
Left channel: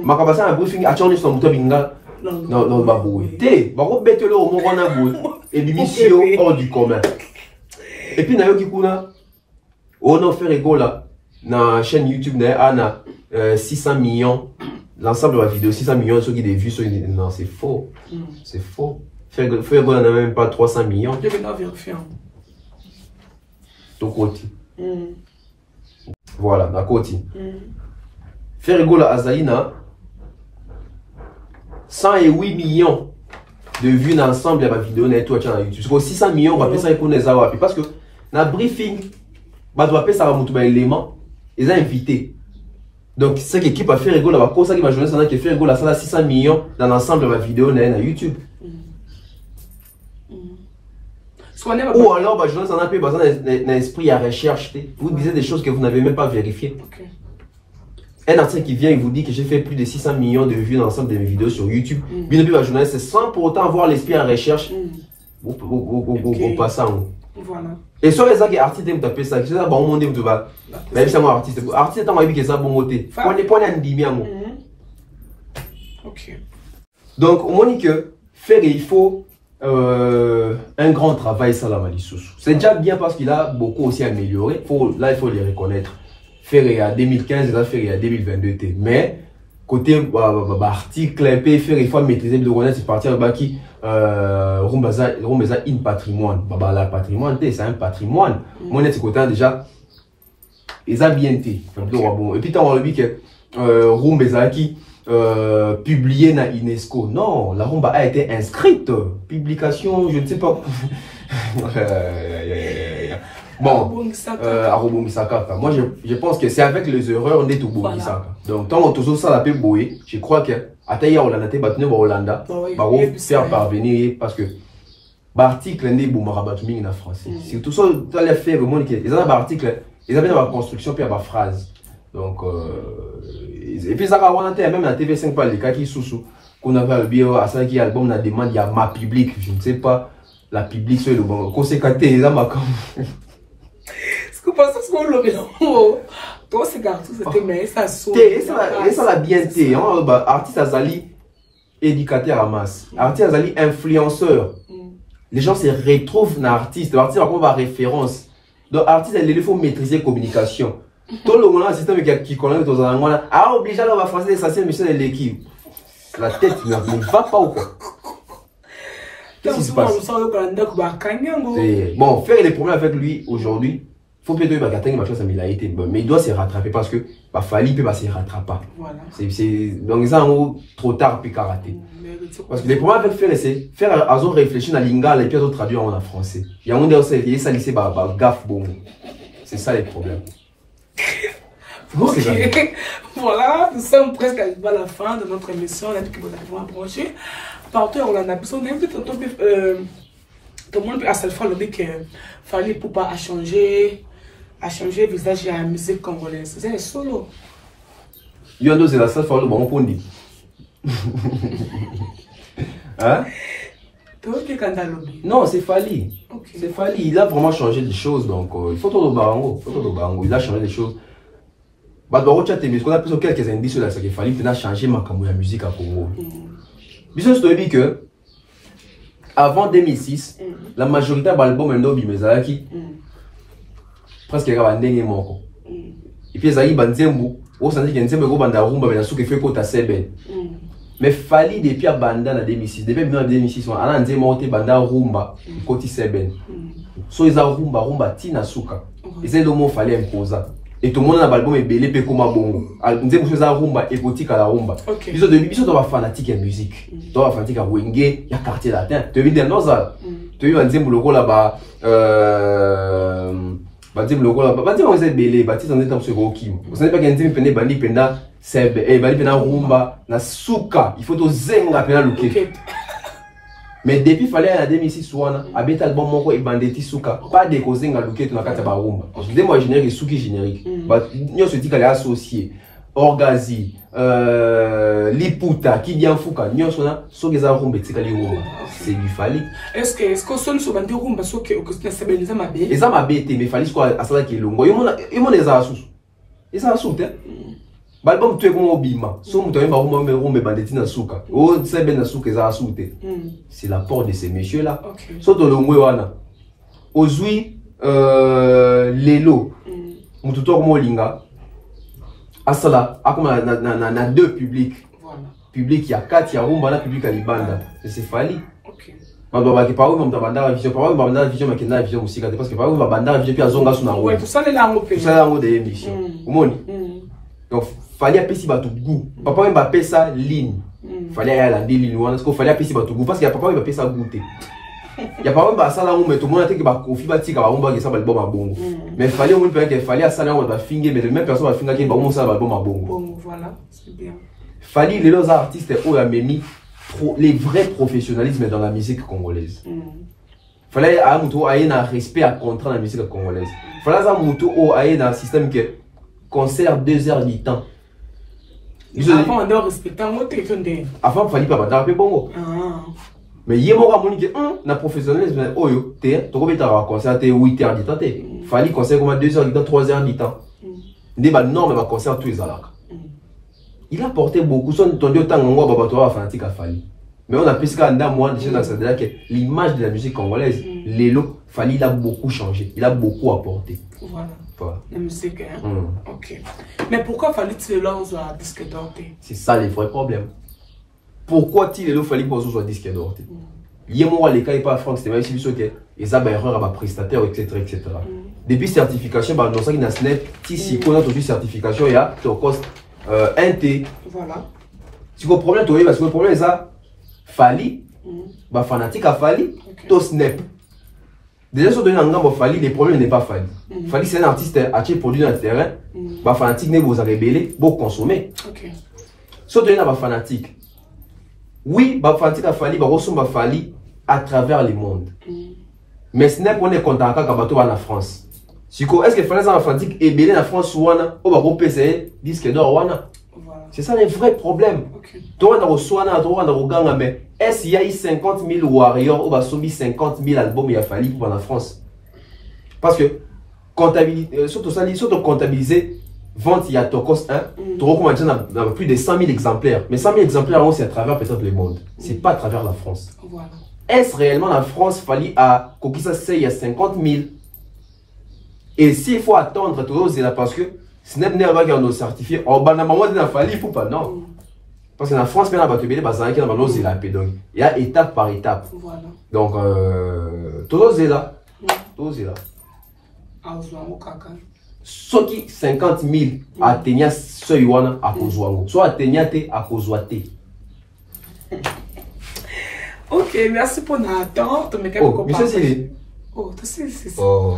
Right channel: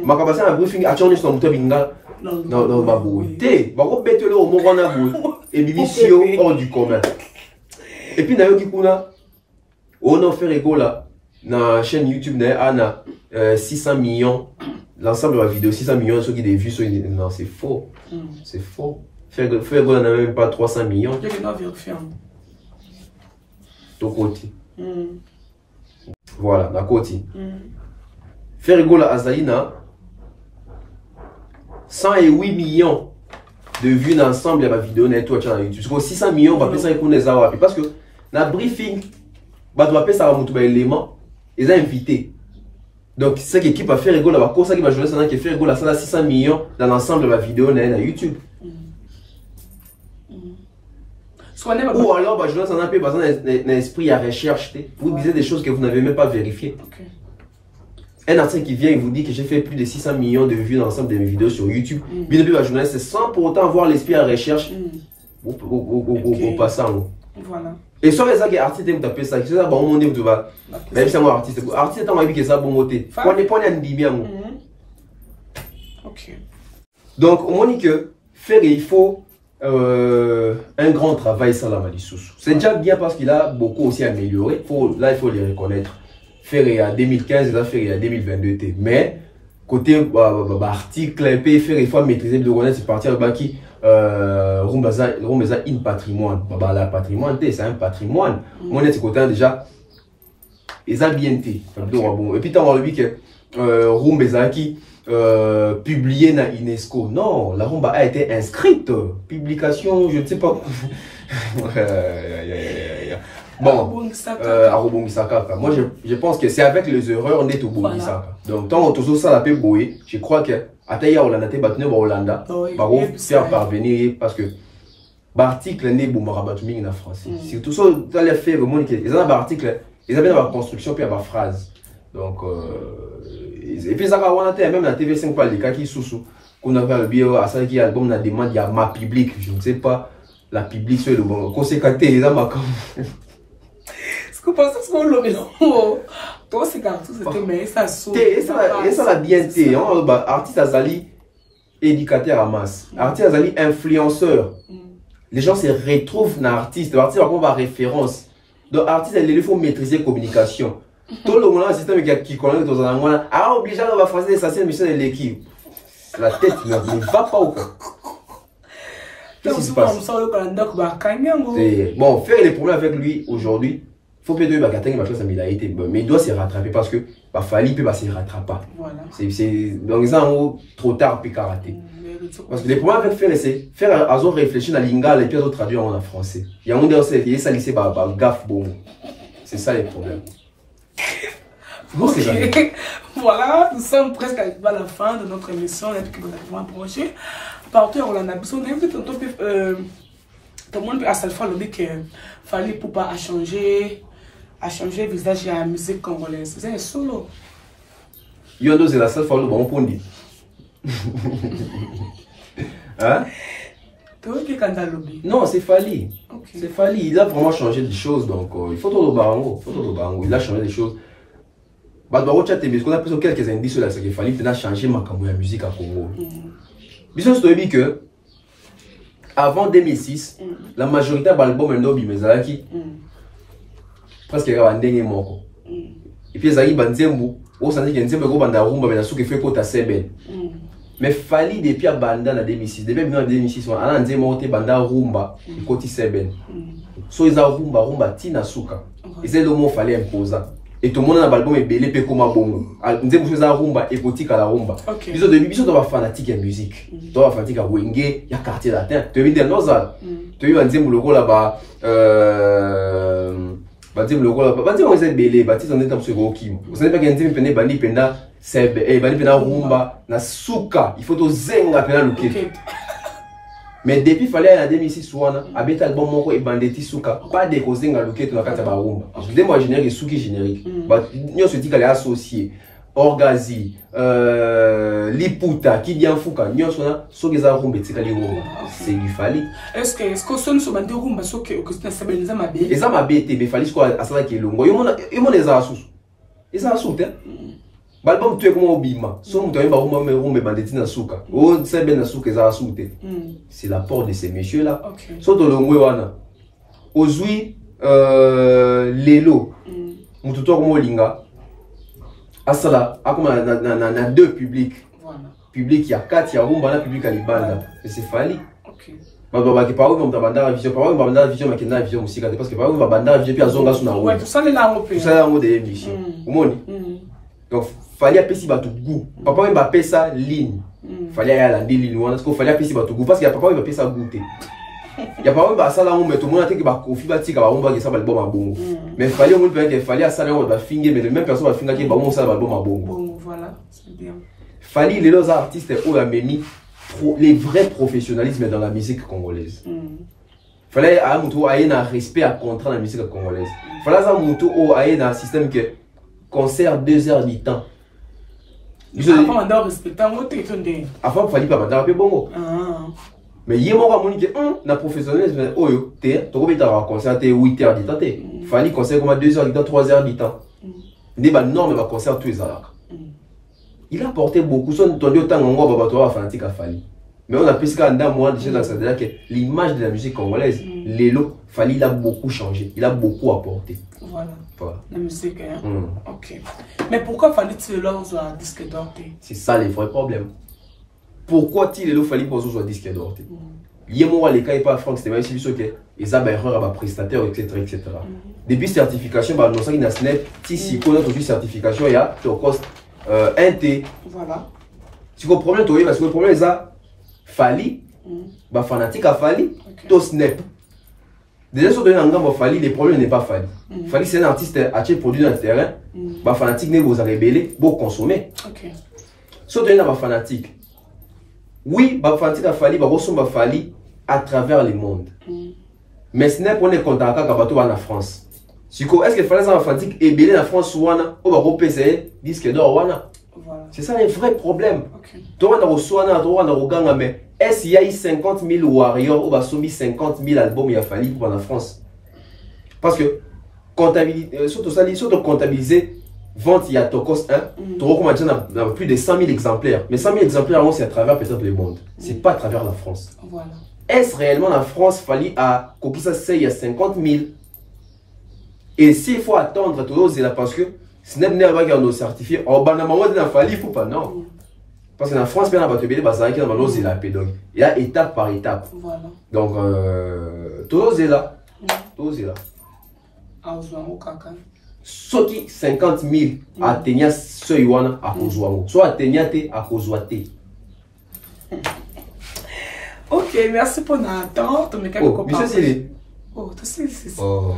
Ma capacité à briefing, à changer son mouton binga. Non, babou. T'es, babou, bête-le au moment où on a bou. Et l'émission hors du commun. Et puis, Nayo Kikuna, on a fait rigolo là. Dans la chaîne YouTube, on a 600 millions. L'ensemble de la vidéo, 600 millions, ceux qui ont vu, non, c'est faux. C'est faux. Faire rigolo, on n'a même pas 300 millions. Je vais vérifier. Ton côté. Voilà, d'un côté. Faire rigolo à Zalina, 108 millions de vues dans l'ensemble de la vidéo network sur YouTube. Parce que 600 millions, on va appeler ça un parce que dans le briefing, on va appeler ça un élément. Ils ont invité. Donc, c'est l'équipe a fait rigolo, la cause qui va jouer ça, qui fait rigolo, ça 600 millions dans l'ensemble de la vidéo sur YouTube. Ou alors, bah, je un peu un esprit à recherche. Vous disiez des choses que vous n'avez même pas vérifiées. Un article qui vient et vous dit que j'ai fait plus de 600 millions de vues dans l'ensemble de mes vidéos sur YouTube. Bien sûr, la journaliste, c'est sans pour autant avoir l'esprit à recherche. Au passant. Voilà. Et sur les artistes, vous tapez ça. C'est ça, bon, monde, vous vas. Même si c'est moi artiste. Artiste, c'est un que ça, bon, moté. Point un bimia, moi. Ok. Donc, on dit que faire, il faut. Un grand travail ça la Malissous. C'est déjà bien parce qu'il a beaucoup aussi amélioré. Là, il faut les reconnaître. Faire à 2015, là, faire à 2022. Mais, côté article, faire, il faut maîtriser le reconnaître, c'est partir à qui Rumbaza in patrimoine. La patrimoine, c'est un patrimoine. Moi, c'est côté déjà, ils ont bien été. Et puis, tu as vu que Rumbaza qui publié dans l'UNESCO. Non, la rumba a été inscrite. Publication, je ne sais pas. Bon, à Robongisaka. Moi, je pense que c'est avec les erreurs on est au Robongisaka. Donc, tant qu'on ça la peut bouiller, je crois que à Taïa Hollanda, battu au Hollanda, on va faire parvenir parce que l'article n'est pas boumarabatuming en français. C'est tout ça, tu as fait vraiment que ils ont un article, ils avaient dans la construction puis la phrase. Donc, et puis ça on a même la TV5 pas les cas qui sous qu'on avait le bio à ça qui album la demande il y a ma public je ne sais pas la public sur le bon conséquenté les ama comme ce que pense ce qu'on le toi c'est quand tout c'était mais ça saute et ça la bien été artiste azali éducateur à masse artiste azali influenceur les gens se retrouvent dans artiste l'artiste va avoir référence donc artiste il faut maîtriser communication. Tout le monde a un système qui connaît dans un moment. Ah, obligé à faire l'essentiel mission de l'équipe. La tête ne va pas ou quoi? Qu'est-ce qui se passe? Bon, faire les problèmes avec lui aujourd'hui, il faut peut-être mais il doit se rattraper parce que Fali peut se rattraper. C'est donc ça en haut trop tard puis karaté. Parce que les problèmes avec faire, c'est faire à réfléchir à l'ingala et puis à traduire en français. Il y a un monde qui ça lycée gaffe bon. C'est ça les problèmes. Okay. Voilà, nous sommes presque à la fin de notre émission. On a dit que vous avez approché. Partout on a besoin d'un petit peu. Tout le monde à cette fois le dit que fallait pour pas changer le visage de la musique congolaise. C'est solo. Il y a deux la seule fois le bon point dit. Hein? Non, c'est Fally. Okay. C'est Fally. Il a vraiment changé des choses. Donc, il faut tout le barango. Il a changé des choses. Parce qu'on a plus quelques indices sur ce qu'il fallait. Il a changé ma musique à Congo. Je te dis que avant 2006, la majorité de l'album Ndobi Mezalaki presque il moko. Et puis, il y a Nzembu. On s'en dit que Nzembu est un rumba, mais il fait côté Seben. Mais Fally depuis à Banda en 2006, depuis en 2006, on a dit que Banda rumba et côté Seben. So ils ont rumba tina suka. Et c'est le mot Fally imposer. Et tout le monde a l'album est belé pe comme bongo. On dit que c'est rumba et côté la rumba. Ils ont début ils sont fanatique de musique. Ils sont fanatique de Wenge, il y a quartier latin. Tu veux dire non ça. Tu veux dire le là-bas Badim le là-bas. Badim on est belé, badim on est dans ce gros kim. Vous savez pas qu'il y a un pene bandi penda sebe et bandi penda rumba na suka. Il faut to zenga pena luke. Mais depuis fallait en 2006 wana abeta album moko e bandeti suka pas de kozenga luke to na kata ba rumba. Je dis moi générique suki générique. Ba nyo se dit qu'elle est associée Orgazi, Liputa, Kidian Fuka, nyo sona sogeza rumba tikali rumba. C'est du Fally. Est-ce que son so bande rumba so que c'est sabeliza mabe? Eza mabete mais Fally quoi asala ki longo. Yo eza asus. Eza asus te. Balbum tu es comme Obima. So muto yemba rumba bandeti na suka. O sebe na suka eza asus te. C'est la porte de ces messieurs là. So to longo wana. Ozui lelo. Muto to comme linga. Asala, na deux publics. Voilà. Public il y a 4, il y a rumba, na public à Libanda. C'est Fally. OK. Baba qui parle comme banda vision, parle comme banda vision mais qui na vision musique parce que parle comme banda vision puis azonga suna rumba. Ouais, tout ça là au pays. Tout ça là au des émissions. Omoni. Donc Fally a pesi batu goût. Papa même ba pesa ligne. Fally a la ligne wana parce que Fally a pesi batu goût parce qu'il y a papa même ba pesa goûter. Il y a pas même ba sala rumba tout le monde a dit que ba kofi ba tika ba rumba que ça ba album à bongo. Mais Fally on peut que Fally a sala on va finger mais même personne va finger que ba on ça ba album à bongo. Voilà, c'est bien. Fally les artistes où a mis les vrais professionnalisme dans la musique congolaise. Fallait à muto aille un respect à contrat dans la musique congolaise. Fallait à muto au aille dans un système que concert 2 heures du temps. Avant on doit respecter un mot téléphone. Avant Fally pas banda pe bongo. Mais il y a mon que na professionnalisme oyo te to robeta concert 8 heures du temps te. Fally concert comme 2 heures du temps, 3 heures du temps. Des ba norme va concert tous les alaka. Il a porté beaucoup son entendu autant ngo baba to fanatique à Fally. Mais on a plus qu'à moi déjà dans cette que l'image de la musique congolaise, Lelo Fally il a beaucoup changé, il a beaucoup apporté. Voilà. La musique hein. OK. Mais pourquoi Fally tu lances un disque d'or? C'est ça les vrais problèmes. Pourquoi Lelo Fally pour soit disque d'or? Yemo les cas pas France c'était aussi sûr que ils ont erreur à prestataire etc. Depuis certification bah non ça qui n'a net si qu'on a toujours certification il y a au cost NT. Voilà. Tu comprends problème toi parce que le problème c'est ça Fally bah fanatique à Fally to snap. Déjà sur un gamme Fally les problèmes n'est pas Fally. Fally c'est un artiste acheté produit dans le terrain bah fanatique ne vous a rebellé beau consommer. OK. Sur un fanatique. Oui, bah fanatique à Fally bah ressemble à Fally à travers le monde. Mais ce n'est pas un contact avec bateau en France. Est-ce que Fally en fanatique est belé en France ou on va repérer disque d'or wana? C'est ça le vrai problème. Toi on a reçu on a reganga mais est-ce qu'il y a eu 50 000 warriors ou bah soumis 50 000 albums il a Fally pour en France? Parce que comptabilité surtout ça surtout comptabiliser vente il y a Tokos 1, tu recommandes dans plus de 100 000 exemplaires. Mais 100 000 exemplaires, c'est à travers peut-être le monde. C'est pas à travers la France. Voilà. Est-ce réellement la France Fally à Kokisa il y a 50 000? Et s'il faut attendre, c'est là parce que si n'est pas nos certifiés, en bas de Fally, il faut pas, non. Parce que la France, bien, il y a étape par étape. Voilà. Donc, tout est là. Tout est là. Ce qui 50 000 atteignent ce yuan à Kozwango, soit atteignent à Kozwate. Ok, merci pour l'attente. Oh, monsieur Sili. Oh, tu sais, c'est ça. Oh,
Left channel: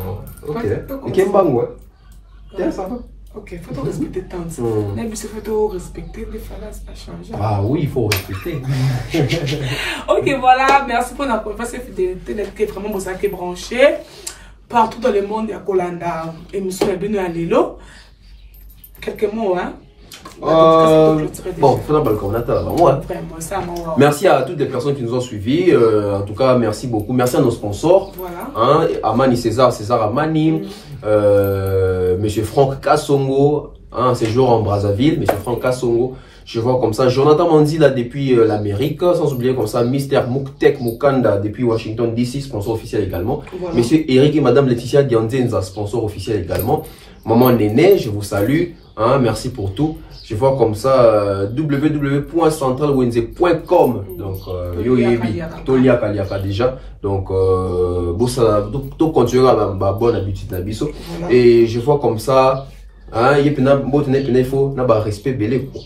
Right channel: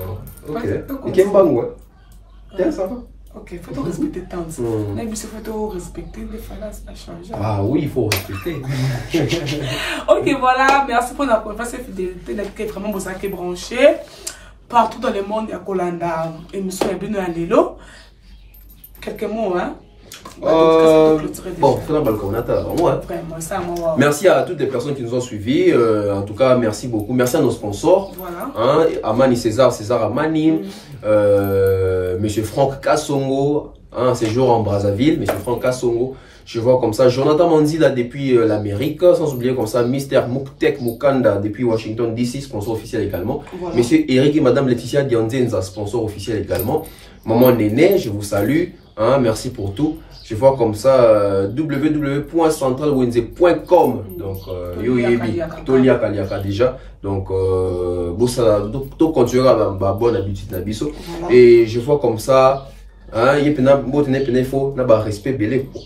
ok. Et quel bang, ouais. Tiens, ça va. Ok, il faut respecter tant. Là, il faut respecter les phalanges à changer. Ah oui, il faut respecter. Ok, voilà. Merci pour la confiance et fidélité. Qui est vraiment pour ça qui est branché. Partout dans le monde, il y a Kolanda. Et nous sommes venus à Lilo. Quelques mots, hein. Bon, merci à toutes les personnes qui nous ont suivis. En tout cas, merci beaucoup. Merci à nos sponsors. Voilà. Hein, Amani César Amani, Monsieur Franck Kassongo, hein, séjour en Brazzaville, Monsieur Franck Kassongo. Je vois comme ça Jonathan Manzila depuis l'Amérique, sans oublier comme ça Mr. Muktek Mukanda depuis Washington DC, sponsor officiel également. Voilà. Monsieur Eric et Madame Laetitia Dianzenza, sponsor officiel également. Maman Néné, je vous salue. Hein, merci pour tout. Je vois comme ça www.centralwenze.com. Donc Yoyebi, Tolia Kaliaka déjà. Donc tout continuera la bonne habitude nabiso. Et je vois comme ça hein, il y a un faut na ba respect belé quoi.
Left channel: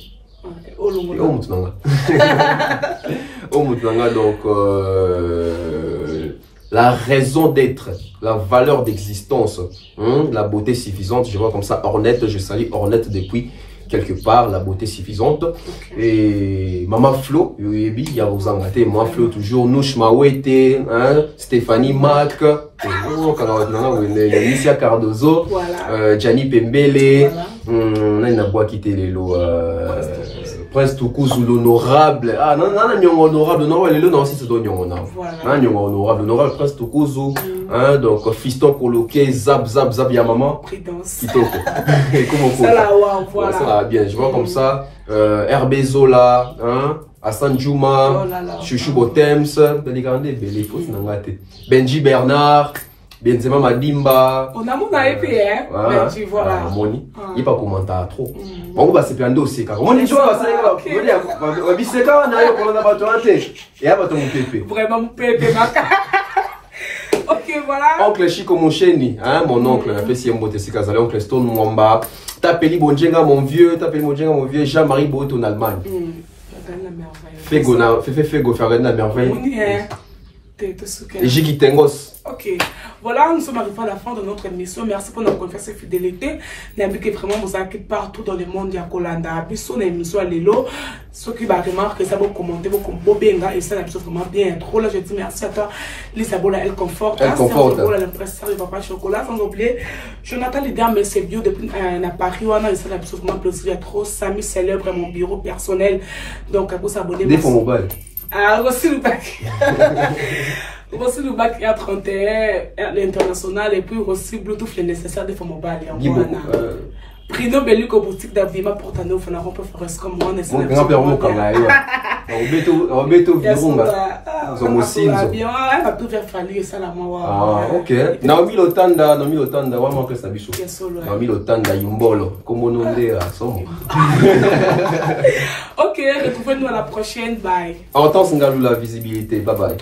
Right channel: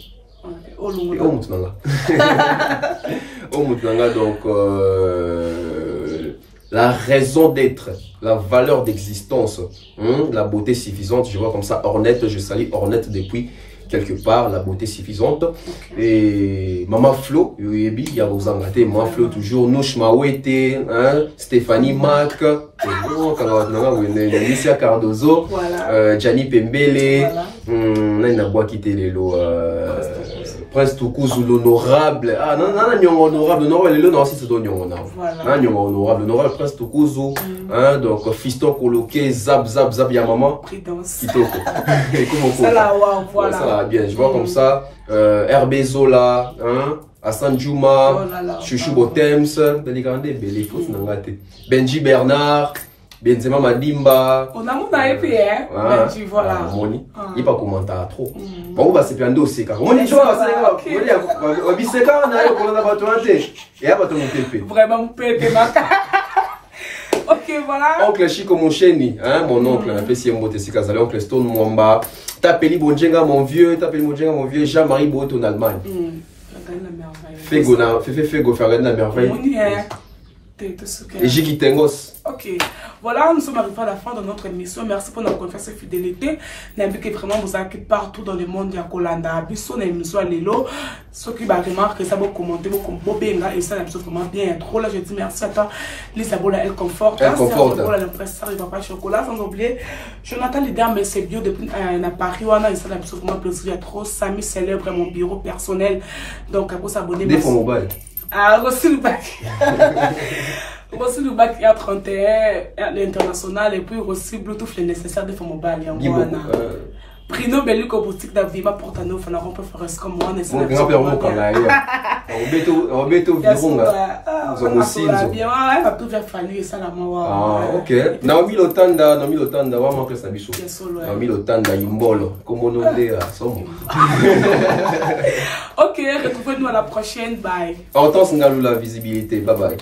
Donc la raison d'être, la valeur d'existence, hein, la beauté suffisante, je vois comme ça Ornette, je salue Ornette depuis quelque part, la beauté suffisante. Et Maman Flo, il y a vos amatés, Maman Flo toujours, Nouch Mawete, hein, Stéphanie Mac, Alicia Cardozo, Gianni Pembele, là il n'a pas quitté les lots. Prince Tukuzu l'honorable. Ah non, honorable, non, aussi c'est honorable, Prince Tukuzu. Hein, donc, fiston coloqué, zap, y'a maman. Kitoko. Et comment ça, voilà. Ça va bien, je vois comme ça. Herbe Zola, hein, Hassan Djouma, Chouchou Botems, Benji Bernard. Benzema Madimba. On a mon épée, hein. Benji, voilà. Moni. Il n'y a pas commentaire trop. Bon, on va se prendre aussi. Moni, tu vois, on va bisser quand on a eu pour le battre. Et après, mon pépé. Vraiment, mon pépé, ok, voilà. Oncle Chico Mocheni, hein, mon oncle, un peu si on botte si Kazale, oncle Stone Mwamba. Tapeli Bonjenga, mon vieux, Jean-Marie Bout en Allemagne. Fego, faire la merveille. Et Jigi Tengos. Ok, voilà, nous sommes arrivés à la fin de notre émission. Merci pour notre confiance et fidélité. N'impliquez vraiment vous avez partout dans le monde. Il y a Kolanda, Bissot, l'émission à Lelo. Ceux qui va remarquer ça, vous commentez, vous commentez, et ça, l'émission vraiment bien. Trop là, je dis merci à toi, Lisa Bola, elle conforte. Elle conforte. L'impression de Papa Chocolat, sans oublier. Jonathan Lider, mais c'est bio depuis Paris, on a eu ça, l'émission vraiment plaisir. Trop, Samy célèbre mon bureau personnel. Donc, à vous s'abonner. Des fonds mobile. Ah, reçu le bac. Reçu le bac A31, l'international, et puis reçu Bluetooth, le nécessaire de fonds mobile. Prino Bellico boutique d'Avima Portano, il faut la rompre forest comme moi. Mon grand-père, mon camarade. Roberto Vironga. Nous sommes aussi. Elle va tout faire fallir, ça la moi. Ah, ok. Naomi Lotanda, on manque ça bichou. Naomi Lotanda, Yumbolo. Comme on dit à Somo. Ok, retrouvez-nous à la prochaine. Bye. En temps, c'est la visibilité. Bye bye.